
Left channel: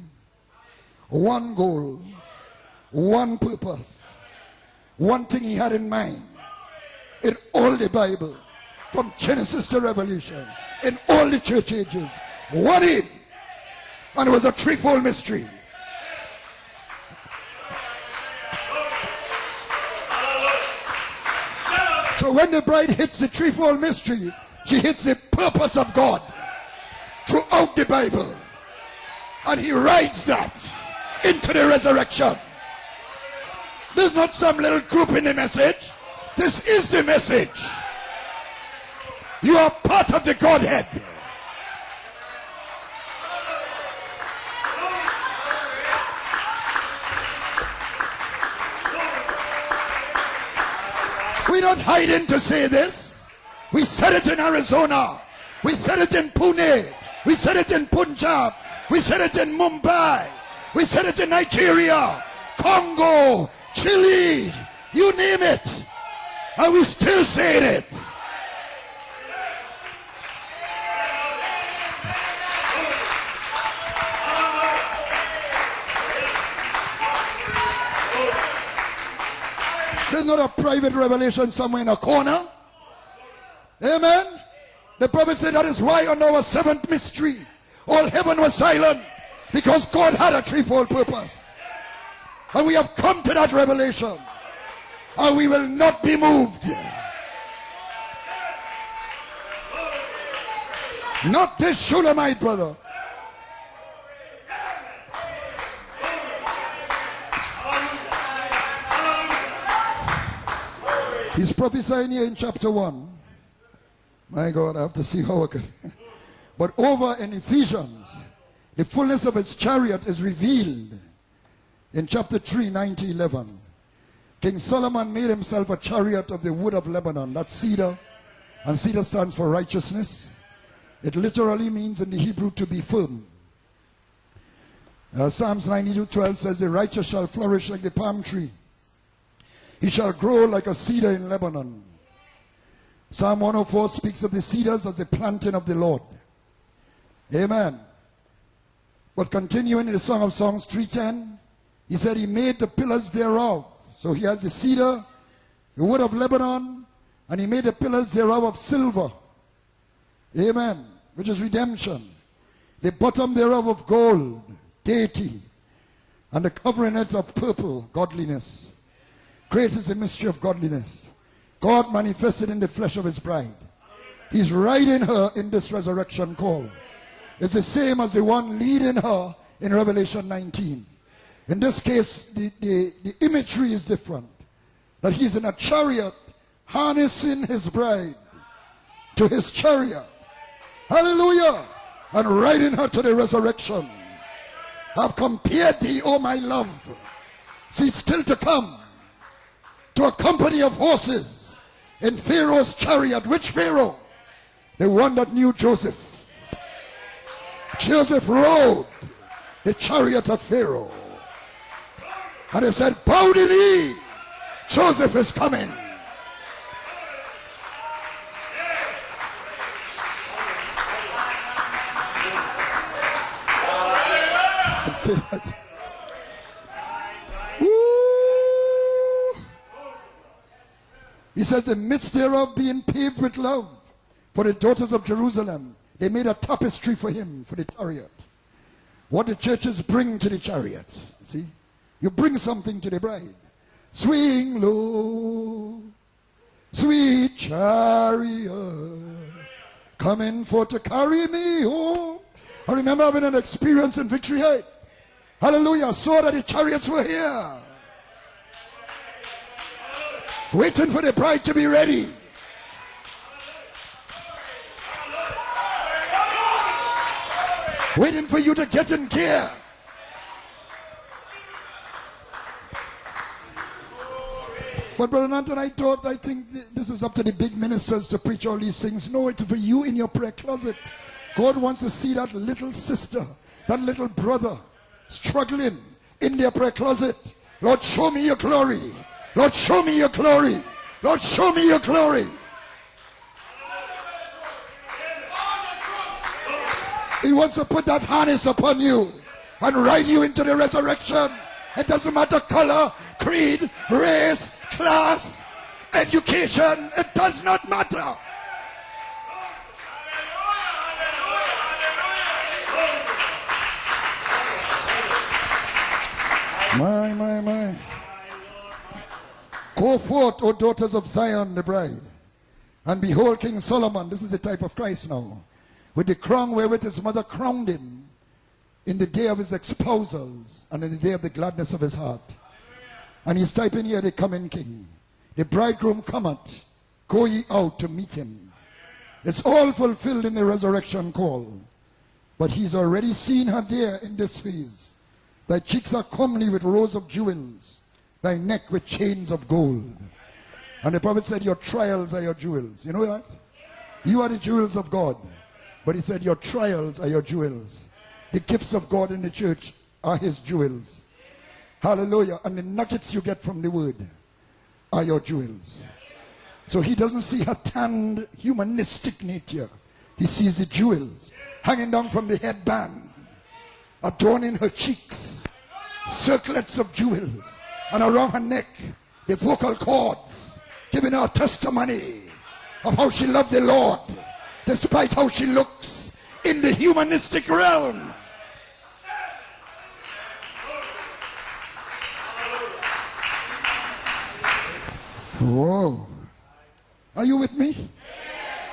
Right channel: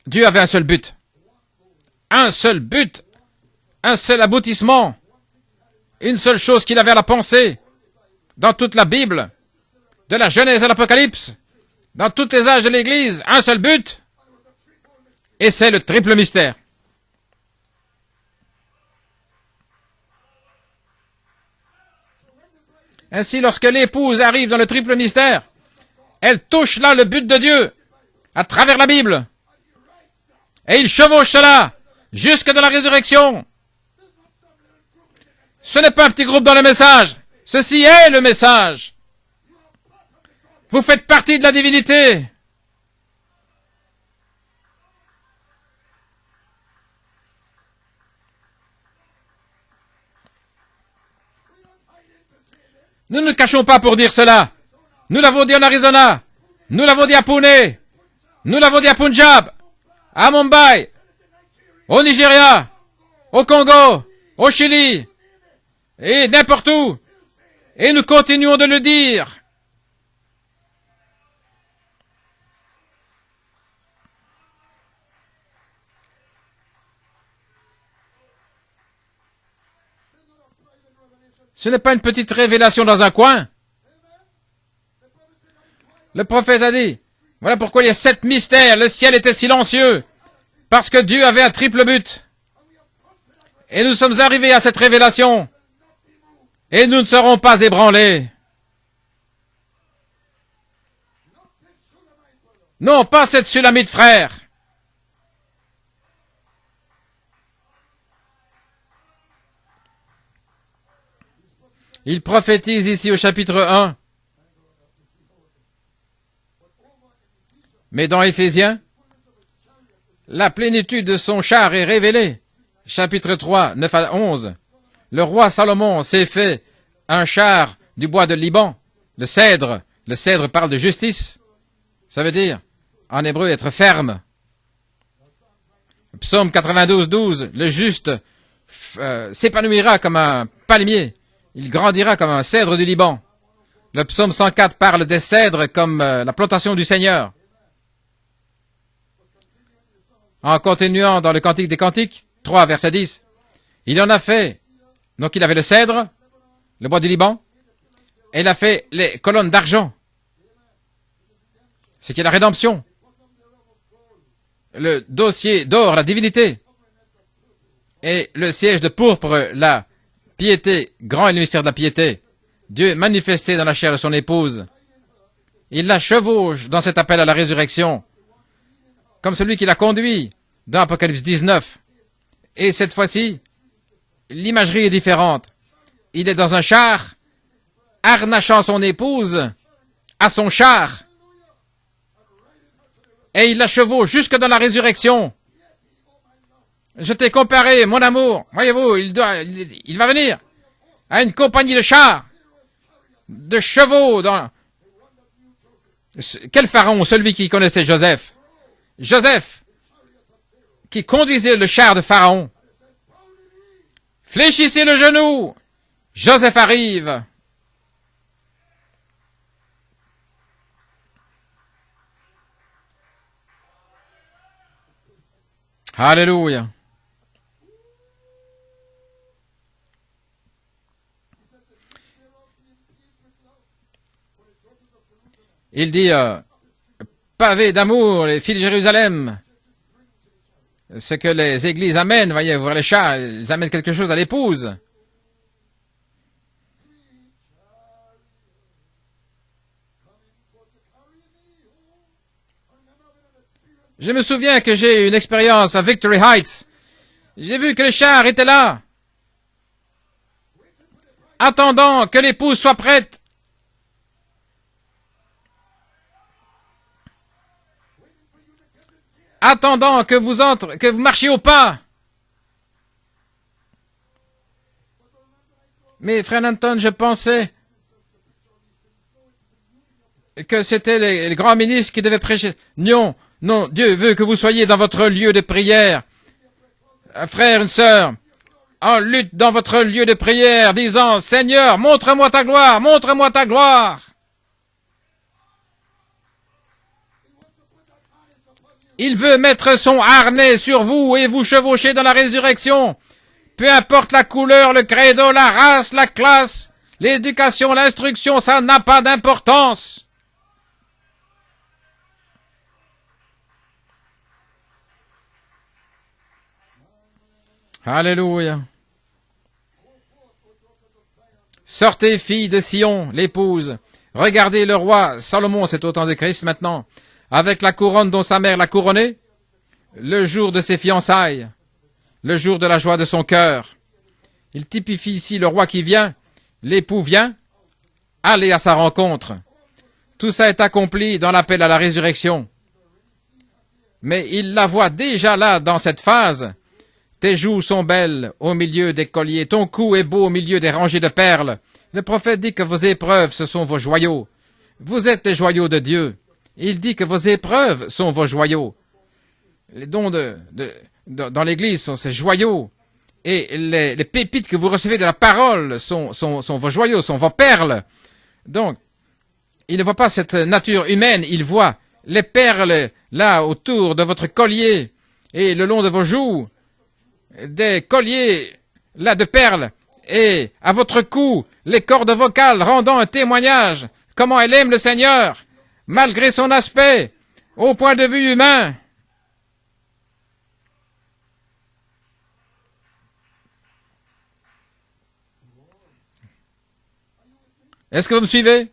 Dieu avait un seul but. Un seul but. Un seul aboutissement. Une seule chose qu'il avait à la pensée. Dans toute la Bible, de la Genèse à l'Apocalypse, dans tous les âges de l'Église, un seul but. Et c'est le triple mystère. Ainsi, lorsque l'épouse arrive dans le triple mystère, elle touche là le but de Dieu à travers la Bible. Et il chevauche cela jusque dans la résurrection. Ce n'est pas un petit groupe dans le message. Ceci est le message. Vous faites partie de la divinité. Nous ne cachons pas pour dire cela. Nous l'avons dit en Arizona. Nous l'avons dit à Pune. Nous l'avons dit à Punjab. À Mumbai. Au Nigeria. Au Congo. Au Chili. Et n'importe où. Et nous continuons de le dire. Ce n'est pas une petite révélation dans un coin. Le prophète a dit, voilà pourquoi il y a 7 mystères. Le ciel était silencieux, parce que Dieu avait un triple but. Et nous sommes arrivés à cette révélation, et nous ne serons pas ébranlés. Non, pas cette Sulamite, frère. Il prophétise ici au chapitre 1. Mais dans Éphésiens, la plénitude de son char est révélée. Chapitre 3, 9 à 11. Le roi Salomon s'est fait un char du bois de Liban, le cèdre. Le cèdre parle de justice. Ça veut dire, en hébreu, être ferme. Psaume 92, 12. Le juste s'épanouira comme un palmier. Il grandira comme un cèdre du Liban. Le psaume 104 parle des cèdres comme la plantation du Seigneur. En continuant dans le Cantique des Cantiques, 3, verset 10, il en a fait. Donc il avait le cèdre, le bois du Liban, et il a fait les colonnes d'argent, ce qui est la rédemption. Le dossier d'or, la divinité, et le siège de pourpre, la piété, grand est le mystère de la piété. Dieu manifesté dans la chair de son épouse, il la chevauche dans cet appel à la résurrection, comme celui qui l'a conduit dans Apocalypse 19. Et cette fois-ci, l'imagerie est différente. Il est dans un char, harnachant son épouse à son char. Et il la chevauche jusque dans la résurrection. Je t'ai comparé, mon amour. Voyez-vous, il va venir à une compagnie de chars, de chevaux. Quel pharaon? Celui qui connaissait Joseph. Joseph, qui conduisait le char de Pharaon. Fléchissez le genou. Joseph arrive. Alléluia. Il dit, pavé d'amour, les filles de Jérusalem. Ce que les églises amènent, voyez, voir les chats, ils amènent quelque chose à l'épouse. Sweet chariot, coming for to carry me home. Je me souviens que j'ai eu une expérience à Victory Heights. J'ai vu que les chars étaient là, attendant que l'épouse soit prête. Attendant que vous marchiez au pas. Mais frère Anton, je pensais que c'était les grands ministres qui devaient prêcher. Non, non, Dieu veut que vous soyez dans votre lieu de prière. Un frère, une sœur, en lutte dans votre lieu de prière, disant, Seigneur, montre-moi ta gloire, montre-moi ta gloire. Il veut mettre son harnais sur vous et vous chevaucher dans la résurrection. Peu importe la couleur, le credo, la race, la classe, l'éducation, l'instruction, ça n'a pas d'importance. Alléluia. Sortez, filles de Sion, l'épouse. Regardez le roi Salomon, c'est au temps de Christ maintenant, avec la couronne dont sa mère l'a couronné, le jour de ses fiançailles, le jour de la joie de son cœur. Il typifie ici le roi qui vient, l'époux vient, allez à sa rencontre. Tout ça est accompli dans l'appel à la résurrection. Mais il la voit déjà là, dans cette phase. Tes joues sont belles au milieu des colliers, ton cou est beau au milieu des rangées de perles. Le prophète dit que vos épreuves, ce sont vos joyaux. Vous êtes les joyaux de Dieu. Il dit que vos épreuves sont vos joyaux. Les dons dans l'Église sont ces joyaux. Et les pépites que vous recevez de la parole sont vos joyaux, sont vos perles. Donc, il ne voit pas cette nature humaine, il voit les perles là autour de votre collier et le long de vos joues, des colliers là de perles, et à votre cou, les cordes vocales rendant un témoignage comment elle aime le Seigneur, malgré son aspect, au point de vue humain. Wow. Are you with me? Est-ce que vous me suivez?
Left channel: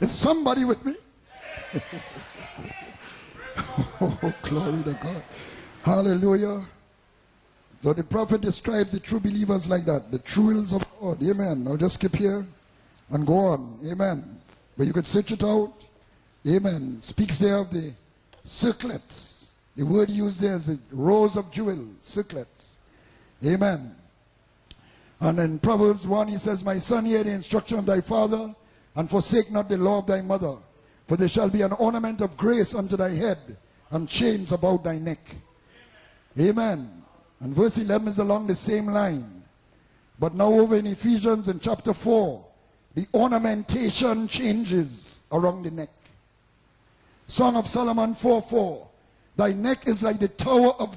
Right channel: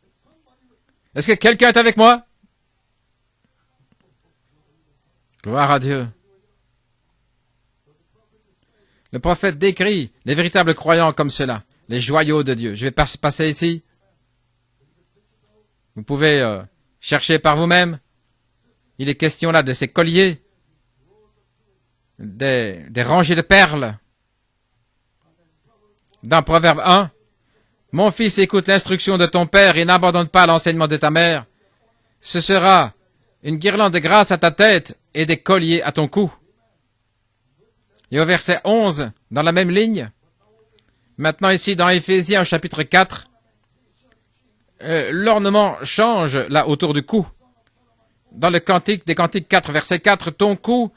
Is somebody with me? Est-ce que quelqu'un est avec moi? Oh, glory to God. Gloire à Dieu. Hallelujah. Le prophète décrit les véritables croyants comme cela, les joyaux de Dieu. Je vais passer ici. Vous pouvez chercher par vous-même. Il est question là de ces colliers, des rangées de perles. Dans Proverbe 1, « Mon fils, écoute l'instruction de ton père et n'abandonne pas l'enseignement de ta mère. Ce sera une guirlande de grâce à ta tête et des colliers à ton cou. » Et au verset 11, dans la même ligne, maintenant ici dans Éphésiens chapitre 4, l'ornement change là autour du cou. Dans le cantique des Cantiques 4, verset 4, ton cou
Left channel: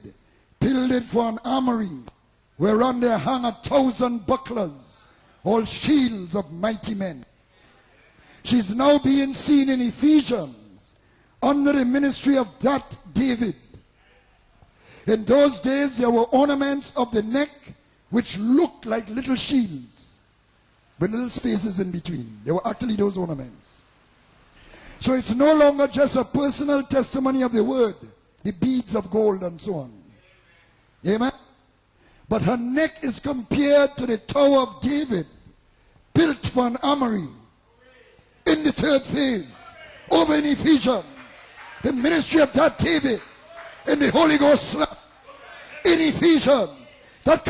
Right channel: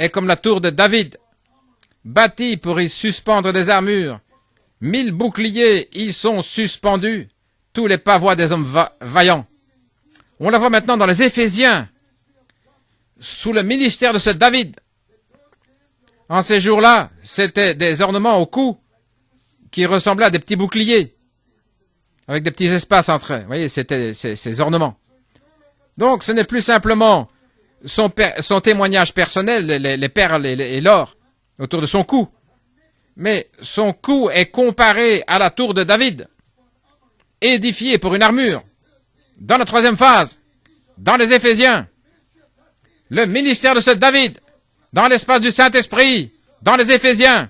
est comme la tour de David, bâti pour y suspendre des armures. 1000 boucliers y sont suspendus, tous les pavois des hommes vaillants. On la voit maintenant dans les Éphésiens, sous le ministère de ce David. En ces jours-là, c'était des ornements au cou qui ressemblaient à des petits boucliers avec des petits espaces entre eux. Vous voyez, c'était ces ornements. Donc, ce n'est plus simplement son témoignage personnel, les perles et l'or autour de son cou. Mais son cou est comparé à la tour de David, édifiée pour une armure. Dans la troisième phase, dans les Éphésiens, le ministère de ce David, dans l'espace du Saint-Esprit, dans les Éphésiens,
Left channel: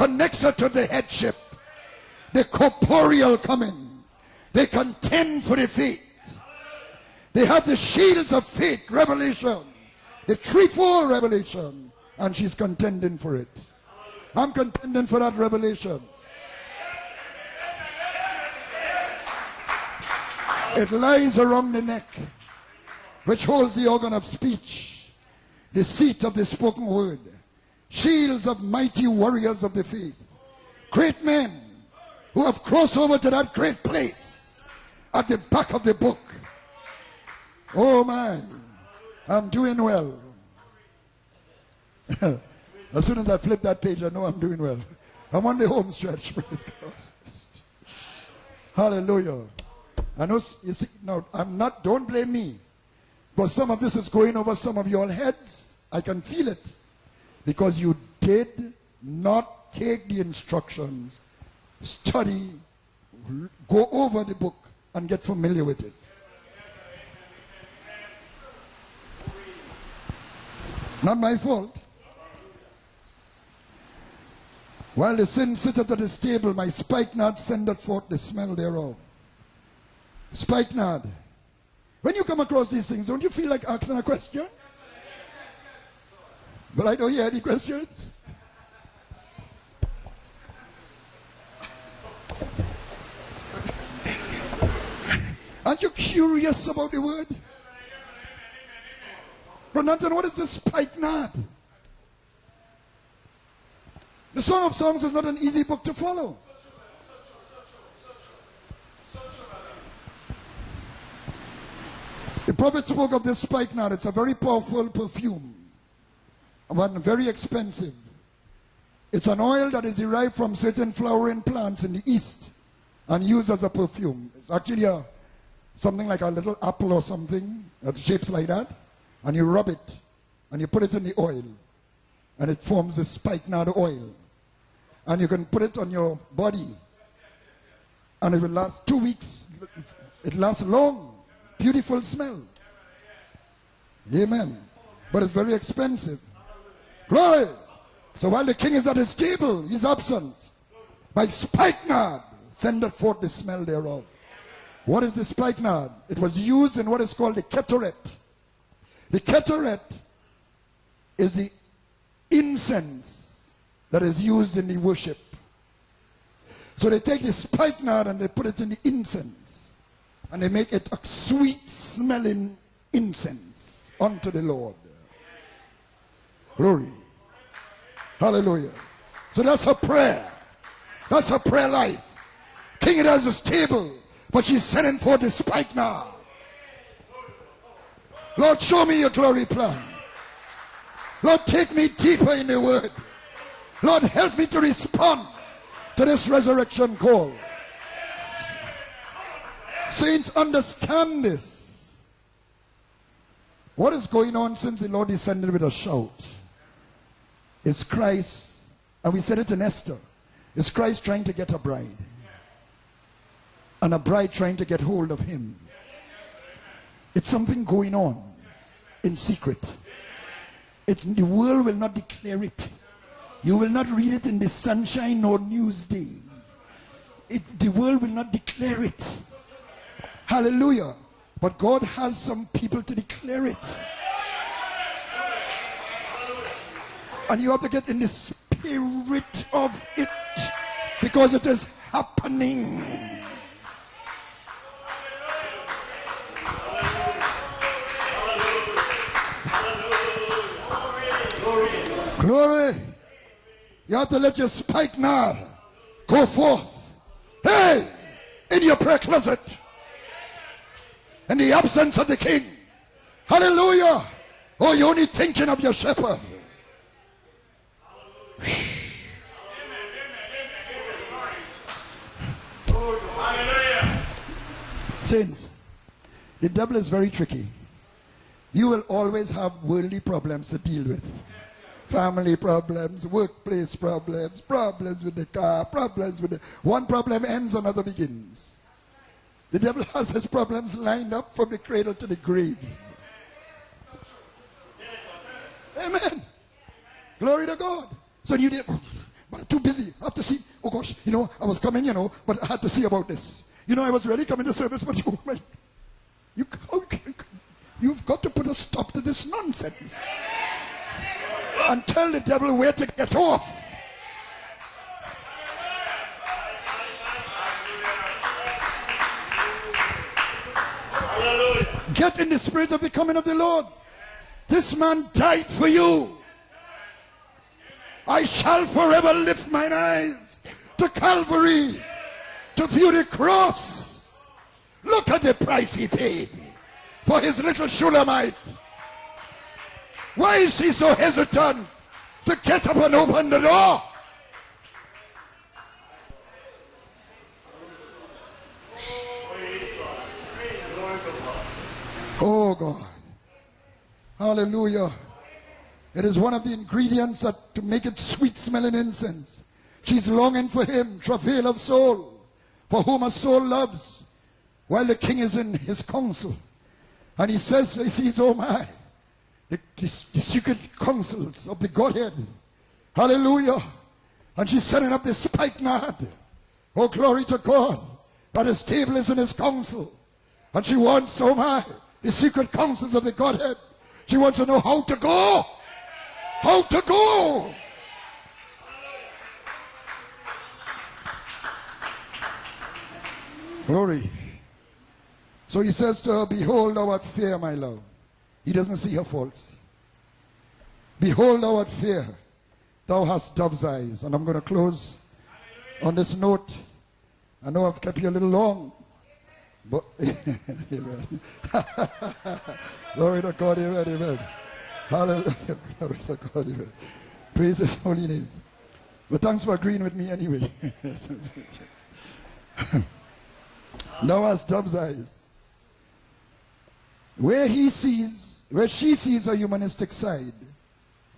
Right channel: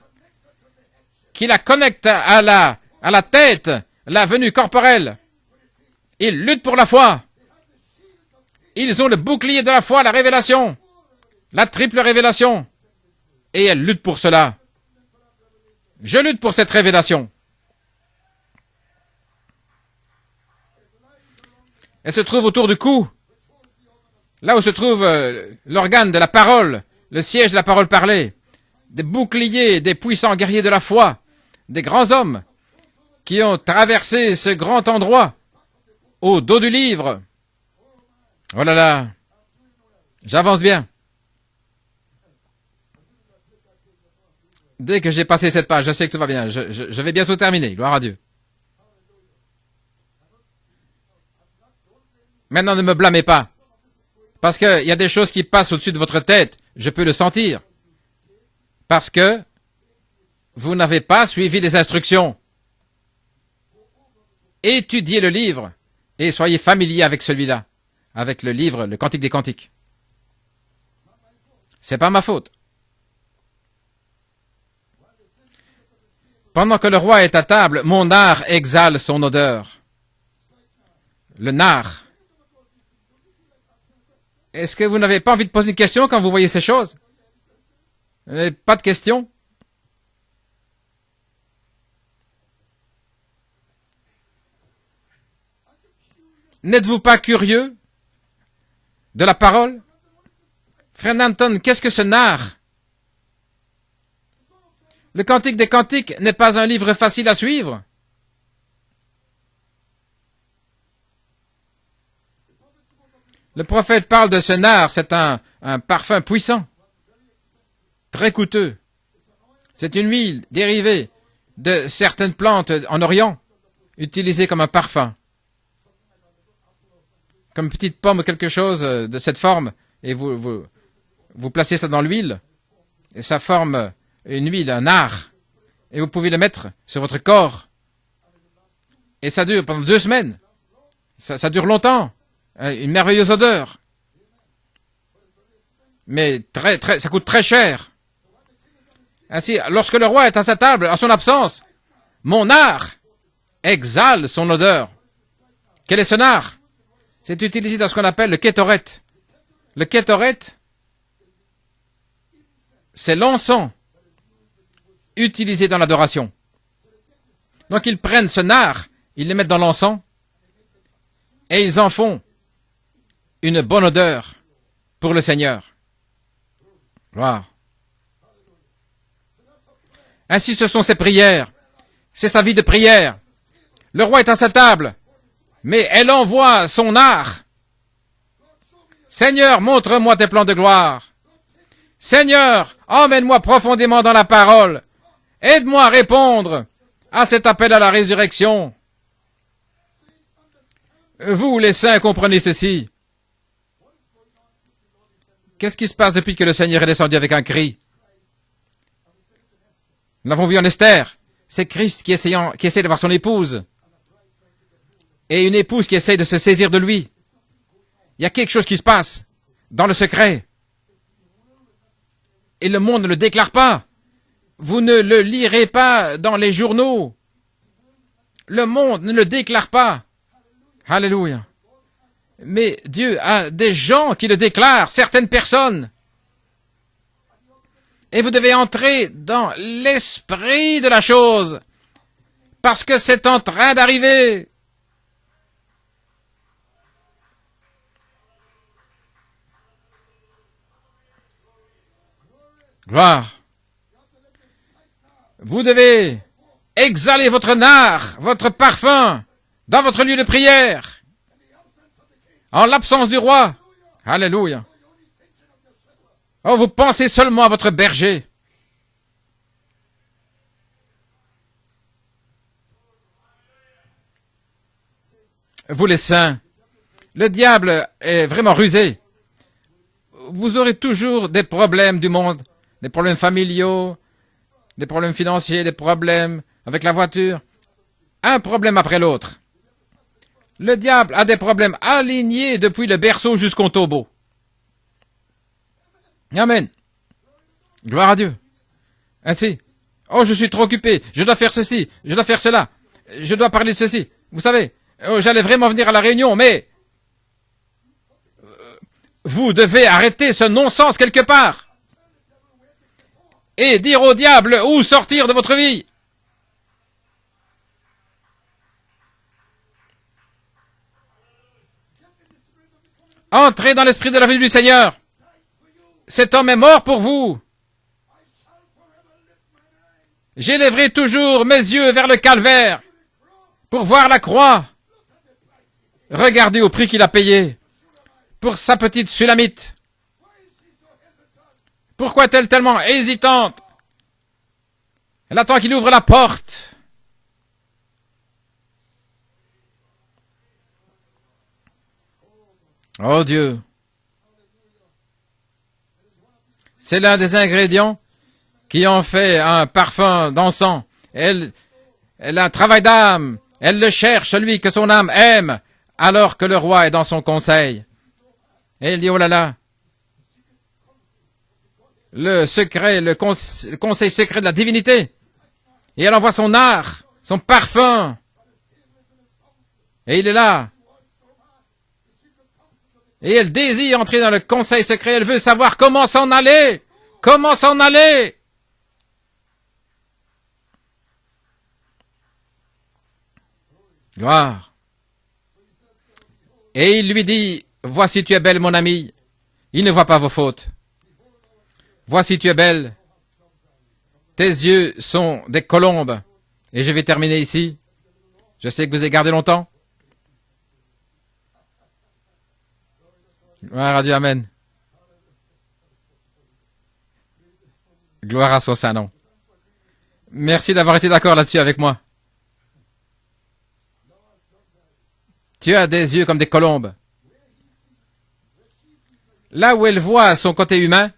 qui la connecte à la tête, la venue corporelle. Ils luttent pour la foi. Ils ont le bouclier de la foi, la révélation, la triple révélation. Et elles luttent pour cela. Je lutte pour cette révélation. Elle se trouve autour du cou, là où se trouve l'organe de la parole, le siège de la parole parlée, des boucliers, des puissants guerriers de la foi, des grands hommes qui ont traversé ce grand endroit au dos du livre. Oh là là, j'avance bien. Dès que j'ai passé cette page, je sais que tout va bien. Je vais bientôt terminer. Gloire à Dieu. Maintenant, ne me blâmez pas, parce qu'il y a des choses qui passent au-dessus de votre tête. Je peux le sentir, parce que vous n'avez pas suivi les instructions. Étudiez le livre et soyez familier avec celui-là, avec le livre, le Cantique des Cantiques. C'est pas ma faute. Pendant que le roi est à table, mon nard exhale son odeur. Le nard. Est-ce que vous n'avez pas envie de poser une question quand vous voyez ces choses? Pas de questions? N'êtes-vous pas curieux de la parole? Frère Nanton, qu'est-ce que ce nard? Le Cantique des Cantiques n'est pas un livre facile à suivre. Le prophète parle de ce nard, c'est un parfum puissant, très coûteux. C'est une huile dérivée de certaines plantes en Orient, utilisée comme un parfum, comme une petite pomme ou quelque chose de cette forme, et vous placez ça dans l'huile, et ça forme une huile, un nard, et vous pouvez le mettre sur votre corps, et ça dure pendant 2 semaines. Ça dure longtemps, une merveilleuse odeur, mais ça coûte très cher. Ainsi, lorsque le roi est à sa table, en son absence, mon nard exhale son odeur. Quel est ce nard? C'est utilisé dans ce qu'on appelle le kétoret. Le kétoret, c'est l'encens utilisé dans l'adoration. Donc ils prennent ce nard, ils le mettent dans l'encens, et ils en font une bonne odeur pour le Seigneur. Gloire. Ainsi, ce sont ses prières. C'est sa vie de prière. Le roi est à sa table, mais elle envoie son nard. Seigneur, montre-moi tes plans de gloire. Seigneur, emmène-moi profondément dans la parole. Aide-moi à répondre à cet appel à la résurrection. Vous, les saints, comprenez ceci. Qu'est-ce qui se passe depuis que le Seigneur est descendu avec un cri? Nous l'avons vu en Esther. C'est Christ qui essaie d'avoir son épouse. Et une épouse qui essaie de se saisir de lui. Il y a quelque chose qui se passe dans le secret. Et le monde ne le déclare pas. Vous ne le lirez pas dans les journaux. Le monde ne le déclare pas. Alléluia. Mais Dieu a des gens qui le déclarent, certaines personnes. Et vous devez entrer dans l'esprit de la chose, parce que c'est en train d'arriver. Gloire. Vous devez exhaler votre nard, votre parfum, dans votre lieu de prière, en l'absence du roi. Alléluia. Oh, vous pensez seulement à votre berger. Vous les saints, le diable est vraiment rusé. Vous aurez toujours des problèmes du monde, des problèmes familiaux, des problèmes financiers, des problèmes avec la voiture. Un problème après l'autre. Le diable a des problèmes alignés depuis le berceau jusqu'au tombeau. Amen. Gloire à Dieu. Ainsi, oh, je suis trop occupé, je dois faire ceci, je dois faire cela, je dois parler de ceci. Vous savez, oh, j'allais vraiment venir à la réunion, mais vous devez arrêter ce non-sens quelque part et dire au diable où sortir de votre vie. Entrez dans l'esprit de la venue du Seigneur. Cet homme est mort pour vous. J'élèverai toujours mes yeux vers le calvaire pour voir la croix. Regardez au prix qu'il a payé pour sa petite Sulamite. Pourquoi est-elle tellement hésitante? Elle attend qu'il ouvre la porte. Oh Dieu. C'est l'un des ingrédients qui en fait un parfum dansant. Elle a un travail d'âme. Elle le cherche, celui que son âme aime, alors que le roi est dans son conseil. Et il dit, oh là là, le secret, le conseil secret de la divinité. Et elle envoie son art, son parfum. Et il est là. Et elle désire entrer dans le conseil secret. Elle veut savoir comment s'en aller. Comment s'en aller. Gloire. Et il lui dit, voici tu es belle mon amie. Il ne voit pas vos fautes. Voici tu es belle. Tes yeux sont des colombes. Et je vais terminer ici. Je sais que vous avez gardé longtemps. Gloire à Dieu, amen. Gloire à son saint nom. Merci d'avoir été d'accord là-dessus avec moi. Tu as des yeux comme des colombes. Là où elle voit son côté humain,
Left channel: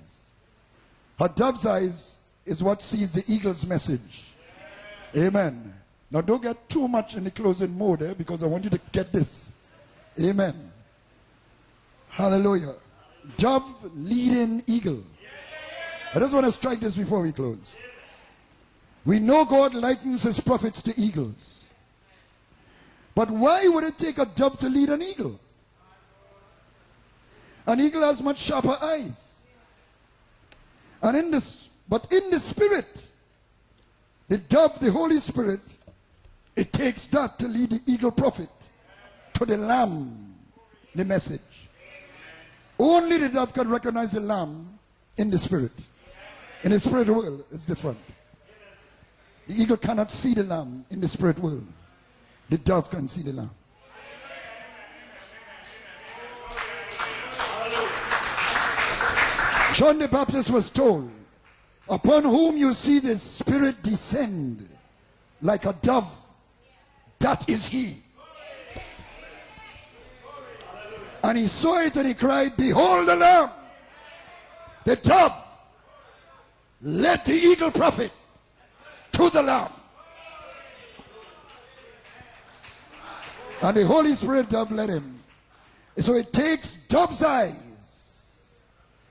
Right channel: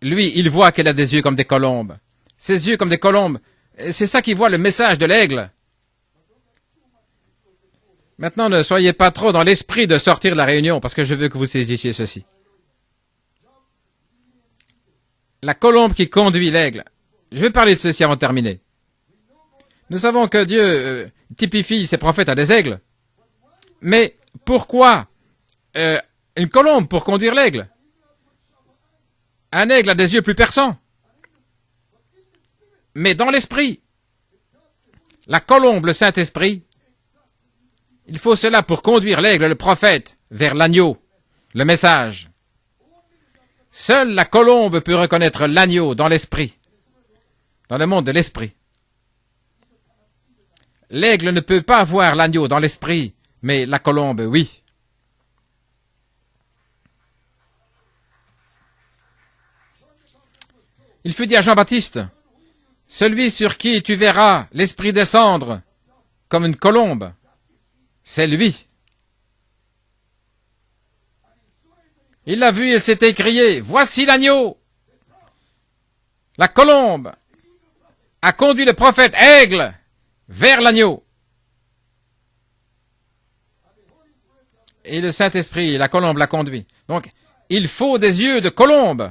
lui, il voit qu'elle a des yeux comme des colombes. Ses yeux comme des colombes. C'est ça qu'il voit, le message de l'aigle. Maintenant, ne soyez pas trop dans l'esprit de sortir de la réunion, parce que je veux que vous saisissiez ceci. La colombe qui conduit l'aigle. Je vais parler de ceci avant de terminer. Nous savons que Dieu typifie ses prophètes à des aigles. Mais pourquoi une colombe pour conduire l'aigle? Un aigle a des yeux plus perçants. Mais dans l'esprit, la colombe, le Saint-Esprit, il faut cela pour conduire l'aigle, le prophète, vers l'agneau, le message. Seule la colombe peut reconnaître l'agneau dans l'esprit, dans le monde de l'esprit. L'aigle ne peut pas voir l'agneau dans l'esprit, mais la colombe, oui. Il fut dit à Jean-Baptiste, celui sur qui tu verras l'esprit descendre comme une colombe, c'est lui. Il l'a vu et s'est écrié, voici l'agneau. La colombe a conduit le prophète aigle vers l'agneau. Et le Saint-Esprit, la colombe l'a conduit. Donc, il faut des yeux de colombe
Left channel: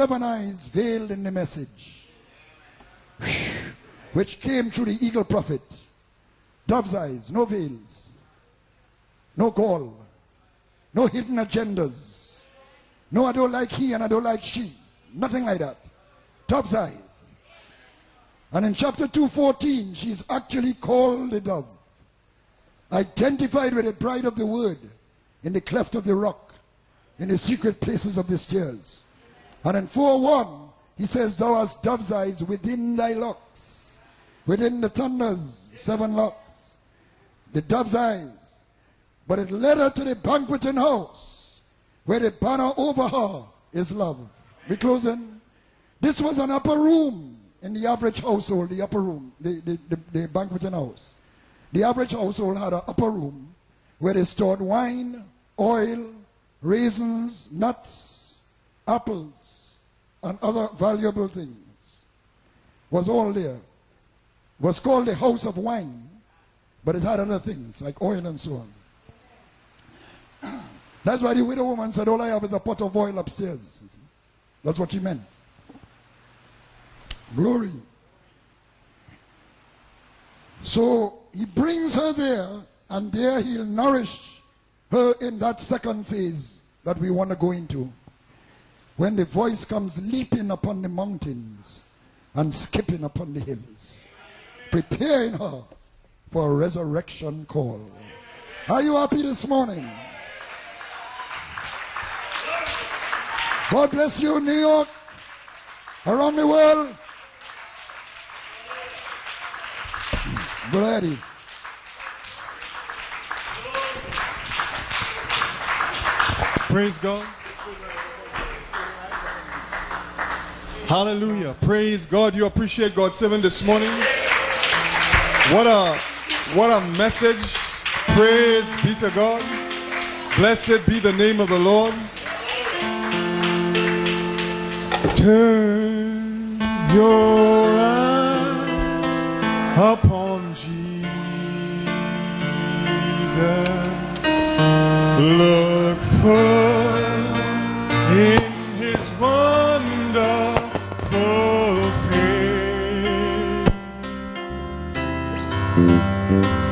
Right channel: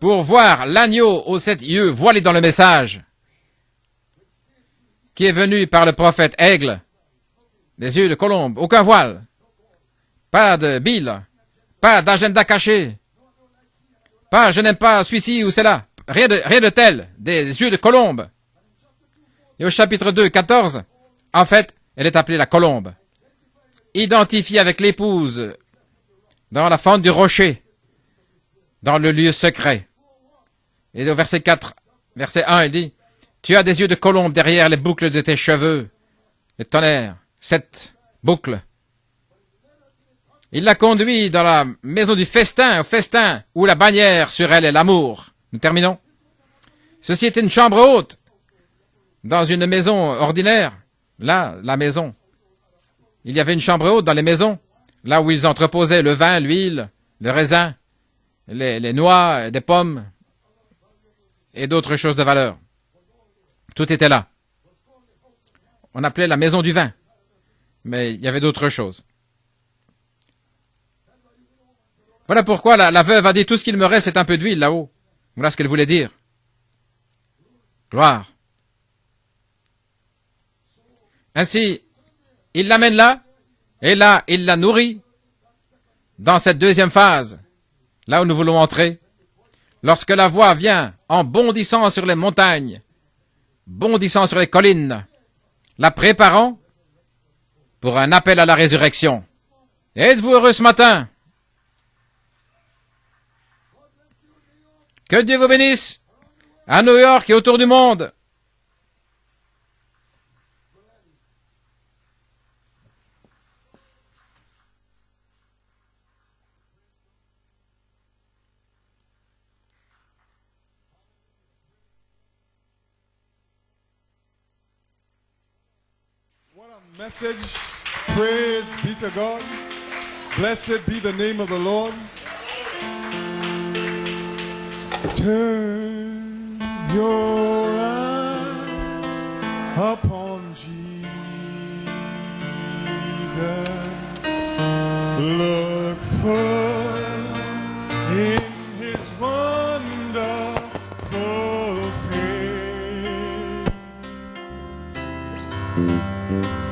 pour voir l'agneau aux 7 yeux voilé dans le message qui est venu par le prophète aigle. Des yeux de colombe, aucun voile, pas de bile, pas d'agenda caché, pas je n'aime pas celui-ci ou cela, rien de tel, des yeux de colombe. Et au chapitre 2, 14, en fait, elle est appelée la colombe, identifiée avec l'épouse dans la fente du rocher, dans le lieu secret. Et au verset 4, verset 1, il dit, tu as des yeux de colombe derrière les boucles de tes cheveux, les tonnerres, 7 boucles. Il l'a conduit dans la maison du festin, au festin, où la bannière sur elle est l'amour. Nous terminons. Ceci était une chambre haute, dans une maison ordinaire. Là, la maison. Il y avait une chambre haute dans les maisons, là où ils entreposaient le vin, l'huile, le raisin, les noix, des pommes et d'autres choses de valeur. Tout était là. On appelait la maison du vin, mais il y avait d'autres choses. Voilà pourquoi la veuve a dit, tout ce qu'il me reste, c'est un peu d'huile là-haut. Voilà ce qu'elle voulait dire. Gloire. Ainsi, il l'amène là, et là, il la nourrit dans cette deuxième phase, là où nous voulons entrer, lorsque la voix vient en bondissant sur les montagnes, bondissant sur les collines, la préparant pour un appel à la résurrection. Êtes-vous heureux ce matin? God bless you, New York. Que Dieu vous bénisse. Around the world. À New York et autour du monde. Ready. Praise God. Hallelujah. Praise God. You appreciate God's servant this morning. What a message. Praise be to God. Blessed be the name of the Lord. Turn your eyes upon Jesus. Look full in his wonderful face,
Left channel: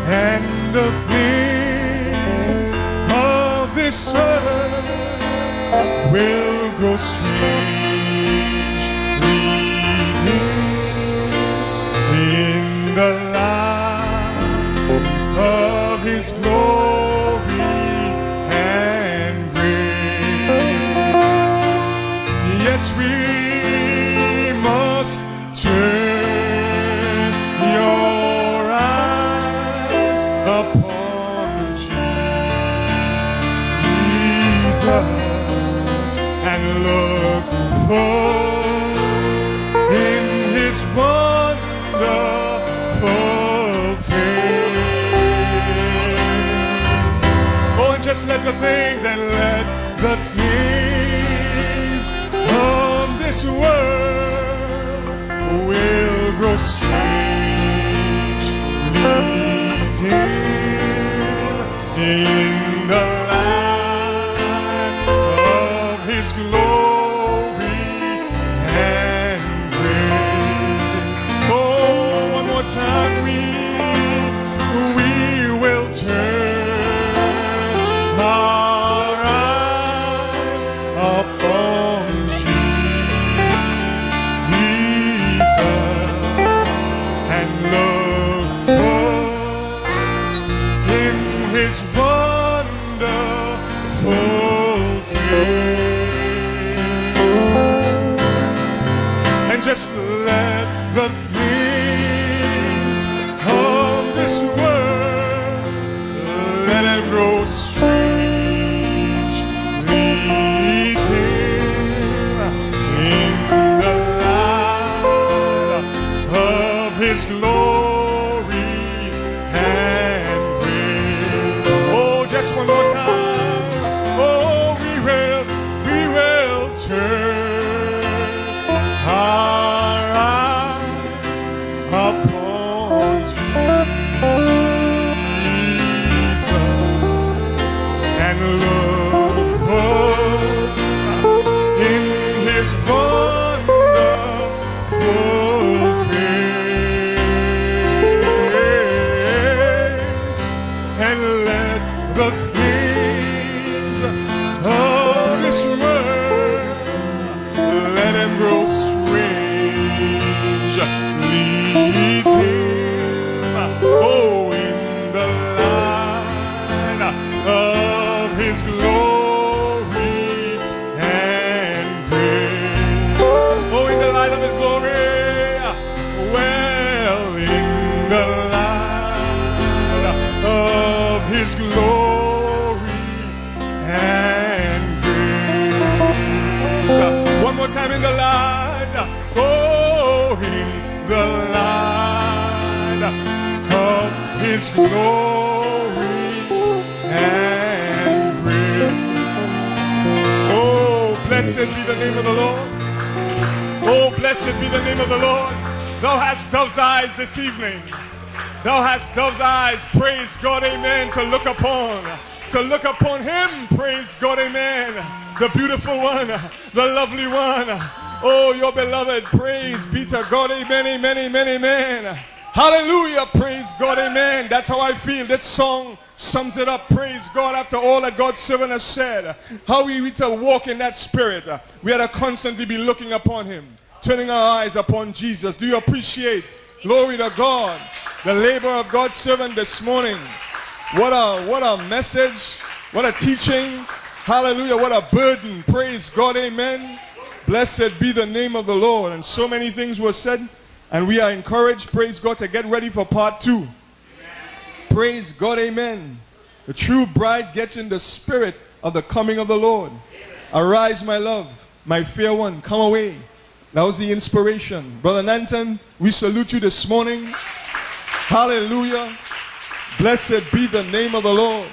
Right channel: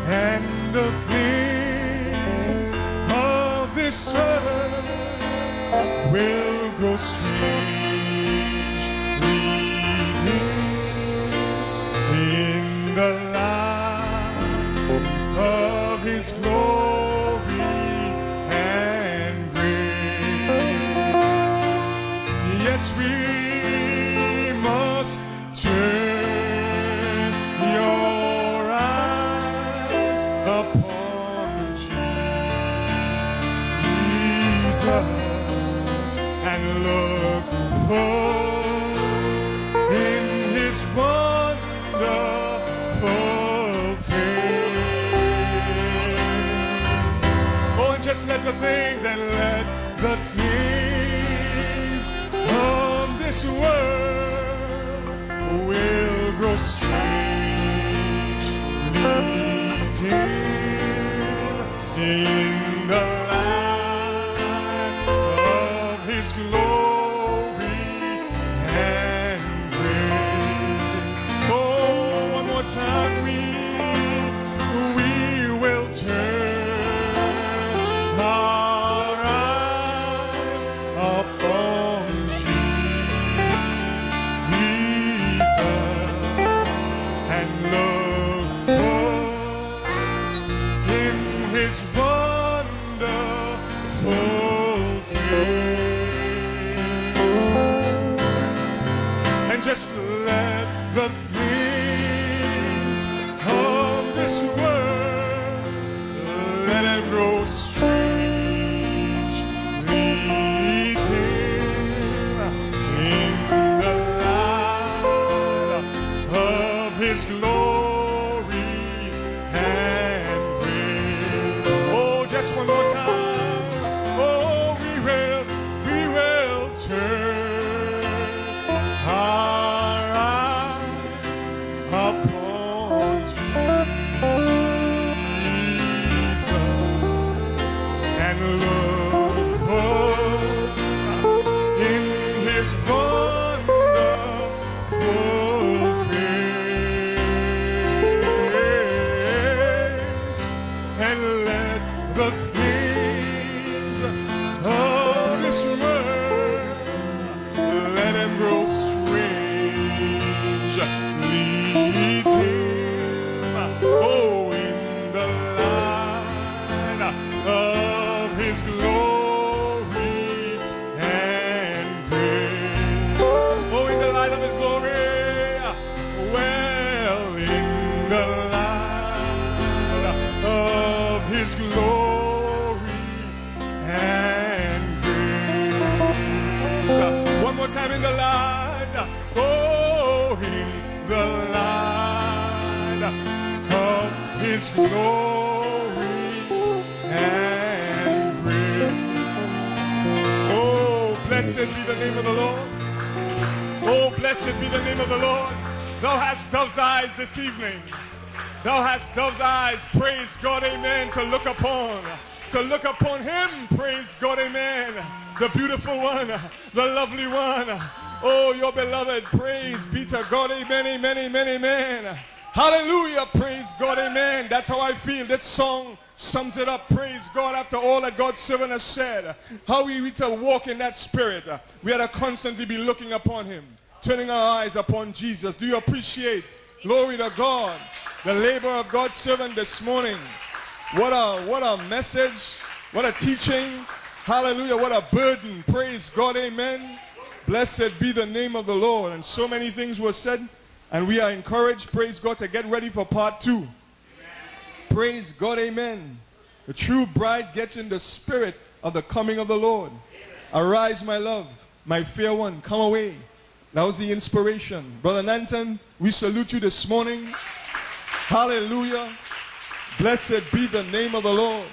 and the things of this earth will grow strangely dim in the light of his glory and grace. Yes, we must turn your eyes upon Jesus and look full in his wonderful face. Oh, and just let the things and let the things of this world will grow strangely dim in the light of his glory and grace. Oh, one more time we will turn our eyes upon Jesus and look full in his wonderful face, and just let the things of this world let it grow strangely dim in the light of his glory and grace. Oh, just one more time. Oh, we will turn our eyes upon Jesus and look full in his wonderful face, and let the things of this world let him grow strangely dim. Oh, in the light of his glory and grace. Oh, in the light of his glory. Well, in the light of his glory and grace. One more time, in the light. Oh, in the light of his glory and grace. Oh, blessed be the name of the Lord. Oh, blessed be the name of the Lord. Thou hast dove's eyes this evening. Thou hast dove's eyes, praise God, amen, to look upon him, praise God, amen, the beautiful one, the lovely one, oh, your beloved, praise be to God, amen, amen, amen, amen. Hallelujah, praise God, amen. That's how I feel. That song sums it up, praise God, after all that God's servant has said. How we need to walk in that spirit. We had to constantly be looking upon him, turning our eyes upon Jesus. Do you appreciate, glory to God, the labor of God's servant this morning? What a message, what a teaching. Hallelujah, what a burden. Praise God, amen. Blessed be the name of the Lord. And so many things were said, and we are encouraged, praise God, to get ready for part 2. Amen. Praise God, amen. The true bride gets in the spirit of the coming of the Lord. Amen. Arise, my love, my fair one, come away. That was the inspiration. Brother Nanton, we salute you this morning. Hallelujah. Blessed be the name of the Lord.